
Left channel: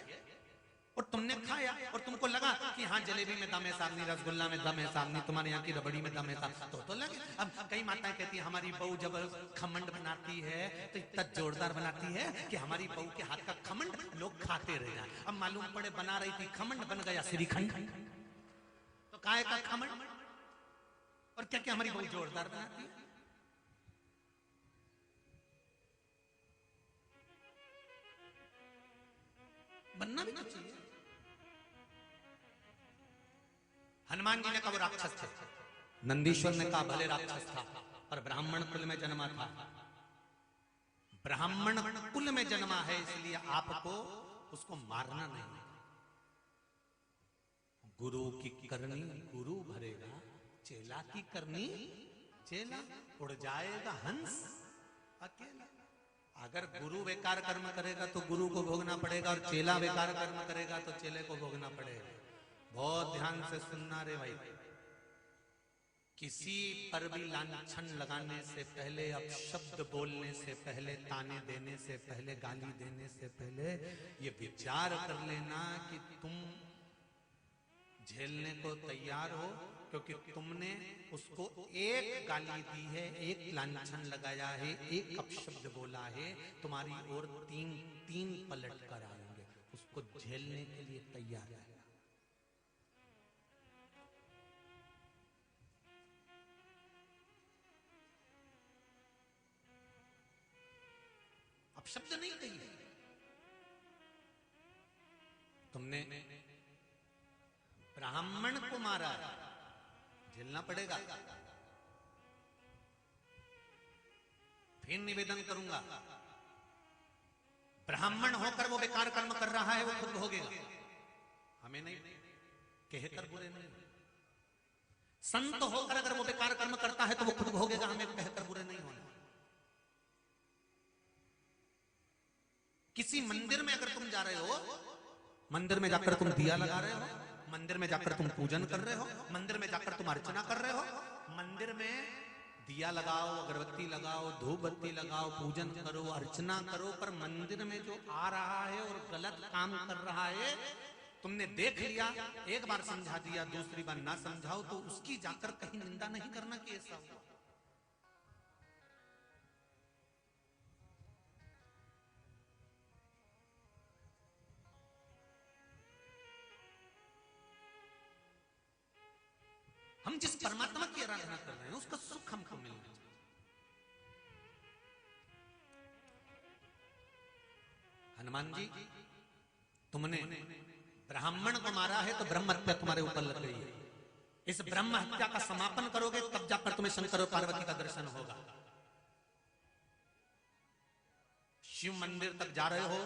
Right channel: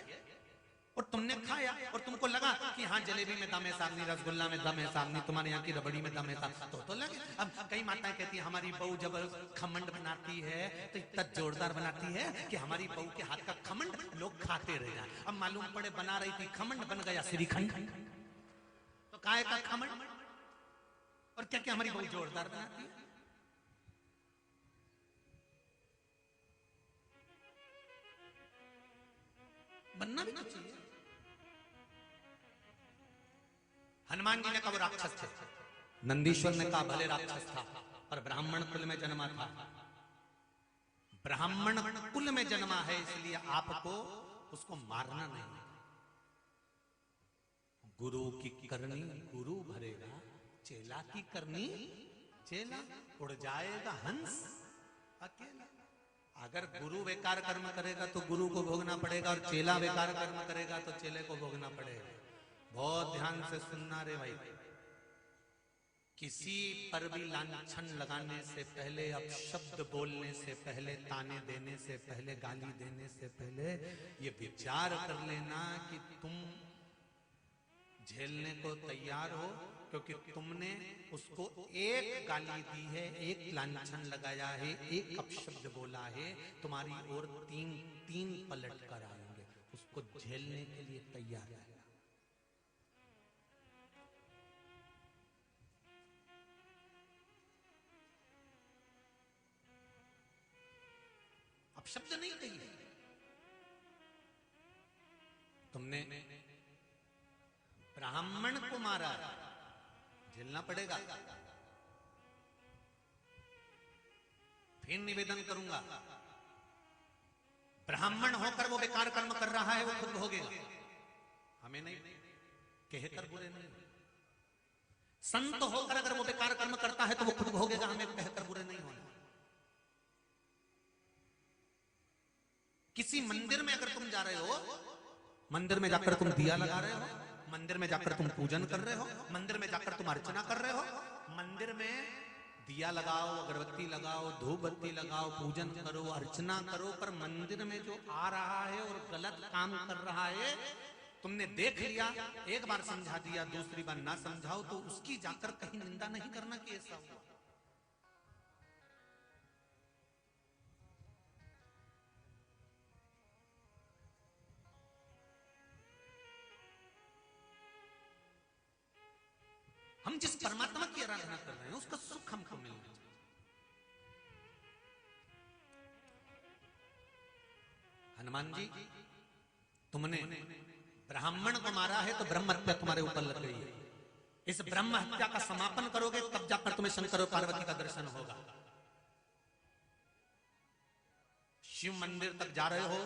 और तुमने खाया और तुमको लगा लगा कि हाँ जलेबी में दम है सामने, रसगुल्ला में दम है सामने, तुम्हारे यहाँ की रबड़ी में दम है सामने, तो लगे। अब कई माताएं कहती है हमारी बहू जब खमंड बनाती है तो इतना जोरदार बनाती है कि हमारी बहू के हाथ का खमंड लोग खाते रह जाए। अब मालूम पड़े बना रही थी खमंड, बन गया श्रीखंड, तो काय का खमंड। और क्या क्या हमारी बहू जोरदार बनाती है। बनना भी तो चाहिए। हनुमान जी ने कहा वो राक्षस थे, नंदीश्वर ने कहा भले राक्षस था पर ब्राह्मण कुल में जन्मा था, ब्राह्मण कुल में जन्मा है इसलिए आपको उसको मारना नहीं। गुरु की करनी गुरु भरेगा, चेला की करनी चेला, उड़ जाएगा हंस अकेला। अगर गुरु बेकार कर्म करेगा तो गुरु को भोगना पड़ेगा, और चेला बेकार कर्म करेगा तो चेले को भोगना पड़ेगा। बहुत ध्यान से सुनना रे भाई। किसी पर भी लांछन लगाने से पहले, अपशब्द बोलने से पहले, ताने देने से पहले, गाली देने से पहले ये विचार कर लेना कि तुम झेलने को तैयार हो, क्योंकि तुमने उसको एक गाली दी है, एक लांछन लगाया है, एक अपशब्द बोला है, तुम्हारी ओर तीन पलट कर आएंगे, उसको झेलने के लिए तैयार है। अपशब्द नहीं कही, तुमने ब्राह्मण को मारा, झेलना पड़ेगा। फिर निवेदन करूंगा, ब्राह्मण होकर वो बेकार कर्म कर रहा है, वो खुद भोगेगा, हमें नहीं, कहकर बुरे नहीं। संत होकर अगर वो बेकार कर्म करता है तो वो खुद भोगेगा, हमें कहकर बुरे नहीं होना। किसी मंदिर में अगर तुम जा रहे हो, मंदिर में जाकर तुम दिया लगा रहे हो, मंदिर में जाकर तुम पूजन कर रहे हो, मंदिर में जाकर तुम अर्चना कर रहे हो, मंदिर में दिया लगाओ, अगरबत्ती लगाओ, धूप बत्ती लगाओ, पूजन करो, अर्चना करो, पर मंदिर में जो आ रहा है और गलत काम कर रहा है, तुमने देख लिया, एक बार समझा दिया, दूसरी बार ना समझाओ, तो उसकी जाकर कहीं निंदा नहीं करना कि ऐसा हो। हम जिस परमात्मा की आराधना कर रहे हैं उसका सुख हमको मिलना चाहिए। हनुमान जी, तुमने ब्राह्मण को मारा है तो ब्रह्म हत्या तुम्हारे ऊपर लग गई है। इस ब्रह्म हत्या का समापन करोगे तब जाकर तुम्हें शंकर और पार्वती का दर्शन होगा। शिव मंदिर तक जा रहे हो,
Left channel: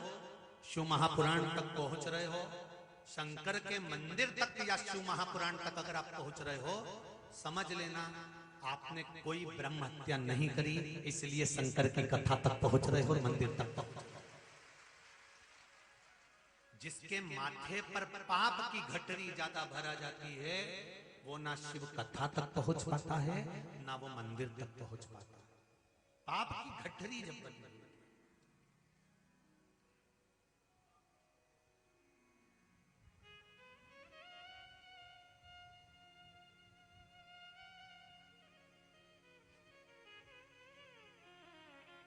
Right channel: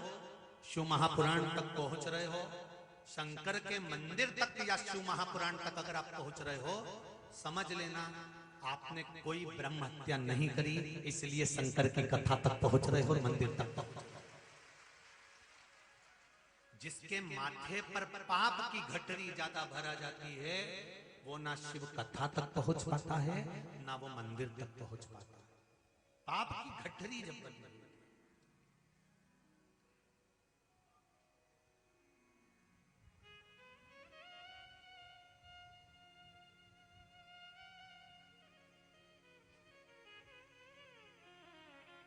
शिव महापुराण तक पहुंच रहे हो, शंकर के मंदिर तक या शिव महापुराण तक अगर आप पहुंच रहे हो, समझ लेना आपने कोई ब्रह्म हत्या नहीं करी, इसलिए शंकर की कथा तक पहुंच रहे हो, मंदिर तक। जिसके माथे पर पाप की गठरी ज्यादा भरा जाती है, वो ना शिव कथा तक पहुंच पाता है, ना वो मंदिर तक पहुंच पाता है। पाप की गठरी जब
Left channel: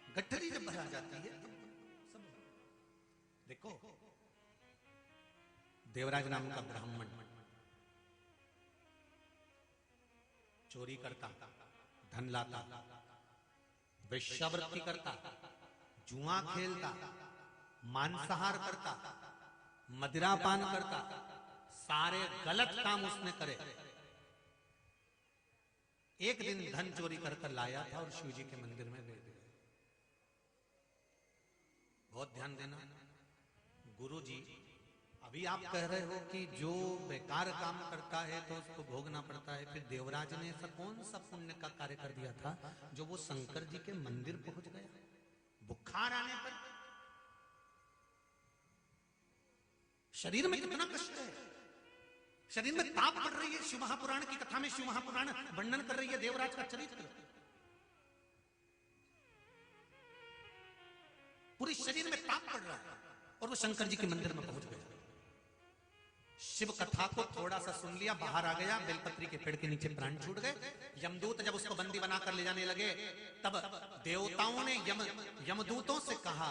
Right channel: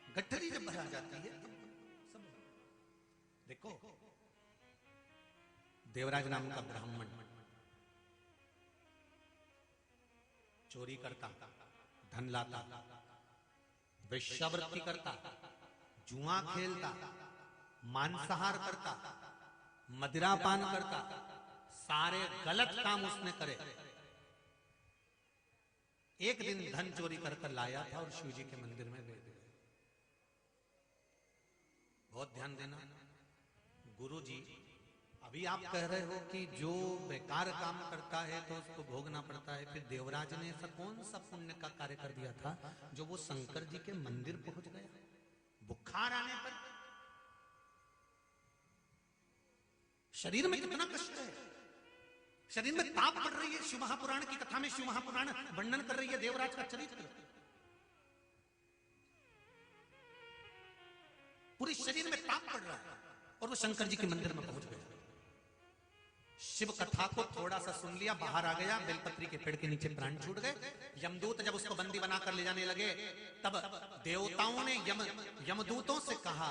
गठरी जब भरा जाती है, देखो देवराज नाम का ब्राह्मण चोरी करता, धन लाता, वेश्यावृत्ति करता, जुआ खेलता, मांसाहार करता, मदिरापान करता, सारे गलत काम उसने करे। एक दिन धन चोरी कर लाया था और शिव जी के मंदिर में दे दिया। बहुत ध्यान देना, गुरु जी अभी आप कह रहे हो कि जो बेकार काम करता है तो उसको भोगना पड़ता है, फिर देवराज ने ऐसा कौन सा पुण्य का कार्य कर दिया था जो वो शंकर जी के मंदिर पहुंच गया? बुखार आने पर शरीर में कितना कष्ट है, शरीर में ताप कर रही है। शिव महापुराण की कथा में शिव महापुराण वर्णन कर रही है देवराज का चरित्र, पूरी शरीर में ताप पड़ रहा है और वो शंकर जी के मंदिर में पहुंच गया। शिव कथा को थोड़ा सा सुन लिया, बाहर आ गया, बेलपत्री के पेड़ के नीचे प्राण छूट गए। यमदूत जब उसको बंदी बनाकर ले जाने लगे, तब देवताओं ने यमदूतों से कहा,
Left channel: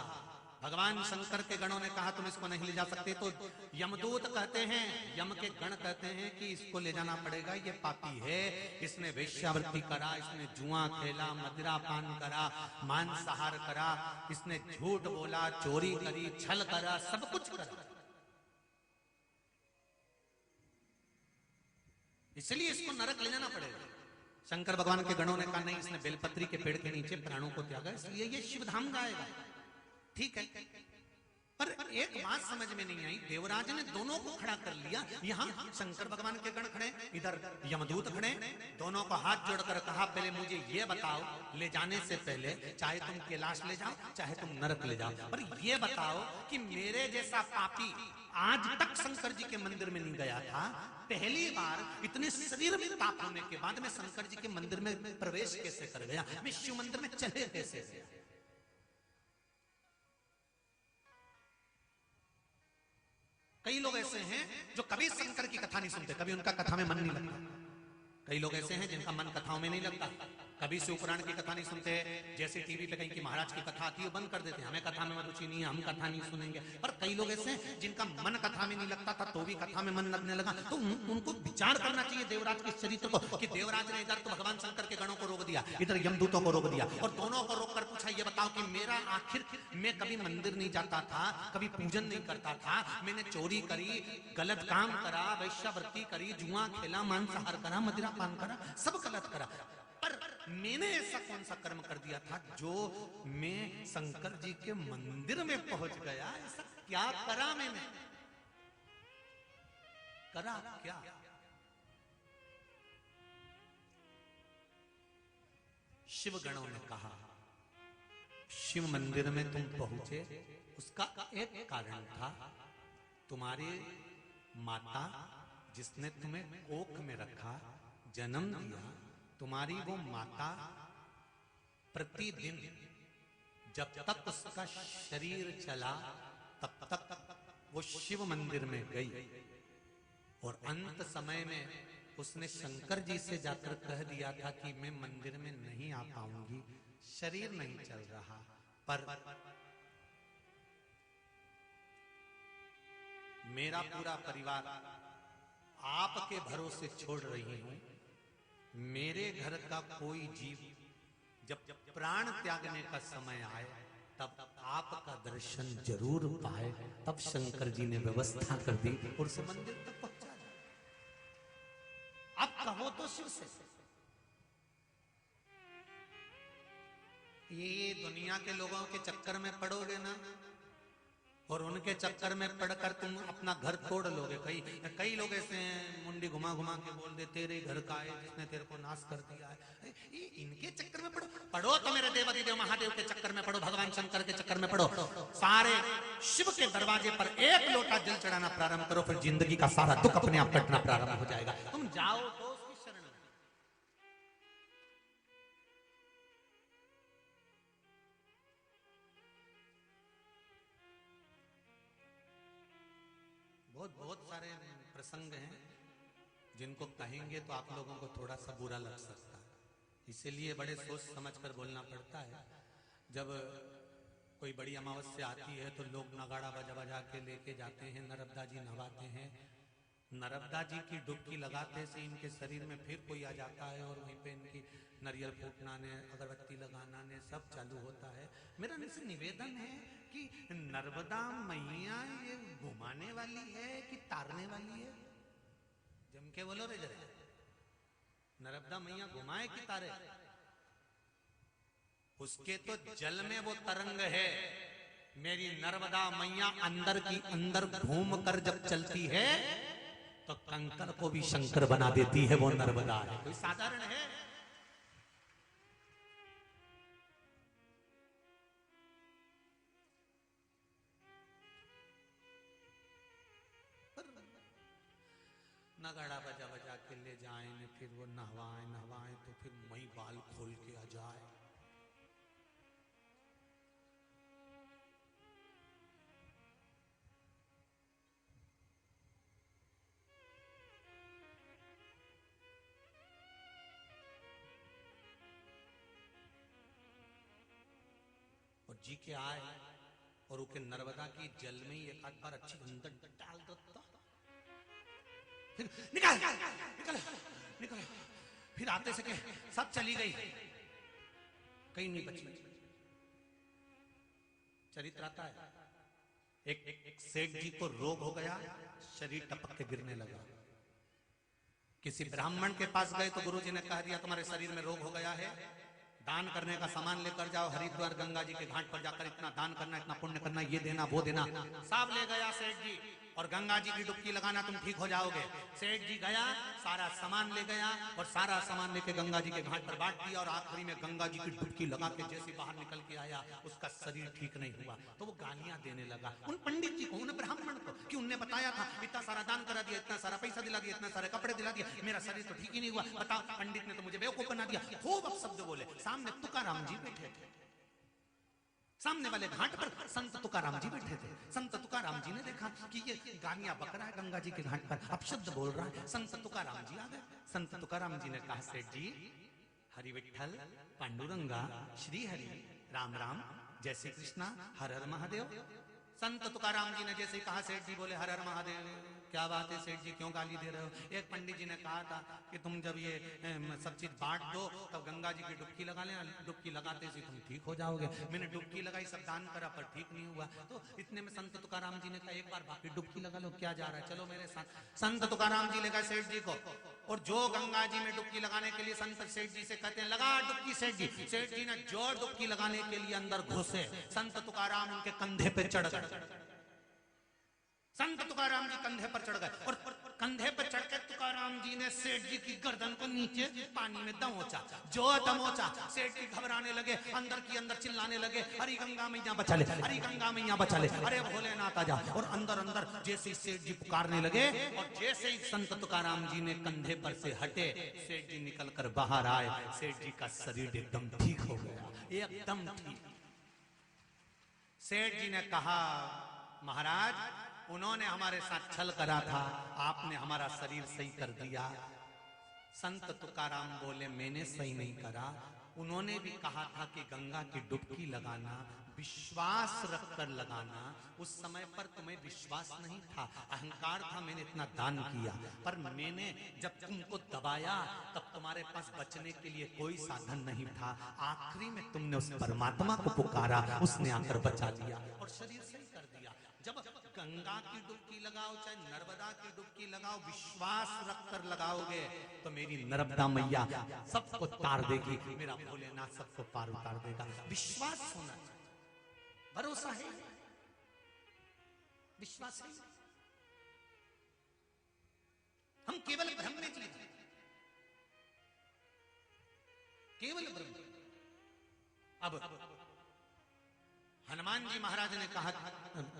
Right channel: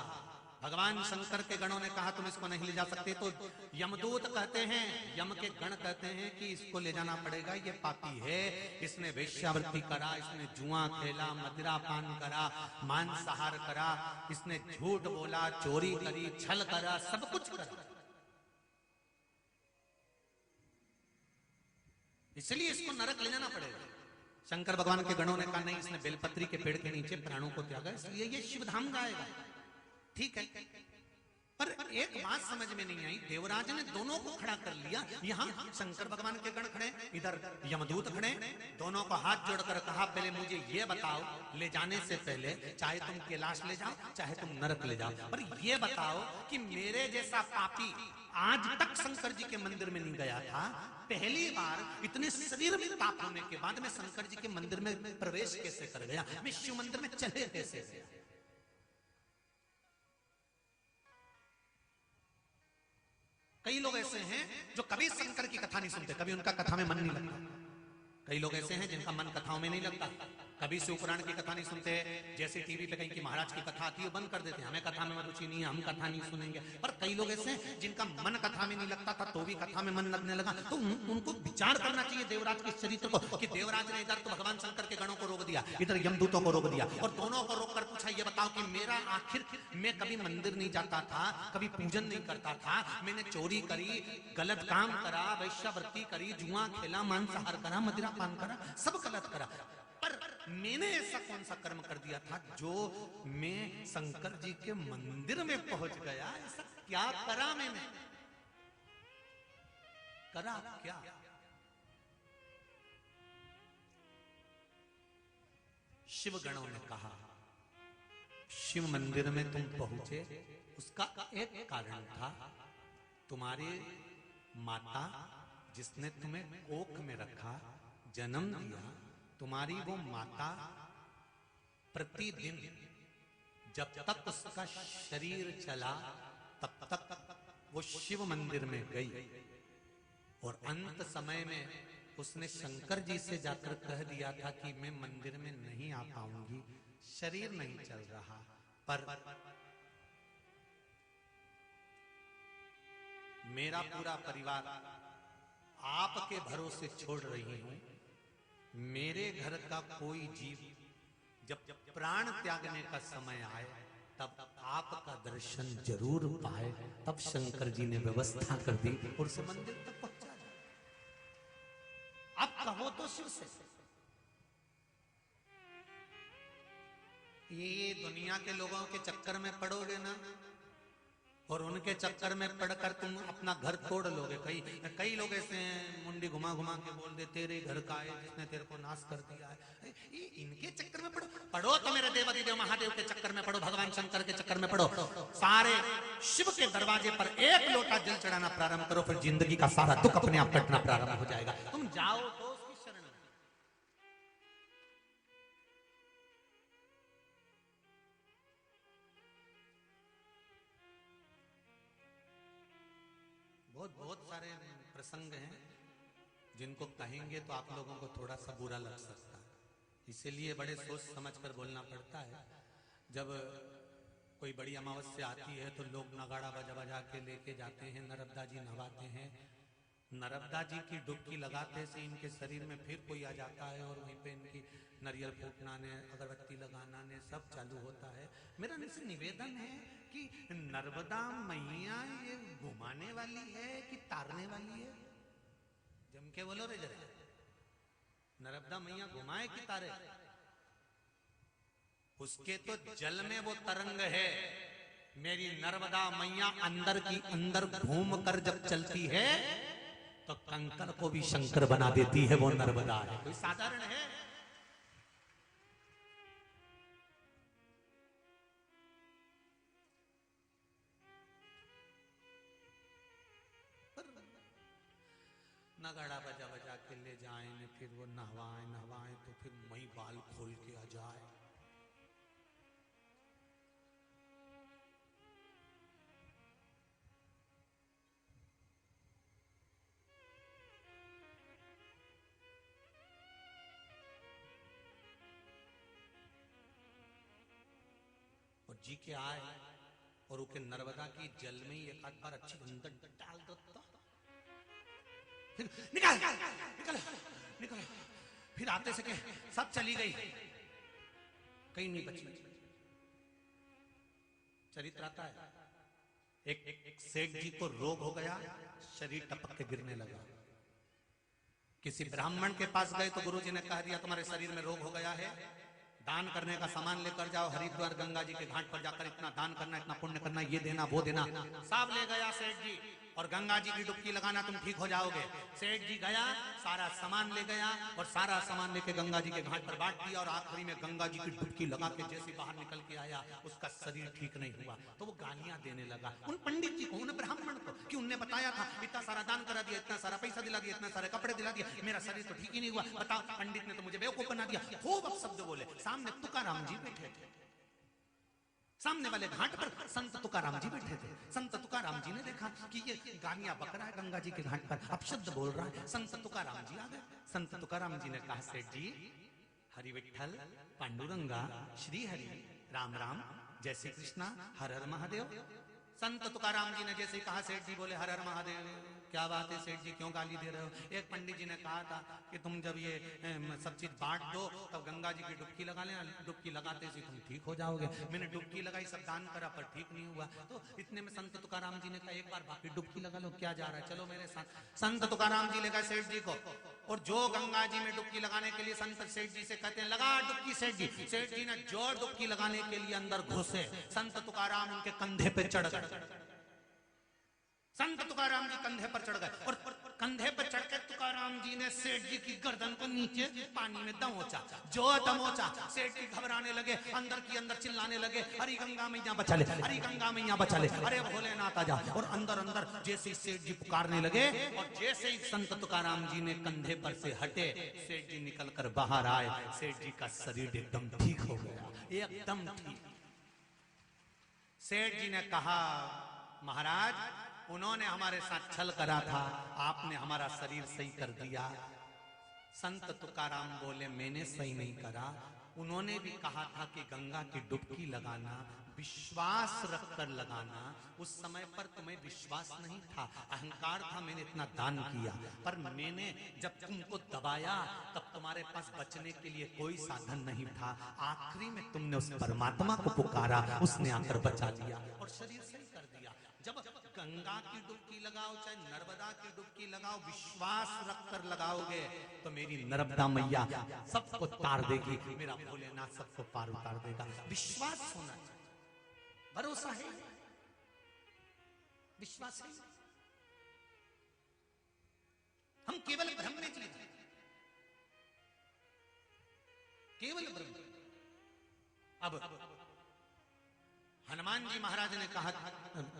भगवान शंकर के गणों ने कहा तुम इसको नहीं ले जा सकते, तो यमदूत कहते हैं, यम के गण कहते हैं कि इसको ले जाना पड़ेगा, ये पापी है, इसने वेश्यावृत्ति करा, इसने जुआ खेला, मदिरा पान करा, मांसाहार करा, इसने झूठ बोला, चोरी करी, छल करा, सब कुछ करा, इसलिए इसको नरक ले जाना पड़ेगा। शंकर भगवान के गणों ने कहा नहीं, इसने बेलपत्री के पेड़ के नीचे प्राणों को त्यागा, इसलिए ये शिवधाम जाएगा। ठीक है, पर एक बात समझ में नहीं आई, देवराज ने दोनों को खड़ा कर लिया, यहाँ शंकर भगवान के गण खड़े, इधर यमदूत खड़े, दोनों का हाथ जोड़कर कहा पहले मुझे ये बताओ, ले जाने से पहले चाहे तुम कैलाश ले जाओ, चाहे तुम नरक ले जाओ, पर ये बताओ कि मेरे जैसा पापी आज तक शंकर जी के मंदिर में नहीं गया था, पहली बार इतने शरीर में पाप होने के बाद मैं शंकर जी के मंदिर में प्रवेश कैसे कर गया, मैं शिव मंदिर में चले कैसे गया। कई लोग ऐसे हैं जो कभी शंकर की कथा नहीं सुनते, कभी उनका कथा में मन नहीं लगता। कई लोग ऐसे हैं जिनका मन कथाओं में नहीं लगता, कभी शिव पुराण की कथा नहीं सुनते, जैसे टीवी पे कहीं की महाराज की कथा आती है बंद कर देते हैं, हमें कथा में रुचि नहीं है, हम कथा नहीं सुनेंगे। पर कई लोग ऐसे हैं जिनका मन कथा में नहीं लगता था, तो भी कथा में मन लगने लगा, तो उनको विचार करना चाहिए देवराज के चरित्र को, कि देवराज ने इधर तो भगवान शंकर के गणों को रोक दिया, इधर यमदूतों को रोक दिया, और दोनों को रोक कर पूछा ये बताओ कि मेरा आखिर, मैं कभी मंदिर नहीं जाता था, कभी पूजन नहीं करता था, मैंने चोरी करी, गलत काम कराया, वैश्यावृत्ति करी, जुआ खेला, मांसाहार करा, मदिरा पान करा, सब गलत करा, पर मैंने ऐसा कौन सा कर्म कर दिया था जो मैं शंकर जी के मंदिर में पहुंच गया, ऐसा क्या करा मैंने, करा क्या। शिव गणों ने कहा शिव मंदिर में तुम पहुंचे, उसका एक कारण था, तुम्हारे माता जिसने तुम्हें कोख में रखा, जन्म दिया, तुम्हारी वो माता प्रतिदिन जब तक उसका शरीर चला तब तक वो शिव मंदिर में गई, और अंत समय में उसने शंकर जी से जाकर कह दिया था कि मैं मंदिर में नहीं आ पाऊंगी, शरीर नहीं चल रहा, पर मेरा पूरा परिवार आपके भरोसे छोड़ रही हूं, मेरे घर का कोई जीव जब प्राण त्यागने का समय आए तब आपका दर्शन जरूर पाए। तब शंकर जी ने व्यवस्था कर दी और उस मंदिर तक पहुंचा। अब कहो तो शिव से, ये दुनिया के लोगों के चक्कर में पड़ोगे ना, और उनके चक्कर में पड़कर तुम अपना घर तोड़ लोगे। कई लोग ऐसे हैं, मुंडी घुमा घुमा के बोल दे तेरे घर का है जिसने तेरे को नाश कर दिया है, इनके चक्कर में पड़ो तो मेरे देवादिदेव महादेव के चक्कर में पड़ो, भगवान शंकर के चक्कर में पड़ो, सारे शिव के दरवाजे पर एक लोटा जल चढ़ाना प्रारंभ करो, फिर जिंदगी का सारा दुख अपने आप कटना प्रारंभ हो जाएगा। तुम जाओ तो उसकी शरण में। बहुत सारे प्रसंग हैं जिनको कहेंगे तो आप लोगों को थोड़ा सा बुरा लग सकता है, इसीलिए बड़े सोच समझ कर बोलना पड़ता है। जब कोई बड़ी अमावस्या आती है तो लोग नगाड़ा बजा बजा के लेके जाते हैं, नर्मदा जी नहाते हैं, नर्मदा जी की डुबकी लगाते से इनके शरीर में फिर कोई आ जाता है और वहीं पे इनकी नारियल फूकना, अगरबत्ती लगाना ने सब चालू होता है। मेरा इनसे निवेदन है कि नर्मदा मैया ये घुमाने वाली है कि तारने वाली है? जम के बोलो रे जरा, नर्मदा मैया घुमाए कि तारे? उसके तो जल में वो तरंग है। मेरी नर्मदा मैया अंदर की अंदर घूम कर जब चलती है तो कंकड़ को भी शंकर बना देती है, वो नर्मदा है, साधारण है। नगाड़ा बजा बजा के ले जाए, फिर वो नहवाए तो फिर वही बाल खोल के आ जाए। जी के आए और उनके नर्मदा की जल में ही एक आध बार अच्छी अंदर डाल दो तो निकल निकल। फिर आते से सब चली गई, कहीं नहीं बची। चरित्र आता है, एक सेठ जी को रोग हो गया, शरीर टपक के गिरने लगा। किसी ब्राह्मण के पास गए तो गुरुजी ने कह दिया तुम्हारे शरीर में रोग हो गया है, दान करने का सामान लेकर जाओ, हरिद्वार गंगा जी के घाट पर जाकर इतना दान करना, इतना पुण्य करना, ये देना वो देना। सब ले गया सेठ जी, और गंगा जी की डुबकी लगाना, तुम ठीक हो जाओगे। सेठ जी गया, सारा सामान ले गया और सारा सामान लेके गंगा जी के घाट पर बांट दिया, और आखिरी में गंगा जी की डुबकी लगा के जैसे बाहर निकल के आया, उसका शरीर ठीक नहीं हुआ तो वो गालियां देने लगा। और पंडित जी को, ब्राह्मण को, कि उन्होंने बताया था इतना सारा दान करा दिया, इतना सारा पैसा दिला दिया, इतना सारे कपड़े दिला दिए, मेरा शरीर तो ठीक ही नहीं हुआ, बताओ पंडित ने तो मुझे बेवकूफ बना दिया। खूब अपशब्द बोले। सामने तुकाराम जी बैठे थे, सामने वाले घाट पर संत तुकाराम जी बैठे थे। संत तुकाराम जी ने देखा कि ये गालियां बक रहा है गंगा जी के घाट पर, अपशब्द बोल रहा है। संत तुकाराम जी आ गए। संत तुकाराम जी ने कहा सेठ जी, हरि विठ्ठल, पांडुरंगा, श्री हरि, राम राम, जय श्री कृष्णा, हर हर महादेव। संत तुकाराम जी ने जैसे कहा, सेठ जी बोले हर हर महादेव। क्या बात है सेठ जी, क्यों गाली दे रहे हो? एक पंडित जी ने कहा था कि तुम जब ये सब चीज बांट दो तब गंगा जी की डुबकी लगा लेना, डुबकी लगाते से तुम ठीक हो जाओगे। मैंने डुबकी लगाई, सब दान करा, पर ठीक नहीं हुआ। तो इतने में संत तुकाराम जी ने कहा एक बार बाकी डुबकी लगा लो, क्या जा रहा है, चलो मेरे साथ। संत तुकाराम जी ले गए सेठ जी को, और जो गंगा जी में डुबकी लगाने के लिए संत सेठ जी से कहते लगा डुबकी, सेठ जी, सेठ जी ने जो डुबकी लगाने के लिए अंदर घुसे, संत तुकाराम उनके कंधे पे चढ़ गए। संत तुकाराम जी कंधे पर चढ़ गए, और कंधे पर चढ़कर तुकाराम जी ने सेठ जी की गर्दन को नीचे पानी में दमोचा। जो दमोचा, सेठ जी घबराने लगे, अंदर की अंदर चिल्लाने लगे, हरी गंगा मैया बचा ले, हरी गंगा मैया बचा ले, अरे भोलेनाथ आजा। और अंदर अंदर जैसे ही सेठ जी पुकारने लगे, और जैसे ही संत तुकाराम जी ने कंधे पर से हटे, सेठ जी निकल कर बाहर आए। सेठ जी का शरीर एकदम ठीक हो गया, एकदम ठीक। सेठ जी ने कहा, महाराज उन्होंने हमारे साथ छल करा था, आपने हमारा शरीर सही कर दिया। संत तुकाराम बोले मैंने सही नहीं करा, उन्होंने भी कहा था कि गंगा की डुबकी लगाना, विश्वास रखकर लगाना। उस समय पर तुम्हें विश्वास नहीं था, अहंकार था, मैंने इतना दान किया, पर मैंने जब तुमको दबाया तब तुम्हारे पास बचने के लिए कोई साधन नहीं था। आखिरी में तुमने उस परमात्मा को पुकारा, उसने आकर बचा दिया और शरीर सही कर दिया। जब गंगा की डुबकी लगाओ चाहे नर्मदा की डुबकी लगाओ, विश्वास रखकर लगाओगे तो मेरी नर्मदा मैया सबको तार देगी, मेरा भोलेनाथ सबको पार उतार देगा। विश्वास होना चाहिए, भरोसा है, विश्वास है। हम केवल भ्रम में जीते हैं, केवल भ्रम। अब हनुमान जी महाराज ने कहा,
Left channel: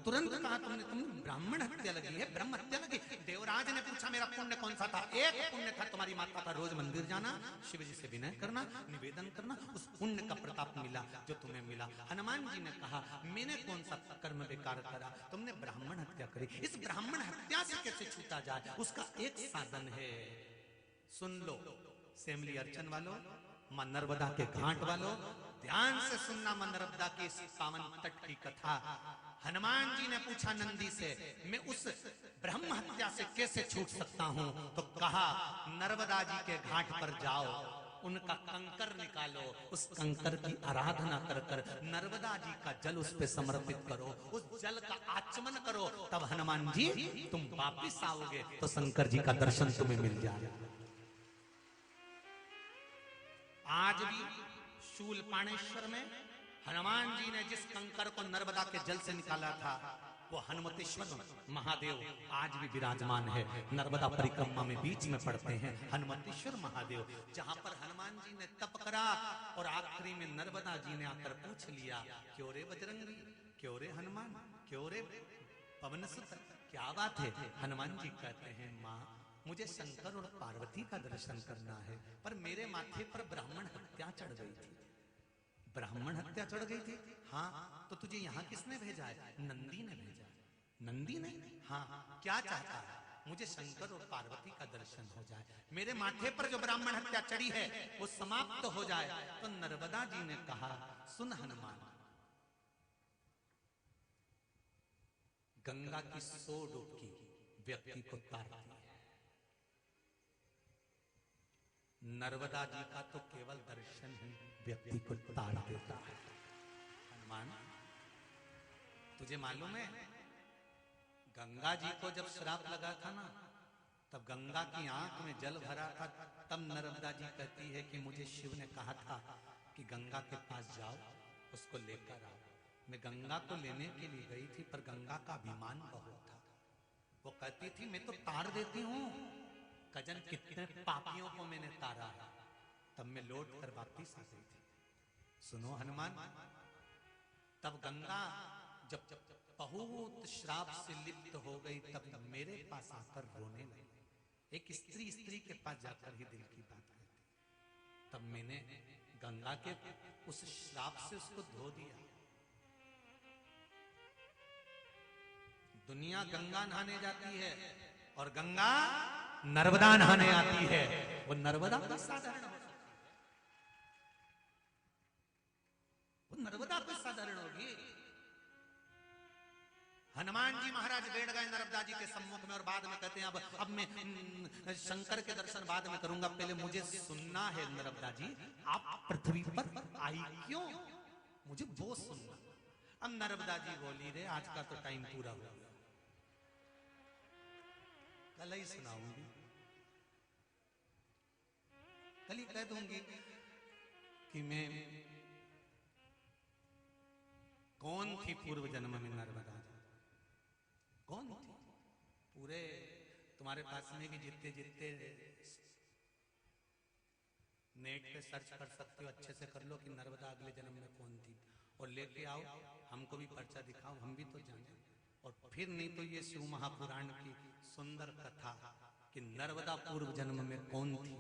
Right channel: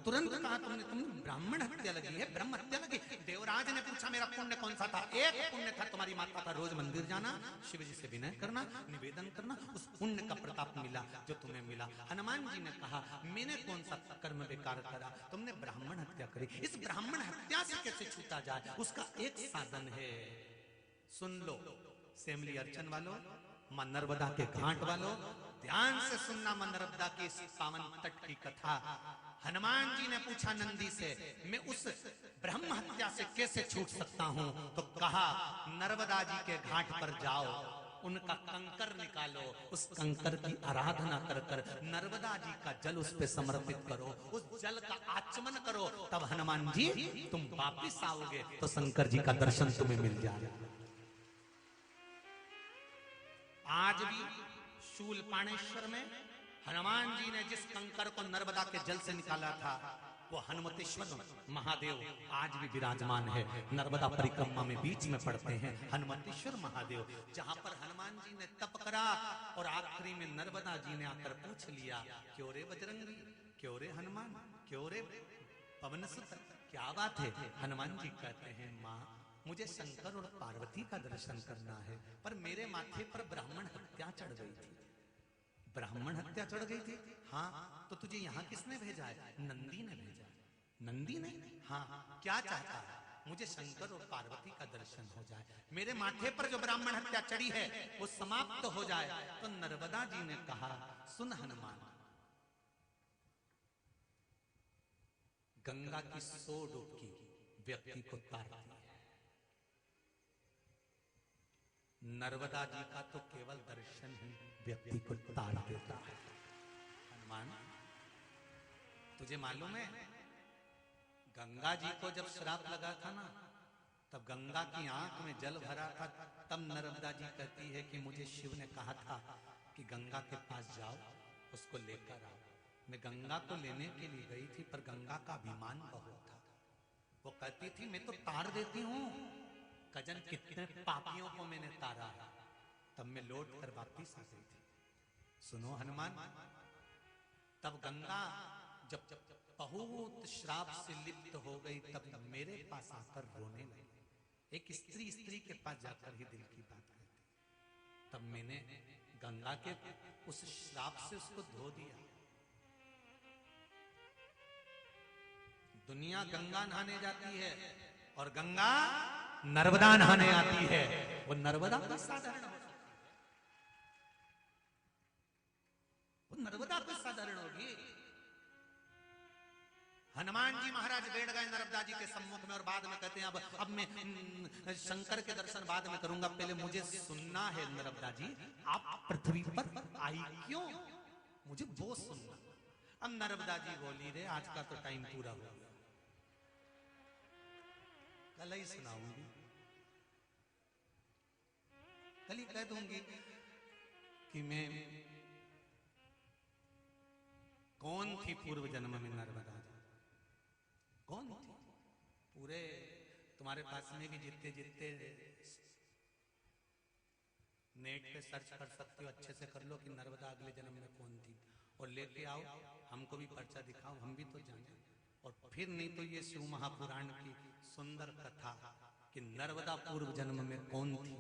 तुरंत कहा तुमने ब्राह्मण हत्या लगी है, ब्रह्म हत्या लगी। देवराज ने पूछा मेरा पुण्य कौन सा था? एक पुण्य था तुम्हारी माता का रोज मंदिर जाना, शिव जी से विनय करना, निवेदन करना, उस पुण्य का प्रताप मिला जो तुम्हें मिला। हनुमान जी ने कहा मैंने कौन सा कर्म बेकार करा, तुमने ब्राह्मण हत्या करी। इस ब्राह्मण हत्या से कैसे छूटा जाए, उसका एक साधन है, सुन लो सेमली अर्चन वालों, मां नर्मदा के घाट वालों, ध्यान से सुनना मां नर्मदा के सावन तट की कथा। हनुमान जी ने पूछा नंदी से, मैं उस ब्रह्म हत्या से कैसे छूट सकता हूँ? तो कहा नर्मदा जी के घाट पर जाओ, उनका कंकर निकालो, उस कंकर की आराधना कर कर नर्मदा जी का जल उस पे समर्पित करो, उस जल का आचमन करो, तब हनुमान जी तुम वापिस आओगे तो शंकर जी का दर्शन तुम्हें मिल जाएगा। आज भी शूलपाणेश्वर में हनुमान जी ने जिस कंकर को नर्मदा के जल से निकाला था, वो हनुमतेश्वर महादेव आज भी विराजमान है। नर्मदा परिक्रमा में बीच में पड़ते हैं हनुमतेश्वर महादेव, जहां पर हनुमान जी ने तप करा और आखिरी में नर्मदा जी ने आकर पूछ लिया, क्यों रे बजरंगी, क्यों रे हनुमान, क्यों रे पवन सुत, क्या बात है? हनुमान जी कहते हैं माँ मुझे शंकर और पार्वती का दर्शन करना है, पर मेरे माथे पर ब्राह्मण हत्या चढ़ गई थी। ब्राह्मण हत्या चढ़ गई थी? हाँ। तो तुझे यहाँ किसने भेजा है? नंदी ने भेजा। नंदी ने? हाँ। क्या चाहता है? मुझे शंकर और पार्वती का दर्शन हो जाए, मेरे माथे पर जो ब्राह्मण हत्या चढ़ी है वो समाप्त हो जाए। तो नर्मदा जी ने कहा सुन हनुमान, गंगा की 100 डुबकी व्यक्ति को तारती है, नर्मदा जी का तो केवल दर्शन ही व्यक्ति को तार देता है। हनुमान, तुझे मालूम है गंगा जी को जब श्राप लगा था ना, तब गंगा की आंख में जल भरा था, तब नर्मदा जी कहती है कि मुझे शिव ने कहा था कि गंगा के पास जाओ, उसको लेकर आओ। मैं गंगा को लेने के लिए गई थी, पर गंगा का अभिमान बहुत था। वो कहती थी मैं तो तार देती हूँ, कजन कितने पापियों को मैंने तारा है। तब मैं लौट कर वापिस आ गई थी। सुनो हनुमान, तब गंगा जब बहुत श्राप से लिप्त हो गई, तब मेरे पास आकर बोले, एक स्त्री के पास जाकर ही दिल की बात करती। तब मैंने गंगा के उस श्राप से उसको धो दिया। दुनिया गंगा नहाने जाती है और गंगा नर्मदा नहाने आती है। वो नर्मदा का साधारण, वो नर्मदा का साधारण होगी। हनुमान जी महाराज बैठ गए नर्मदा जी के सम्मुख में और बाद में कहते हैं अब मैं शंकर के दर्शन बाद में करूंगा, पहले मुझे सुनना है नर्मदा जी, आप पृथ्वी पर आई क्यों, मुझे वो सुनना। अब नर्मदा जी बोली रे आज का तो टाइम पूरा हुआ, कल ही सुनाऊंगी, कल ही कह दूंगी कि मैं कौन थी पूर्व जन्म में नर्मदा जी, कौन थी। पूरे तुम्हारे पास में भी जितने नेट पे सर्च कर सकते हो, अच्छे से कर लो कि नर्मदा अगले जन्म में कौन थी, और लेके आओ, हमको भी पर्चा दिखाओ, हम भी तो जाने। और फिर नहीं तो ये शिव महापुराण की सुंदर कथा कि नर्मदा पूर्व जन्म में कौन थी,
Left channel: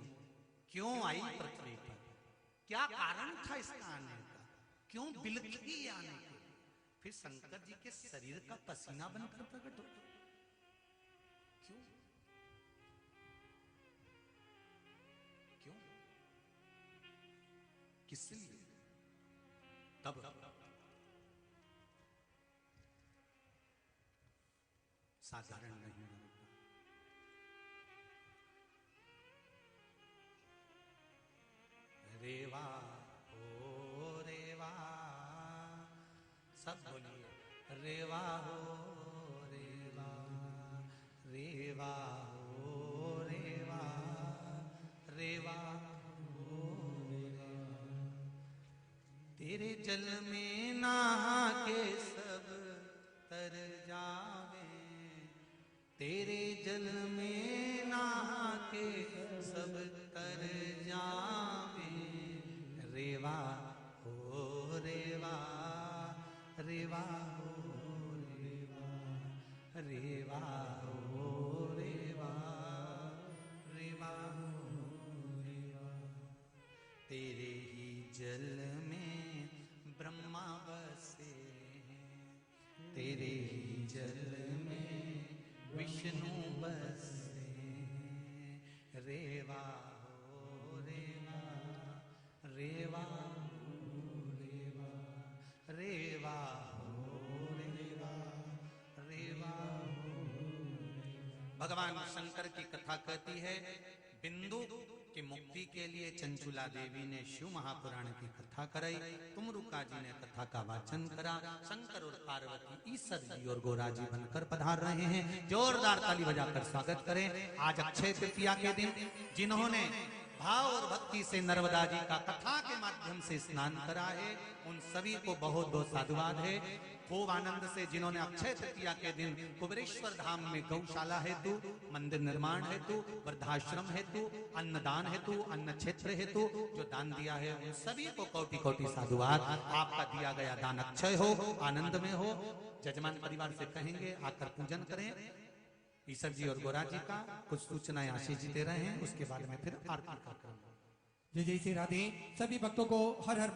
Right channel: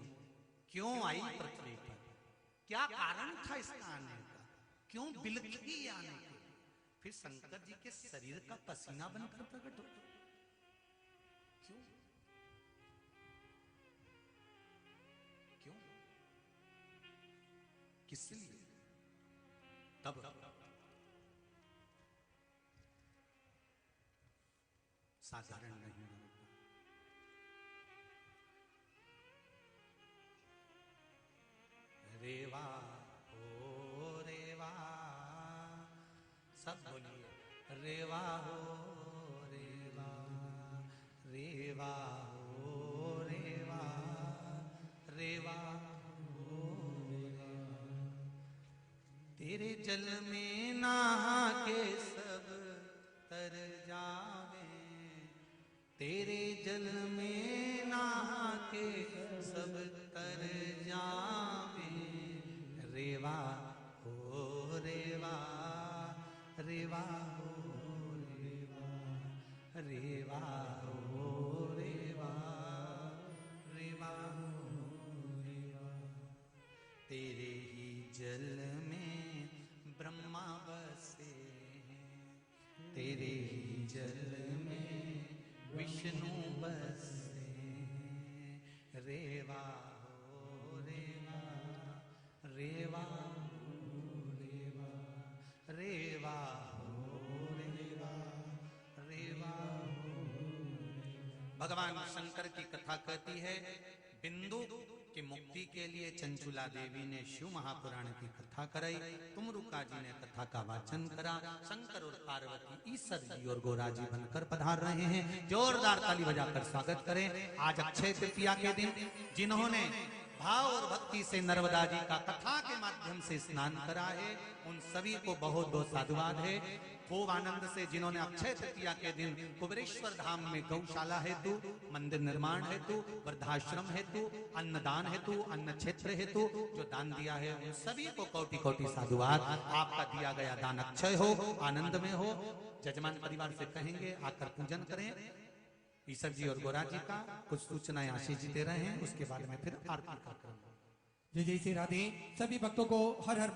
क्यों आई पृथ्वी पर, क्या कारण था इसका आने का, क्यों बिलखी ये आने का, फिर शंकर जी के शरीर का पसीना बनकर प्रकट हो, क्यों क्यों किससे, तब साधारण नहीं। रेवा हो रेवा, सब बोलिए रेवा हो रेवा, रेवा हो रेवा, रेवा हो रेवा, तेरे जल में नहा के सब तर जावे, तेरे जल में नहा के सब तर जावे, रेवा हो रेवा, रेवा हो रेवा, रेवा हो रेवा, रेवा हो रेवा, तेरे ही जल में ब्रह्मा बसे हैं, तेरे ही जल में विष्णु बसे हैं, रेवा हो रेवा, रेवा हो रेवा, रेवा हो रेवा, रेवा हो रेवा। भगवान शंकर की कथा कहती है, बिंदु की मुक्ति के लिए चंचुला देवी ने शिव महापुराण की कथा कराई, तुमरुका जी ने कथा का वाचन करा, शंकर और पार्वती ईश्वर जी और गोरा जी बनकर पधार रहे हैं। जोरदार ताली बजाकर स्वागत करें। आज अक्षय तृतीया के दिन जिन्होंने भाव और भक्ति से नर्मदा जी का कथा के माध्यम से स्नान करा है, उन सभी को बहुत बहुत साधुवाद है। खूब आनंद से जिन्होंने अक्षय तृतीया के दिन कुबेरेश्वर धाम में गौशाला हेतु, मंदिर निर्माण हेतु, वृद्धाश्रम हेतु, अन्नदान हेतु, अन्न क्षेत्र हेतु जो दान दिया है, उन सभी को कोटि कोटि साधुवाद। आपका दिया गया दान अक्षय हो, आनंद में हो। जजमान परिवार से कहेंगे आकर पूजन करें ईश्वर जी और गोरा जी का। कुछ सूचनाएं ऋषि जी दे रहे हैं, उसके बाद में फिर आरती करते हैं। जय जय श्री राधे। सभी भक्तों को हर हर